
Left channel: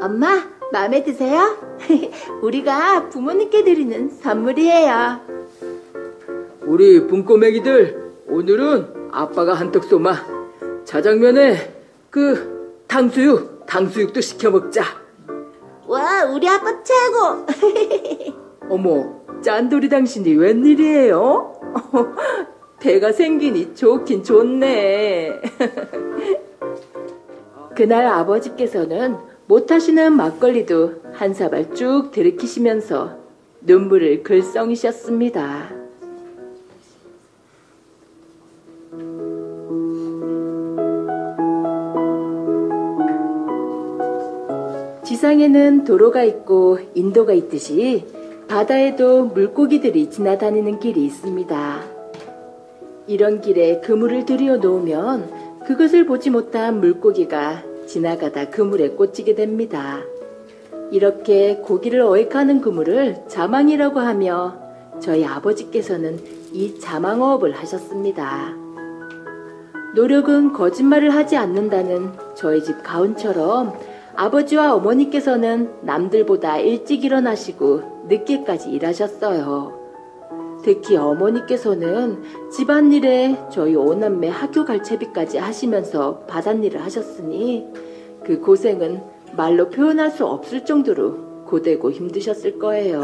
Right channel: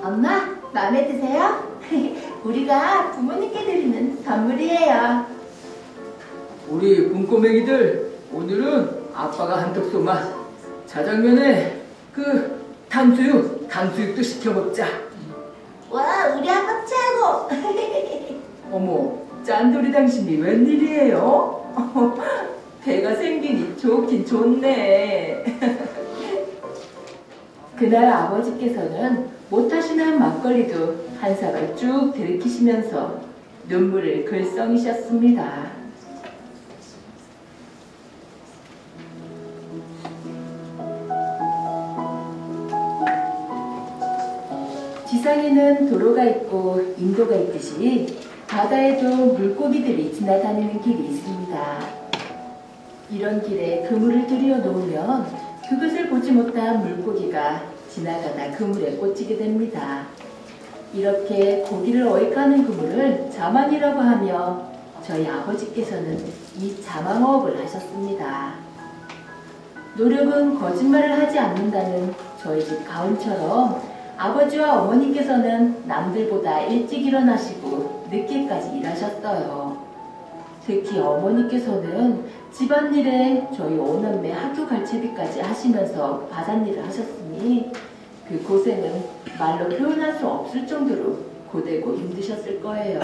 엄마, 마음에 드세요? 우리가 부모님께 드리는 선물이에요. 우리 붕꼬맹이들, 오늘은 아빠가 한턱 쏘마. 자장면에 탕수육도 시켜 먹자. 와, 우리 아빠 최고! 어머, 짠돌이 당신이 웬일이에요? 배가 생기니 좋긴 좋네. 그날 아버지께서는 못하시는 막걸리도 한 사발 쭉 들이키시면서 눈물을 글썽이셨습니다. 지상에는 도로가 있고 인도가 있듯이 바다에도 물고기들이 지나다니는 길이 있습니다. 이런 길에 그물을 들여 놓으면 그것을 보지 못한 물고기가 지나가다 그물에 꽂히게 됩니다. 이렇게 고기를 어획하는 그물을 자망이라고 하며 저희 아버지께서는 이 자망어업을 하셨습니다. 노력은 거짓말을 하지 않는다는 저희 집 가훈처럼 아버지와 어머니께서는 남들보다 일찍 일어나시고 늦게까지 일하셨어요. 특히 어머니께서는 집안일에 저희 오남매 학교 갈채비까지 하시면서 바닷일을 하셨으니 그 고생은 말로 표현할 수 없을 정도로 고되고 힘드셨을 거예요.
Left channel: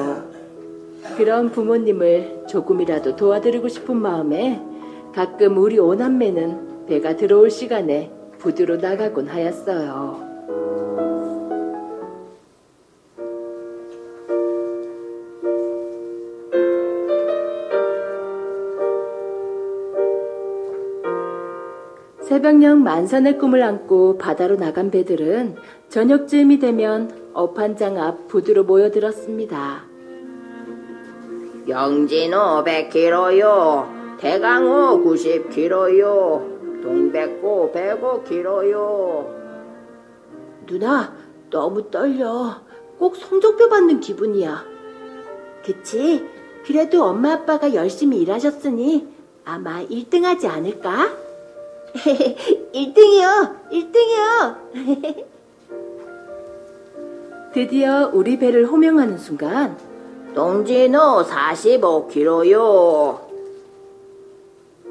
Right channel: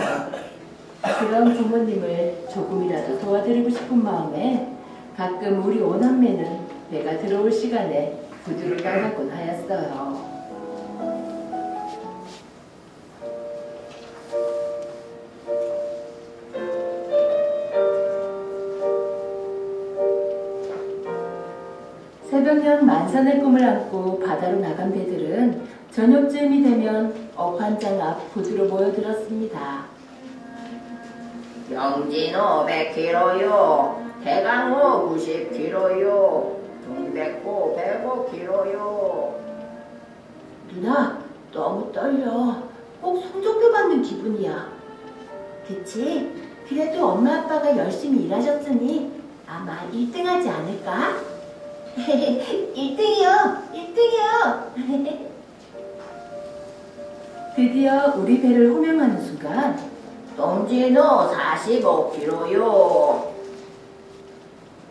그런 부모님을 조금이라도 도와드리고 싶은 마음에 가끔 우리 오남매는 배가 들어올 시간에 부두로 나가곤 하였어요. 새벽녘 만선의 꿈을 안고 바다로 나간 배들은 저녁쯤이 되면 어판장 앞 부두로 모여들었습니다. 영진 500kg요. 대강호 90kg요. 동백고 105kg요. 누나, 너무 떨려. 꼭 성적표 받는 기분이야. 그치? 그래도 엄마 아빠가 열심히 일하셨으니 아마 1등 하지 않을까? 1등이요! 1등이요! 드디어 우리 배를 호명하는 순간 동진호 45kg요.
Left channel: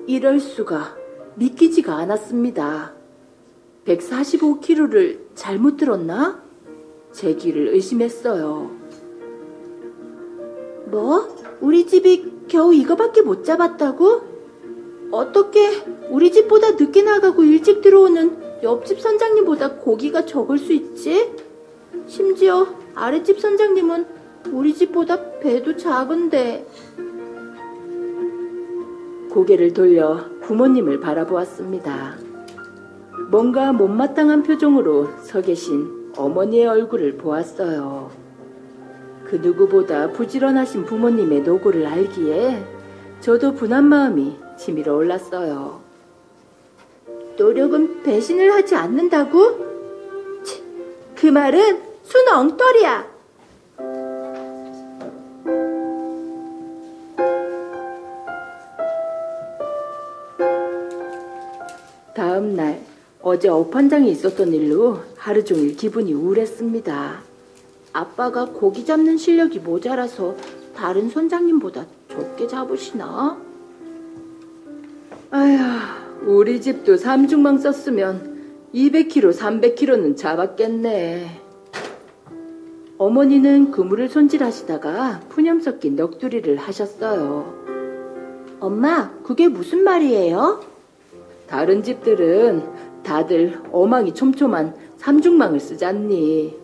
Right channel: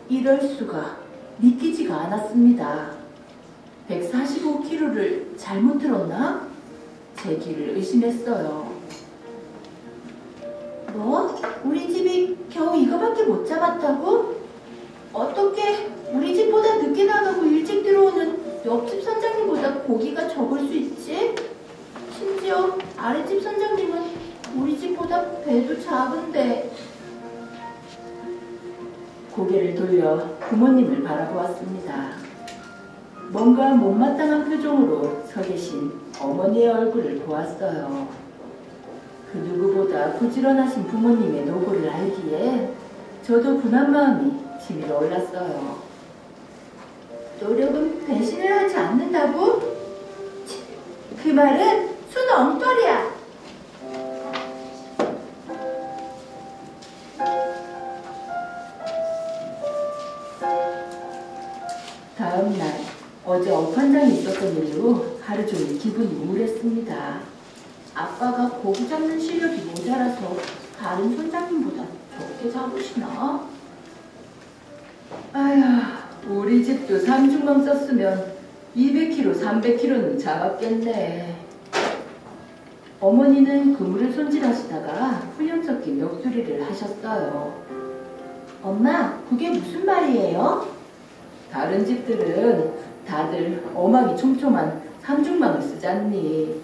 이럴 수가 믿기지가 않았습니다. 145kg를 잘못 들었나? 제 귀를 의심했어요. 뭐? 우리 집이 겨우 이거밖에 못 잡았다고? 어떻게 우리 집보다 늦게 나가고 일찍 들어오는 옆집 선장님보다 고기가 적을 수 있지? 심지어 아랫집 선장님은 우리 집보다 배도 작은데. 고개를 돌려 부모님을 바라보았습니다. 뭔가 못마땅한 표정으로 서 계신 어머니의 얼굴을 보았어요. 그 누구보다 부지런하신 부모님의 노고를 알기에 저도 분한 마음이 치밀어 올랐어요. 노력은 배신을 하지 않는다고? 그 말은 순 엉터리야. 다음 날 어제 어판장에 있었던 일로 하루 종일 기분이 우울했습니다. 아빠가 고기 잡는 실력이 모자라서 다른 선장님보다 적게 잡으시나? 아휴, 우리 집도 삼중망 썼으면 200kg, 300kg는 잡았겠네. 어머니는 그물을 손질하시다가 푸념 섞인 넋두리를 하셨어요. 엄마, 그게 무슨 말이에요? 다른 집들은 다들 어망이 촘촘한 삼중망을 쓰잖니.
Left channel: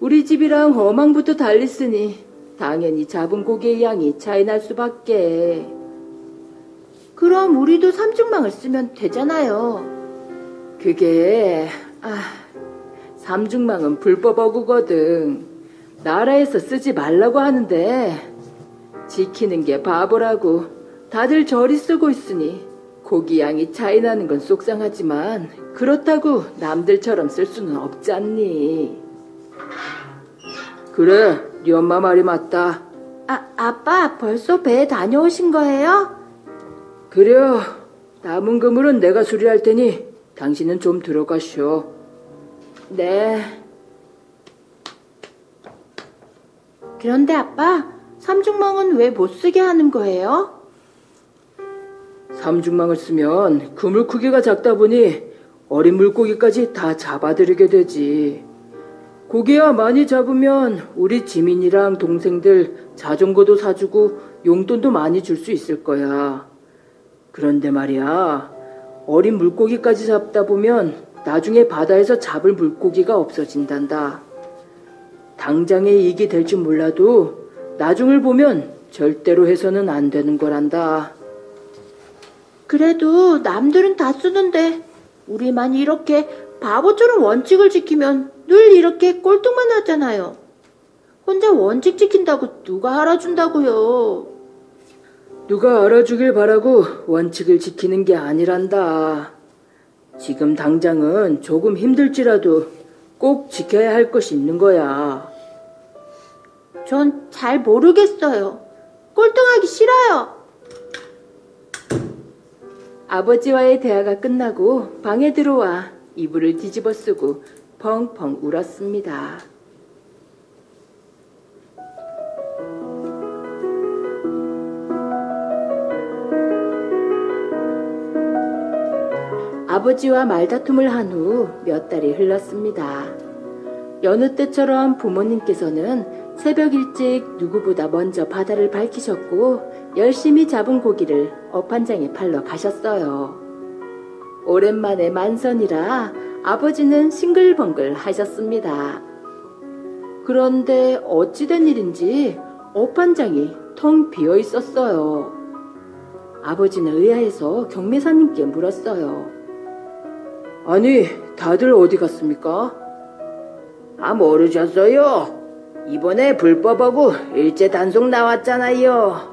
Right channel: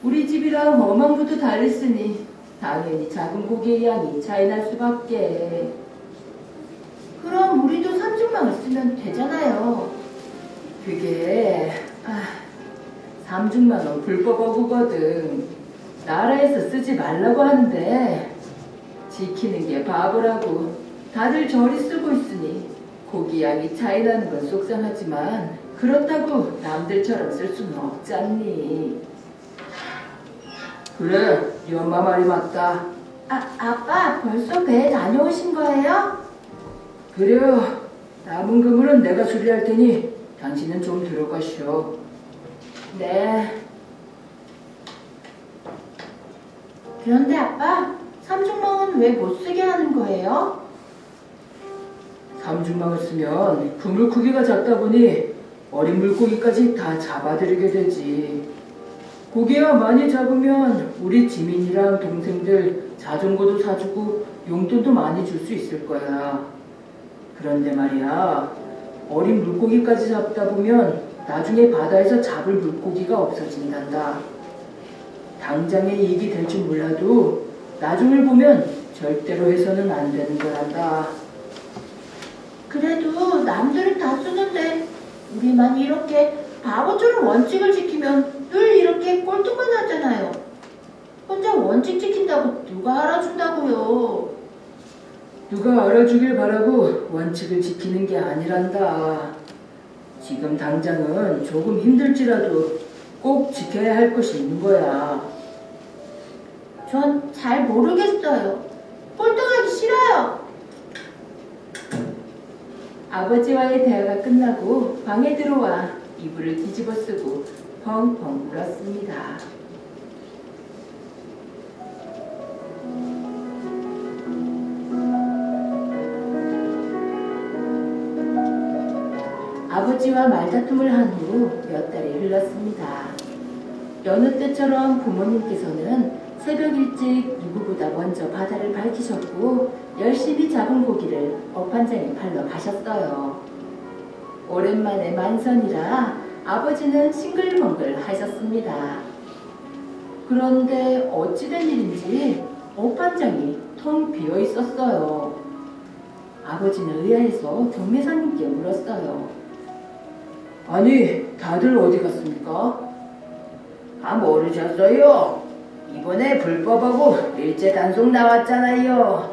우리 집이랑 어망부터 달렸으니 당연히 잡은 고기의 양이 차이 날 수밖에. 그럼 우리도 삼중망을 쓰면 되잖아요. 그게 삼중망은 불법 어구거든. 나라에서 쓰지 말라고 하는데 지키는 게 바보라고 다들 저리 쓰고 있으니 고기 양이 차이 나는 건 속상하지만 그렇다고 남들처럼 쓸 수는 없잖니. 그래, 네 엄마 말이 맞다. 아빠 벌써 배에 다녀오신 거예요? 그래요. 남은 그물은 내가 수리할 테니 당신은 좀 들어가시오. 네. 그런데 아빠, 삼중망은 왜 못 쓰게 하는 거예요? 삼중망을 쓰면 그물 크기가 작다 보니 어린 물고기까지 다 잡아들이게 되지. 고기야 많이 잡으면 우리 지민이랑 동생들 자전거도 사주고 용돈도 많이 줄 수 있을 거야. 그런데 말이야, 어린 물고기까지 잡다 보면 나중에 바다에서 잡을 물고기가 없어진단다. 당장에 이익이 될 줄 몰라도 나중을 보면 절대로 해서는 안 되는 거란다. 그래도 남들은 다 쓰는데 우리만 이렇게 바보처럼 원칙을 지키면 늘 이렇게 꼴등만 하잖아요. 혼자 원칙 지킨다고 누가 알아준다고요. 누가 알아주길 바라고 원칙을 지키는 게 아니란다. 지금 당장은 조금 힘들지라도 꼭 지켜야 할 것이 있는 거야. 전 잘 모르겠어요. 꼴등하기 싫어요. 아버지와의 대화가 끝나고 방에 들어와 이불을 뒤집어 쓰고 펑펑 울었습니다. 아버지와 말다툼을 한 후 몇 달이 흘렀습니다. 여느 때처럼 부모님께서는 새벽 일찍 누구보다 먼저 바다를 밝히셨고 열심히 잡은 고기를 어판장에 팔러 가셨어요. 오랜만에 만선이라 아버지는 싱글벙글 하셨습니다. 그런데 어찌된 일인지 어판장이 텅 비어 있었어요. 아버지는 의아해서 경매사님께 물었어요. 아니, 다들 어디 갔습니까? 모르셨어요? 이번에 불법하고 일제 단속 나왔잖아요.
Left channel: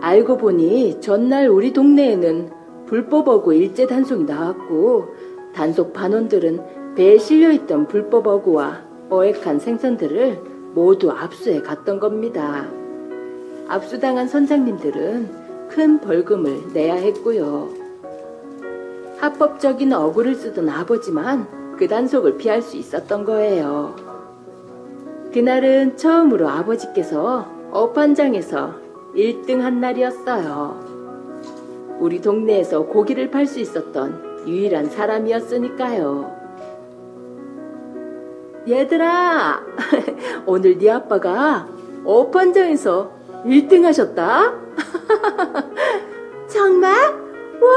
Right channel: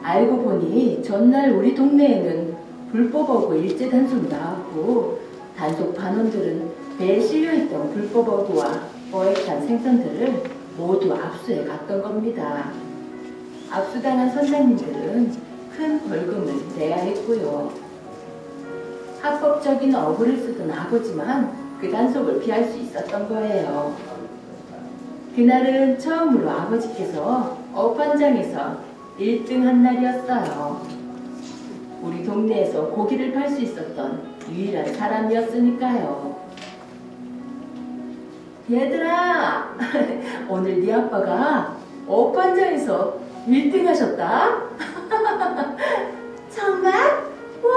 알고 보니 전날 우리 동네에는 불법어구 일제 단속이 나왔고 단속 반원들은 배에 실려있던 불법어구와 어획한 생선들을 모두 압수해 갔던 겁니다. 압수당한 선장님들은 큰 벌금을 내야 했고요. 합법적인 어구를 쓰던 아버지만 그 단속을 피할 수 있었던 거예요. 그날은 처음으로 아버지께서 어판장에서 1등한 날이었어요. 우리 동네에서 고기를 팔 수 있었던 유일한 사람이었으니까요. 얘들아, 오늘 네 아빠가 어판장에서 1등 하셨다? 정말? 와,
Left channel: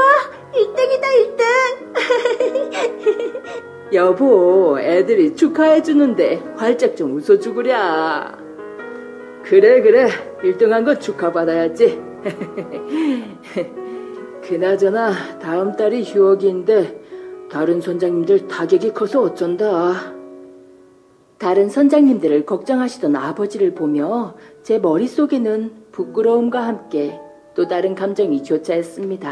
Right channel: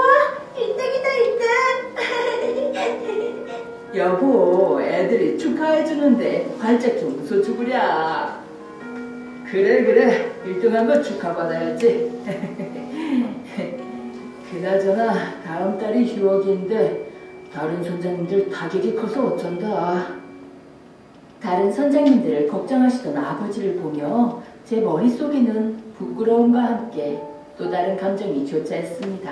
1등이다 1등. 여보, 애들이 축하해주는데 활짝 좀 웃어주구랴. 그래 1등한 거 축하받아야지. 그나저나 다음 달이 휴업인데 다른 선장님들 타격이 커서 어쩐다. 다른 선장님들을 걱정하시던 아버지를 보며 제 머릿속에는 부끄러움과 함께 또 다른 감정이 교차했습니다.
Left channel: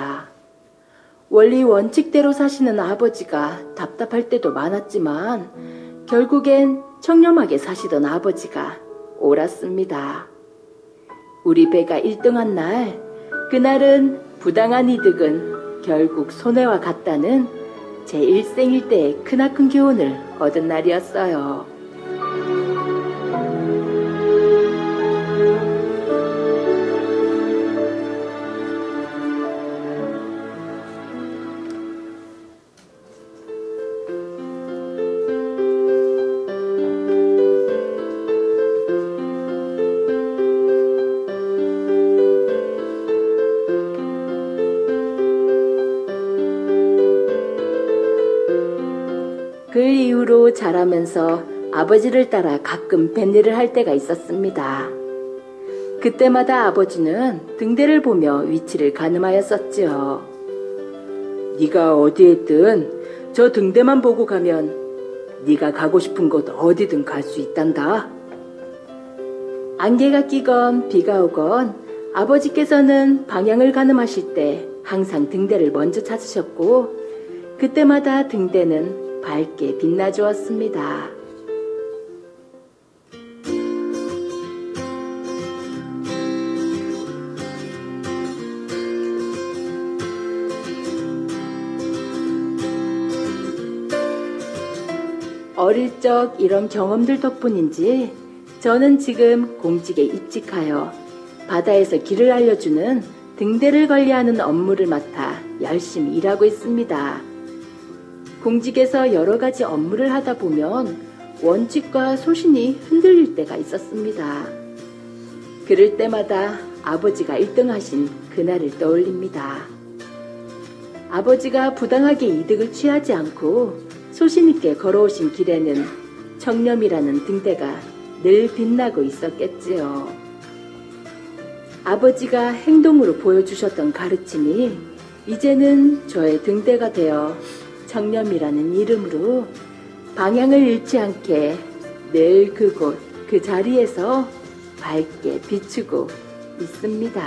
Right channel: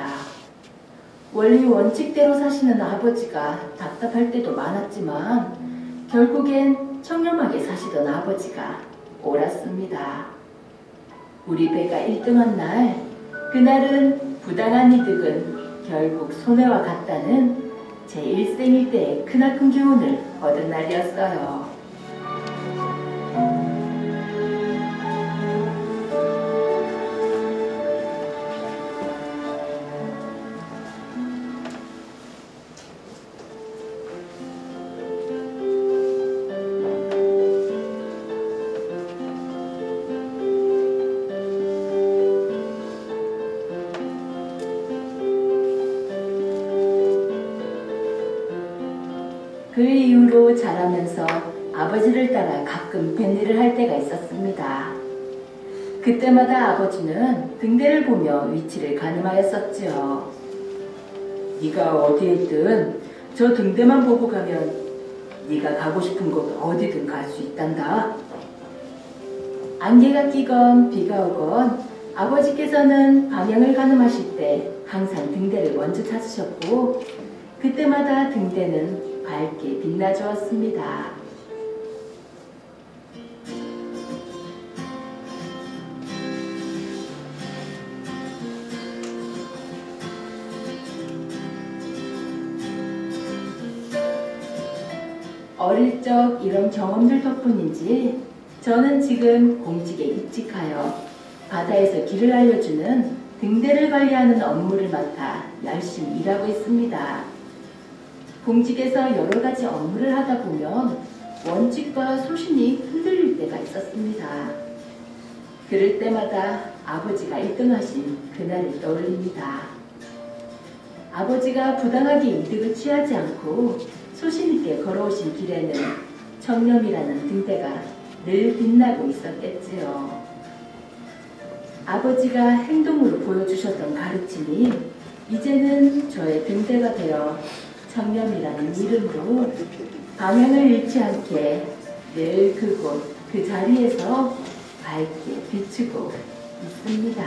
원리 원칙대로 사시는 아버지가 답답할 때도 많았지만 결국엔 청렴하게 사시던 아버지가 옳았습니다. 우리 배가 1등한 날, 그날은 부당한 이득은 결국 손해와 같다는 제 일생일대의 크나큰 교훈을 얻은 날이었어요. 그 이후로 자라면서 아버지를 따라 가끔 뱃일을 할 때가 있었습니다. 그때마다 아버지는 등대를 보며 위치를 가늠하였었지요. 네가 어디에 있든 저 등대만 보고 가면 네가 가고 싶은 곳 어디든 갈 수 있단다. 안개가 끼건 비가 오건 아버지께서는 방향을 가늠하실 때 항상 등대를 먼저 찾으셨고 그때마다 등대는 밝게 빛나 주었습니다. 어릴 적 이런 경험들 덕분인지 저는 지금 공직에 입직하여 바다에서 길을 알려주는 등대를 관리하는 업무를 맡아 열심히 일하고 있습니다. 공직에서 여러 가지 업무를 하다 보면 원칙과 소신이 흔들릴 때가 있었습니다. 그럴 때마다 아버지가 1등 하신 그날을 떠올립니다. 아버지가 부당하게 이득을 취하지 않고 소신 있게 걸어오신 길에는 청렴이라는 등대가 늘 빛나고 있었겠지요. 아버지가 행동으로 보여주셨던 가르침이 이제는 저의 등대가 되어 청렴이라는 이름으로 방향을 잃지 않게 늘 그곳 그 자리에서 밝게 비추고 있습니다.